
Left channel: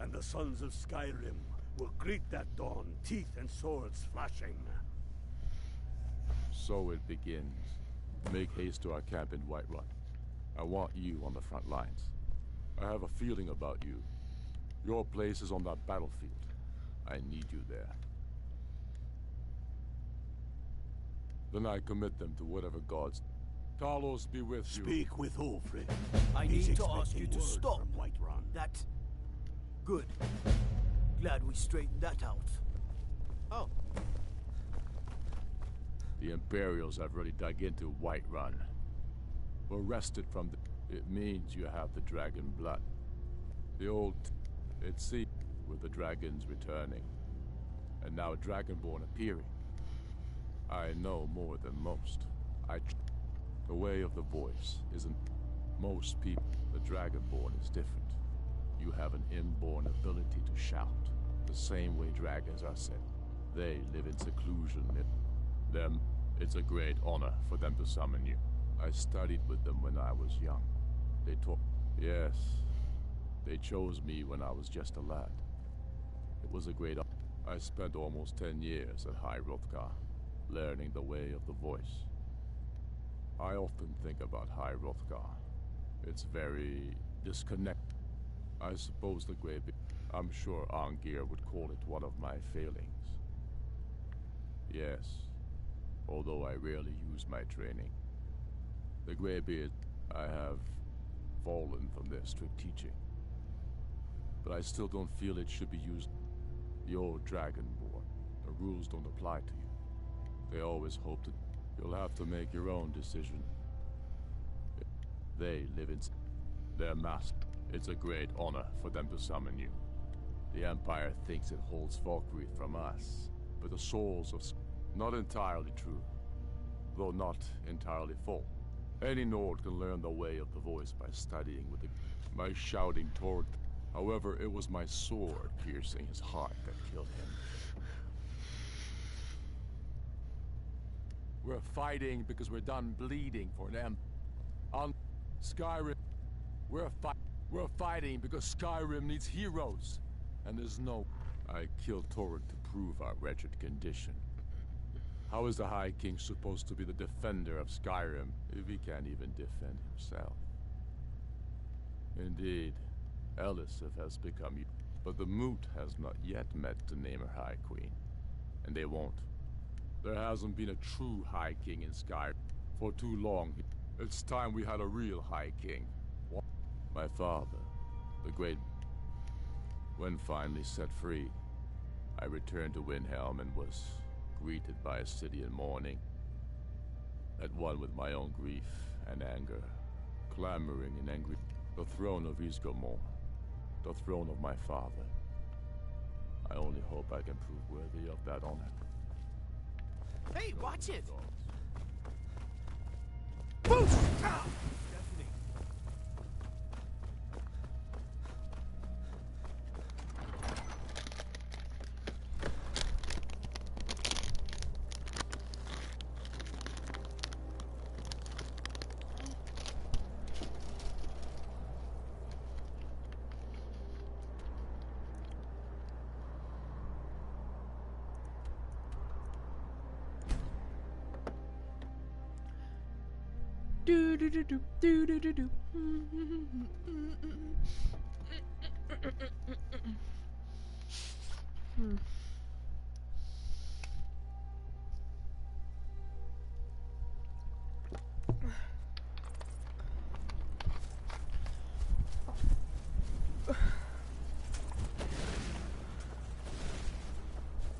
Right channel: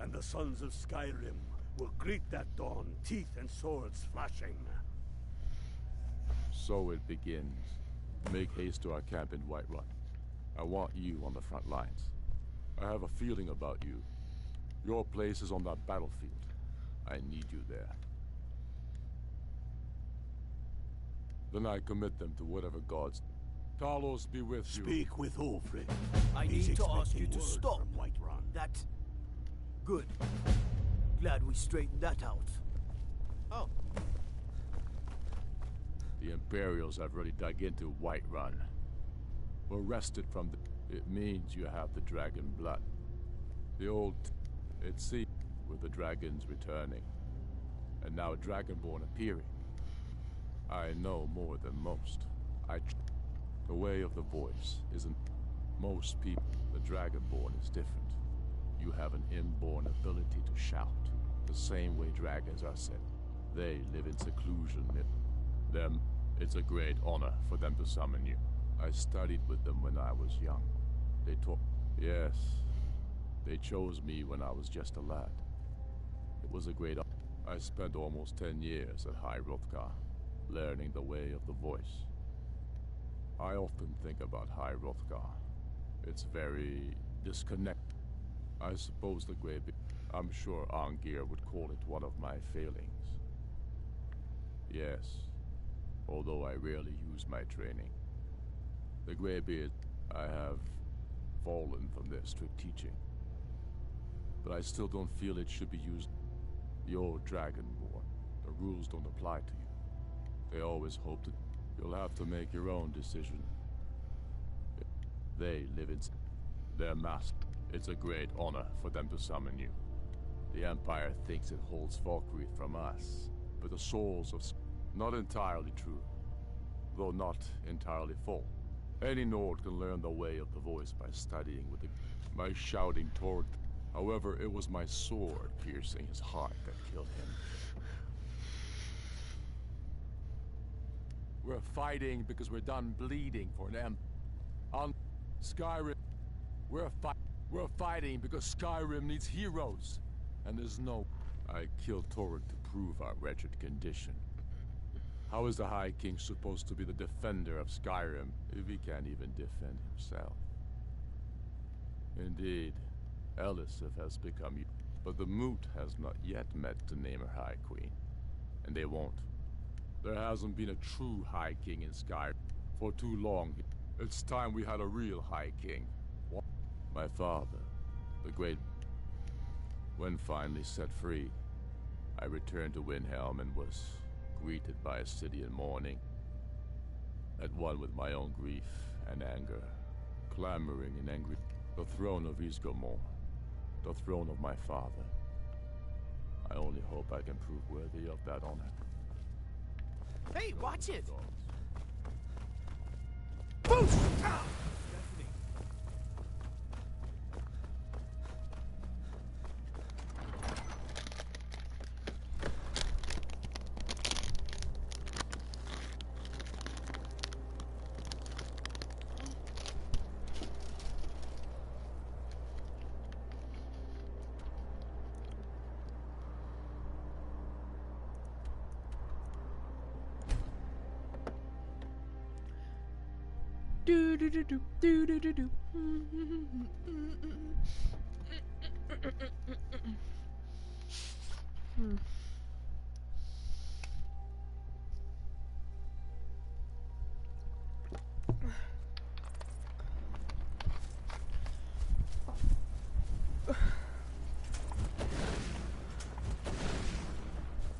and the sons of Skyrim will greet that dawn, teeth and swords flashing. So it begins. Make haste to our camp in Whiterun. I want you on the front lines. I have a feeling about you. Your place is on that battlefield. I need you there. Then I commit them to whatever gods. Talos be with you. Speak with Ulfric. I He's need to ask you to expecting stop. word from Whiterun. That... Good. Glad we straightened that out. Oh. The Imperials have already dug into Whiterun. We're wrested from the... It means you have the dragon blood. The old... It seems with the dragons returning. And now Dragonborn appearing. I know more than most. The way of the voice isn't... Most people, the Dragonborn is different. You have an inborn ability to shout, the same way dragons are said. They live in seclusion. Them, it's a great honor for them to summon you. I studied with them when I was young. They taught... Yes, they chose me when I was just a lad. It was a great honor. I spent almost 10 years at High Hrothgar, learning the way of the voice. I often think about High Hrothgar. It's very disconnected. I suppose the Greybeard... I'm sure Angir would call it one of my failings. Yes, although I rarely use my training. The Greybeard, I have fallen from their strict teaching. But I still don't feel it should be used. You're Dragonborn. The rules don't apply to you. They always hope that you'll have to make your own decision. They live in their master. It's a great honor for them to summon you. The Empire thinks it holds Valkyrie from us, but the souls of... Not entirely true, though not entirely full. Any Nord can learn the way of the voice by studying with my shouting toward... However, it was my sword piercing his heart that killed him. We're fighting because we're done bleeding for them. On Skyrim, we're fighting because Skyrim needs heroes. And there's no... I killed Torrent to prove our wretched condition. How is the High King supposed to be the defender of Skyrim if he can't even defend himself? Indeed, Elisif has become... But the Moot has not yet met to name her High Queen. And they won't. There hasn't been a true High King in Skyrim for too long. It's time we had a real High King. My father, the great... When finally set free, I returned to Windhelm and was greeted by a city in mourning. At one with my own grief and anger, clamoring in angry... The throne of Ysgramor, the throne of my father. I only hope I can prove worthy of that honor. Hey, watch it! Boosh! Stephanie. Do do do do do do do do.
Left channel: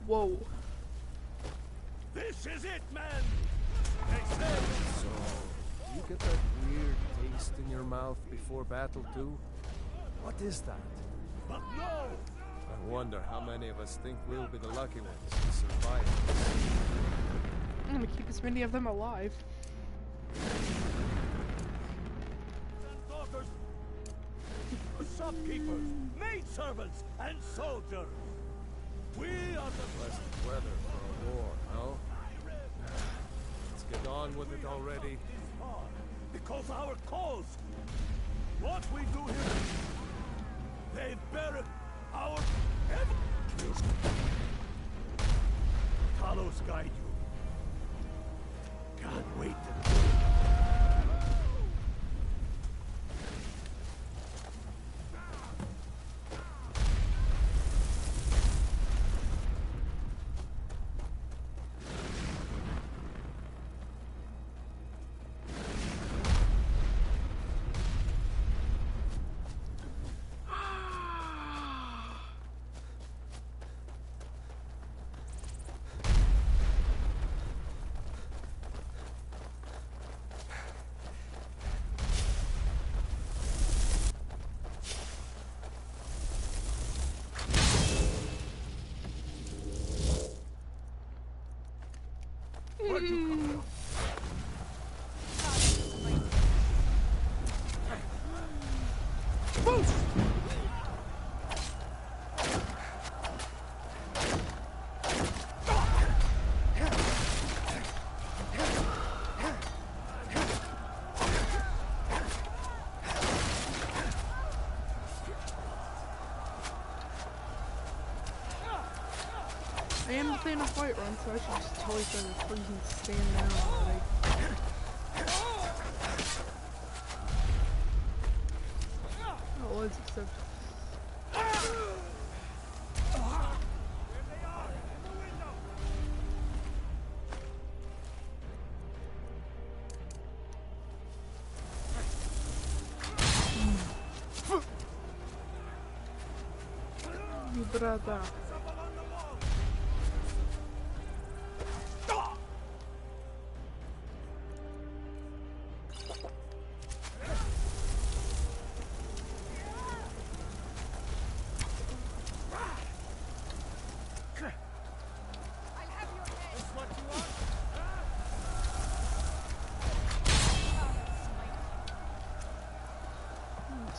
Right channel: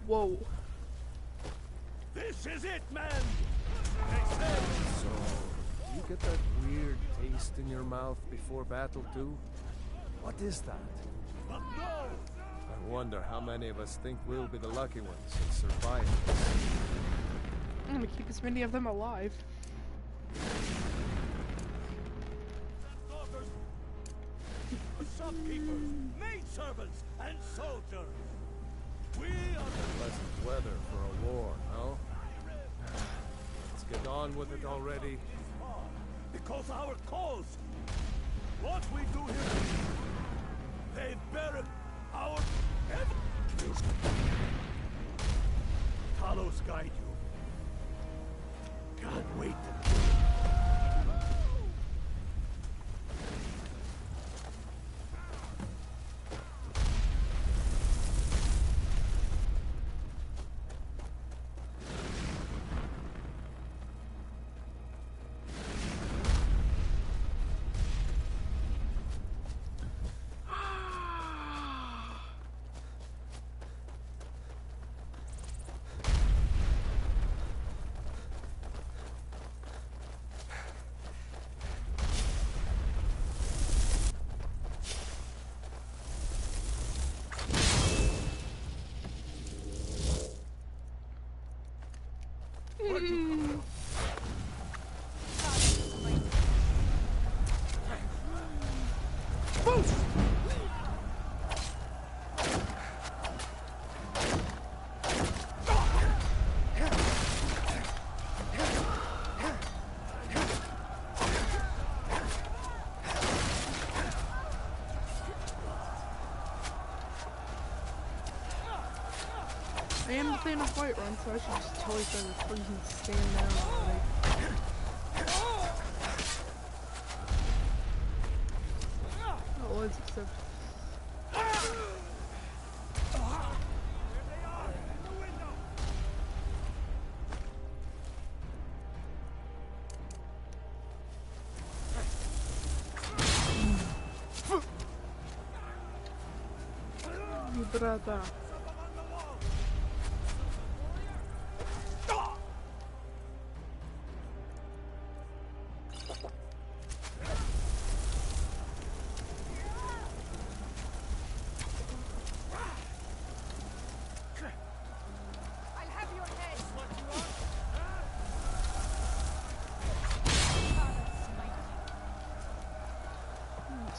Whoa. This is it, man! So, you get that weird taste in your mouth before battle too? What is that? But no! I wonder how many of us think we'll be the lucky ones to survive. I'm gonna keep as many of them alive. Shopkeepers, maidservants, and soldiers! We are the Pleasant weather for a war, no? Let's get on with it already. because our cause. What we do here, they bury our heaven. Talos guide you. Can't wait to do it. Where'd you come from? I am the fan of Whiterun, so I should just tell each other to freaking stand down already. Oh, let's accept. Mi brata.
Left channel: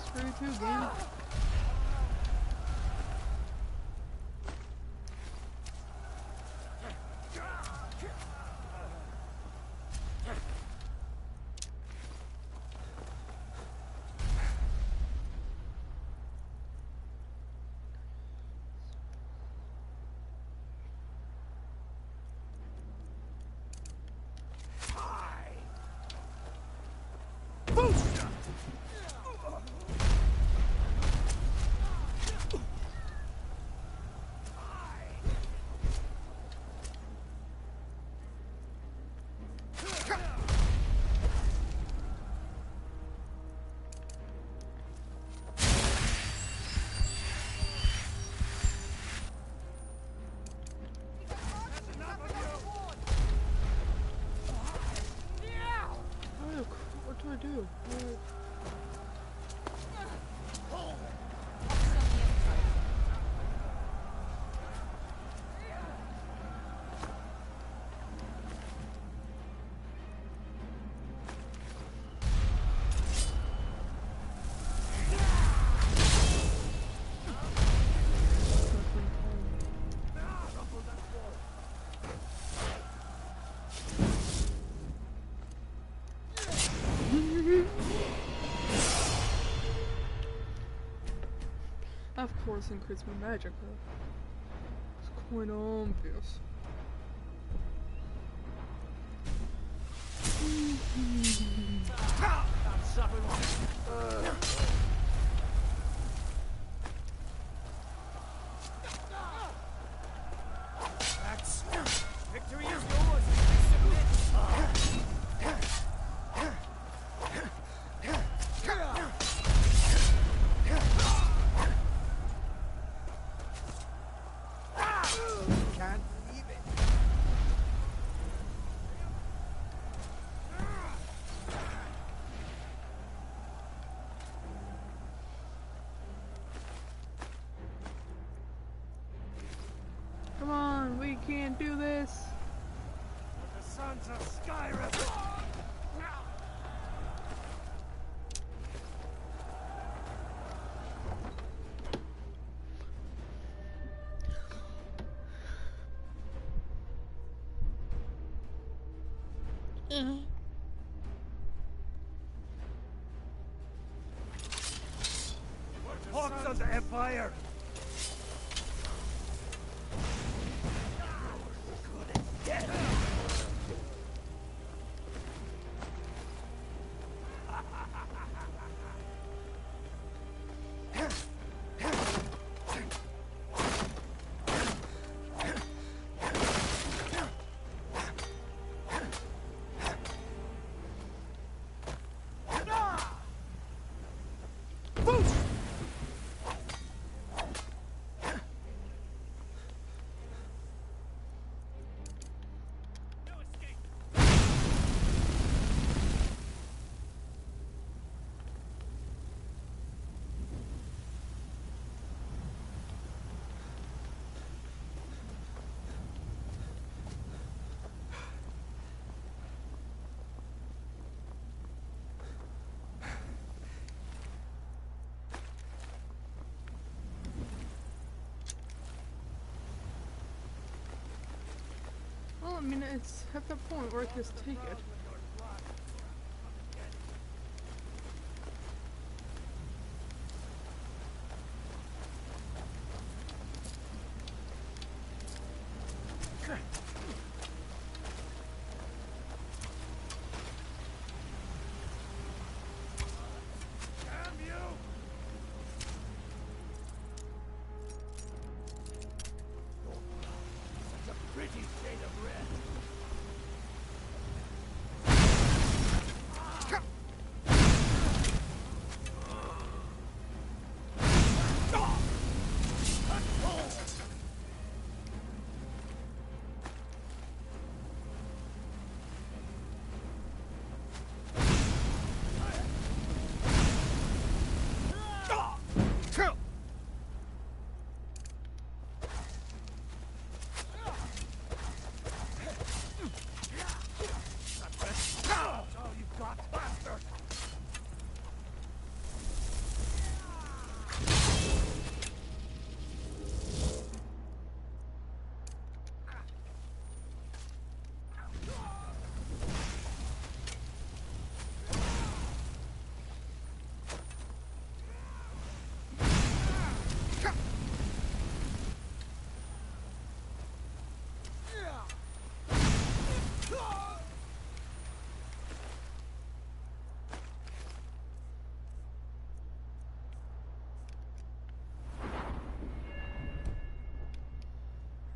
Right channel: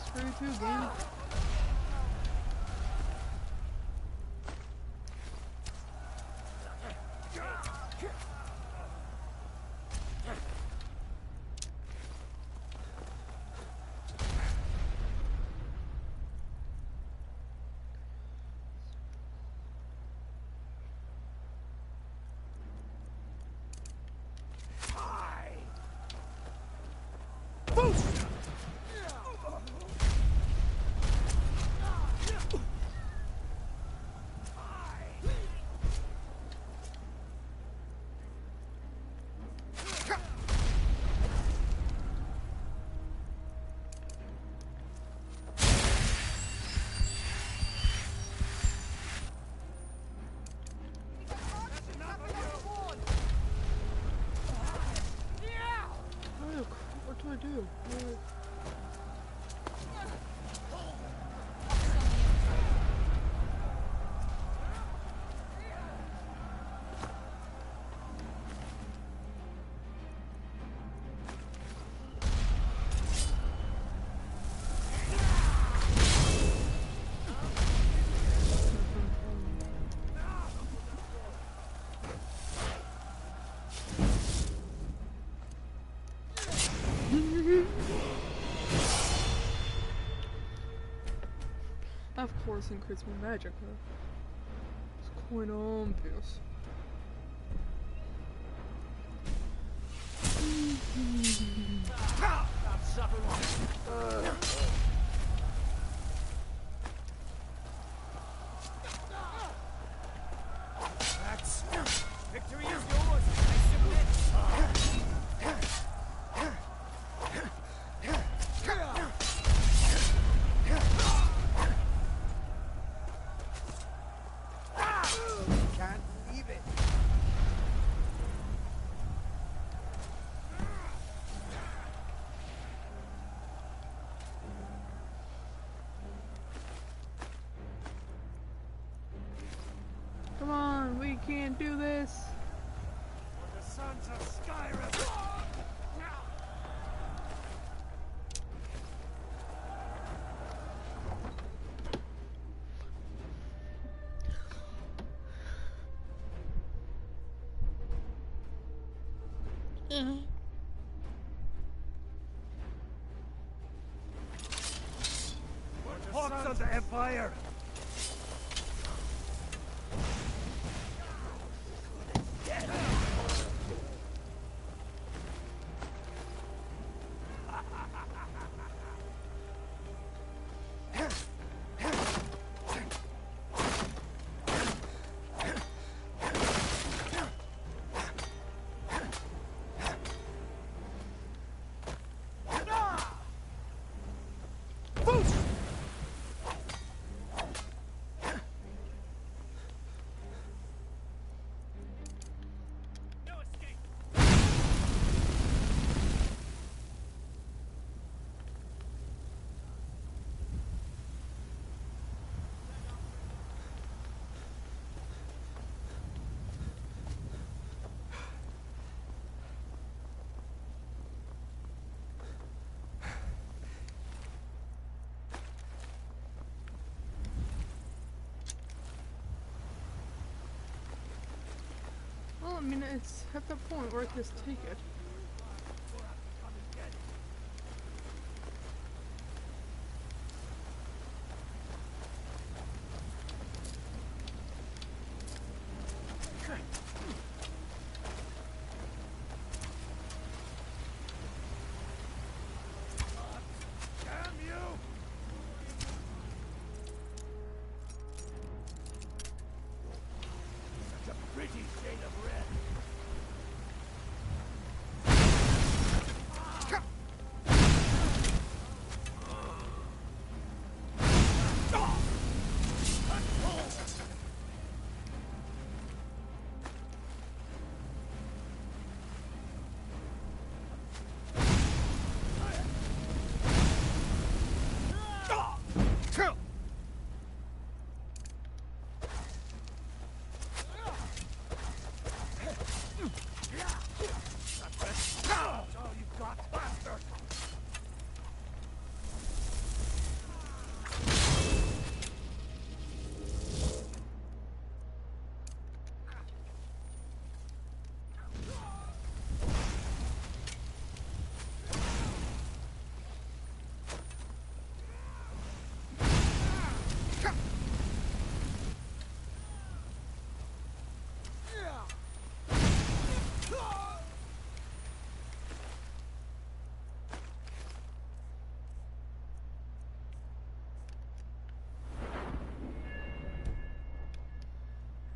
Screw you too, game. What do I do? Of course, increase my magic, huh? It's quite obvious. Victory is yours. I submit. Can't believe it. Come on, we can do this. For the sons of Skyrim. Hawks of the Empire! mean, it's at that point where I can just take it.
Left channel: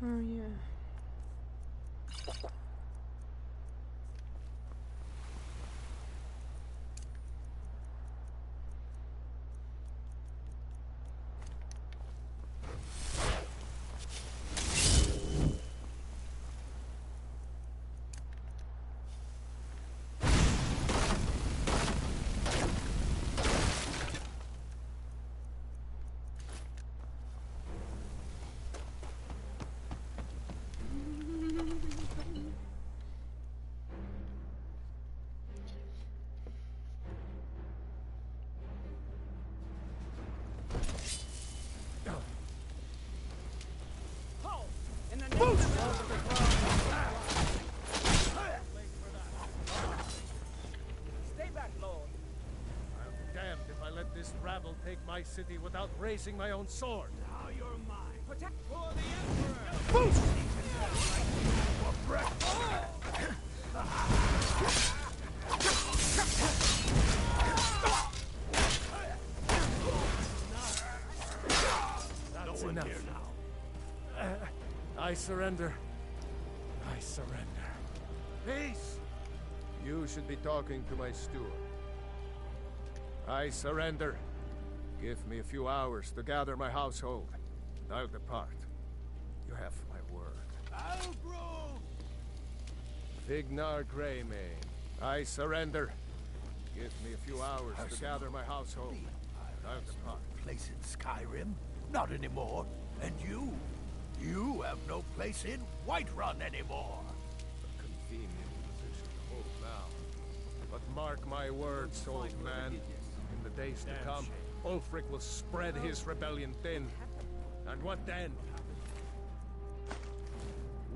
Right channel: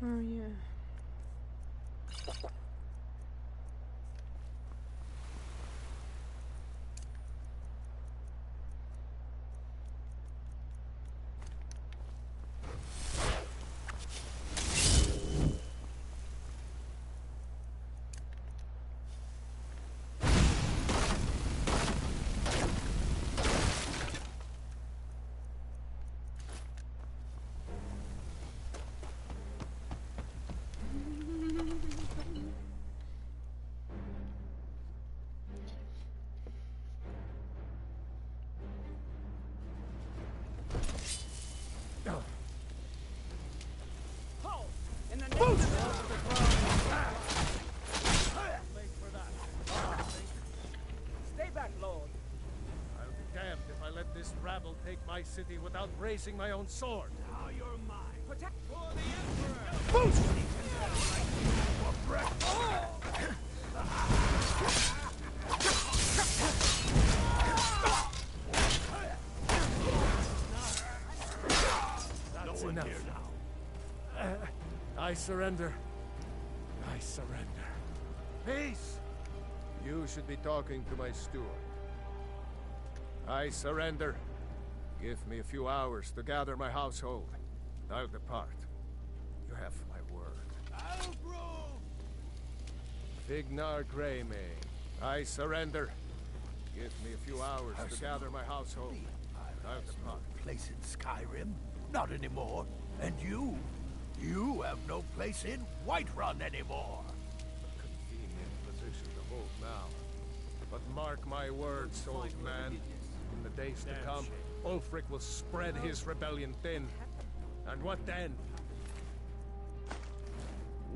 Oh yeah. Stay back, Lord. I'll be damned if I let this rabble take my city without raising my own sword. Now you're mine. Protect for the Emperor! Boost! That's enough. Here now. I surrender. I surrender. Peace! You should be talking to my steward. I surrender. Give me a few hours to gather my household. I'll depart. You have my word. Albro! Vignar Greymane. I surrender. Give me a few hours to gather my household. I'll depart. Place in Skyrim? Not anymore. And you? You have no place in Whiterun anymore. A convenient position to hold now. But mark my words, old man. In the days to come, Ulfric will spread his rebellion thin. And what then?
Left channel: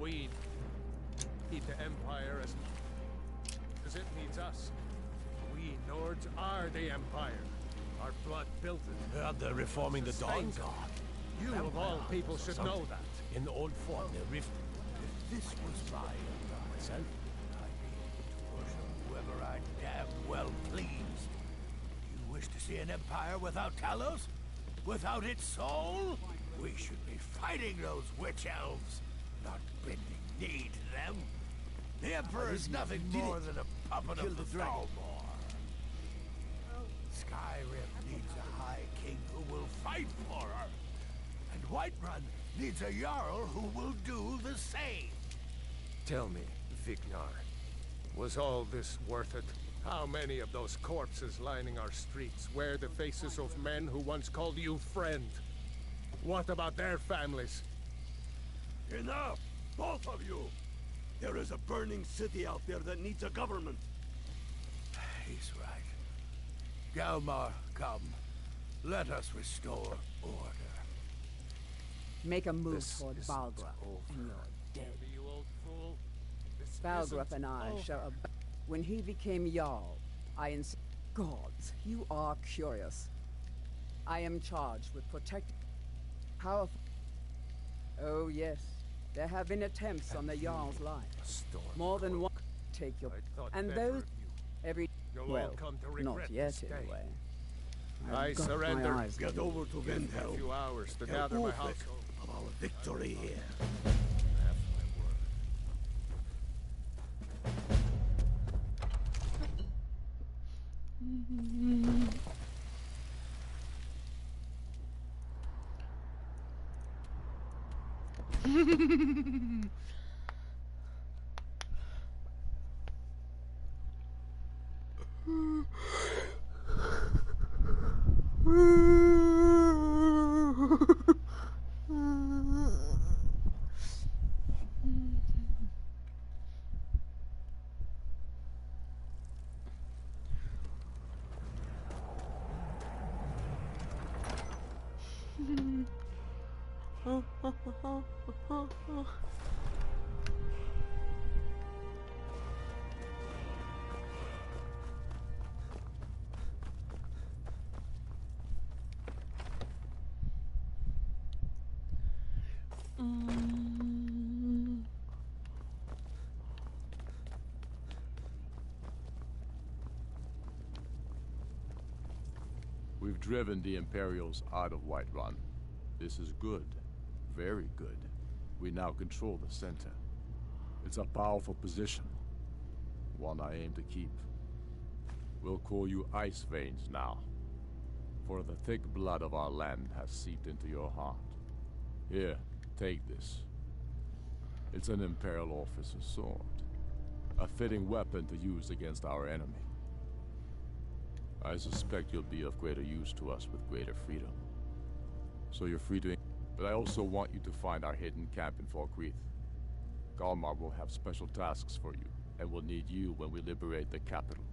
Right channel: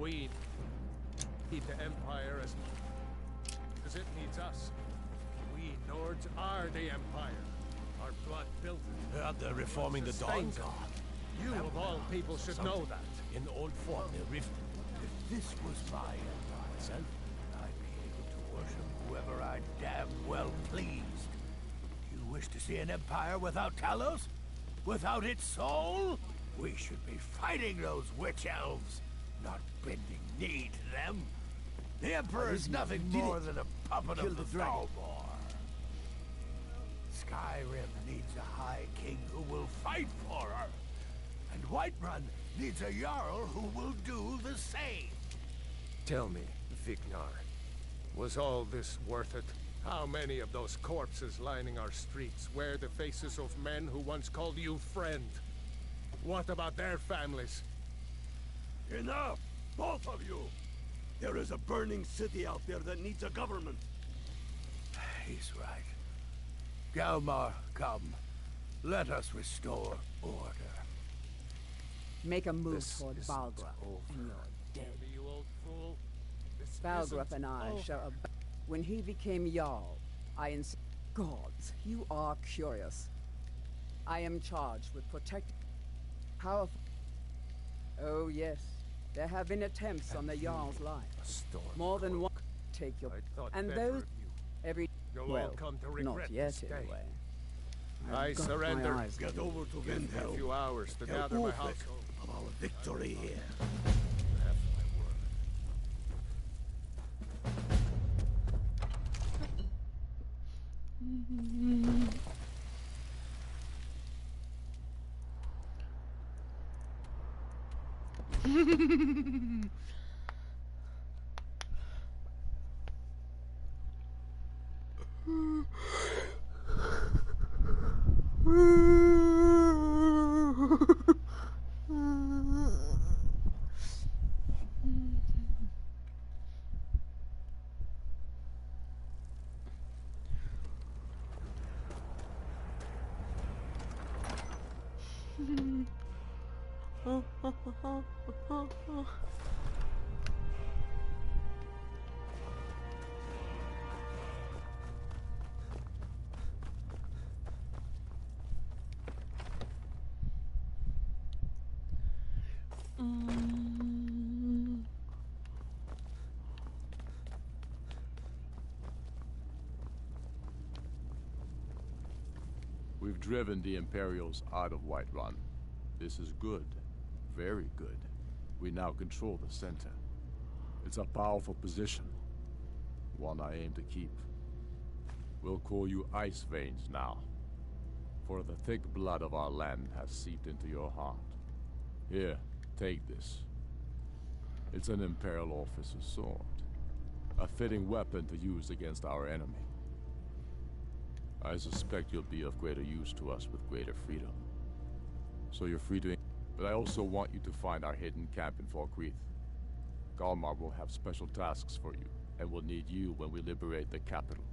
We need the Empire as it needs us. We Nords are the Empire. Our blood built it. They're reforming the Dawn God. You of all people should know that. In the old form, they rifted. If this was my empire myself, I'd be able to worship whoever I damn well pleased. You wish to see an empire without Talos? Without its soul? We should be fighting those witch elves, not bending knee to them. The Emperor is nothing more than a puppet of the Thalmor. Skyrim needs a High King who will fight for her. And Whiterun needs a Jarl who will do the same. Tell me, Vignar, was all this worth it? How many of those corpses lining our streets wear the faces of men who once called you friend? What about their families? Enough! Both of you! There is a burning city out there that needs a government. He's right. Galmar, come. Let us restore order. Make a move This toward is Baldra, over. and you're dead. You old fool. Svalgrup and I share a... When he became Jarl, I Gods, you are curious. I am charged with protecting... Powerful... Oh yes, there have been attempts on the Jarl's life. More than one... Take your... And those... Every... Well, not yet anyway. I surrender. Get over to Windhelm. A few hours to gather my household. Of our victory here. We've driven the Imperials out of Whiterun. This is good. Very good. We now control the center. It's a powerful position. One I aim to keep. We'll call you Ice Veins now. For the thick blood of our land has seeped into your heart. Here, take this. It's an Imperial officer's sword. A fitting weapon to use against our enemy. I suspect you'll be of greater use to us with greater freedom. So you're free to... But I also want you to find our hidden camp in Falkreath. Galmar will have special tasks for you, and will need you when we liberate the capital.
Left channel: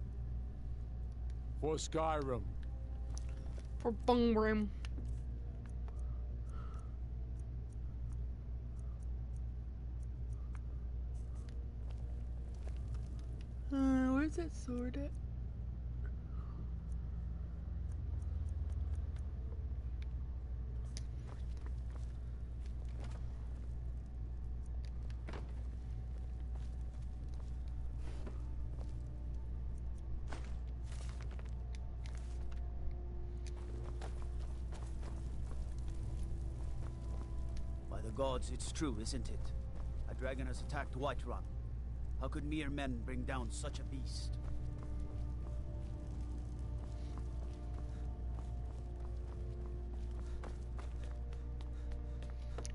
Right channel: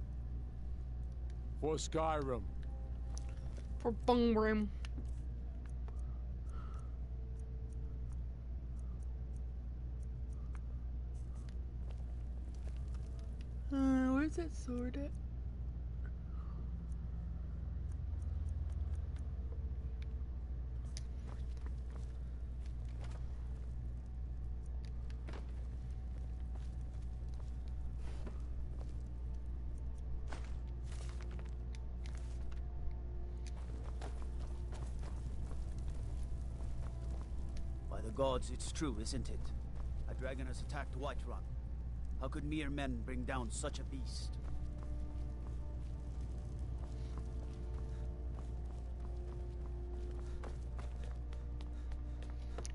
For Skyrim! For Bungrim. Where's that sword at? By the gods, it's true, isn't it? A dragon has attacked Whiterun. How could mere men bring down such a beast?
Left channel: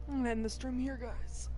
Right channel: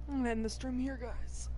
I'm gonna end the stream here, guys.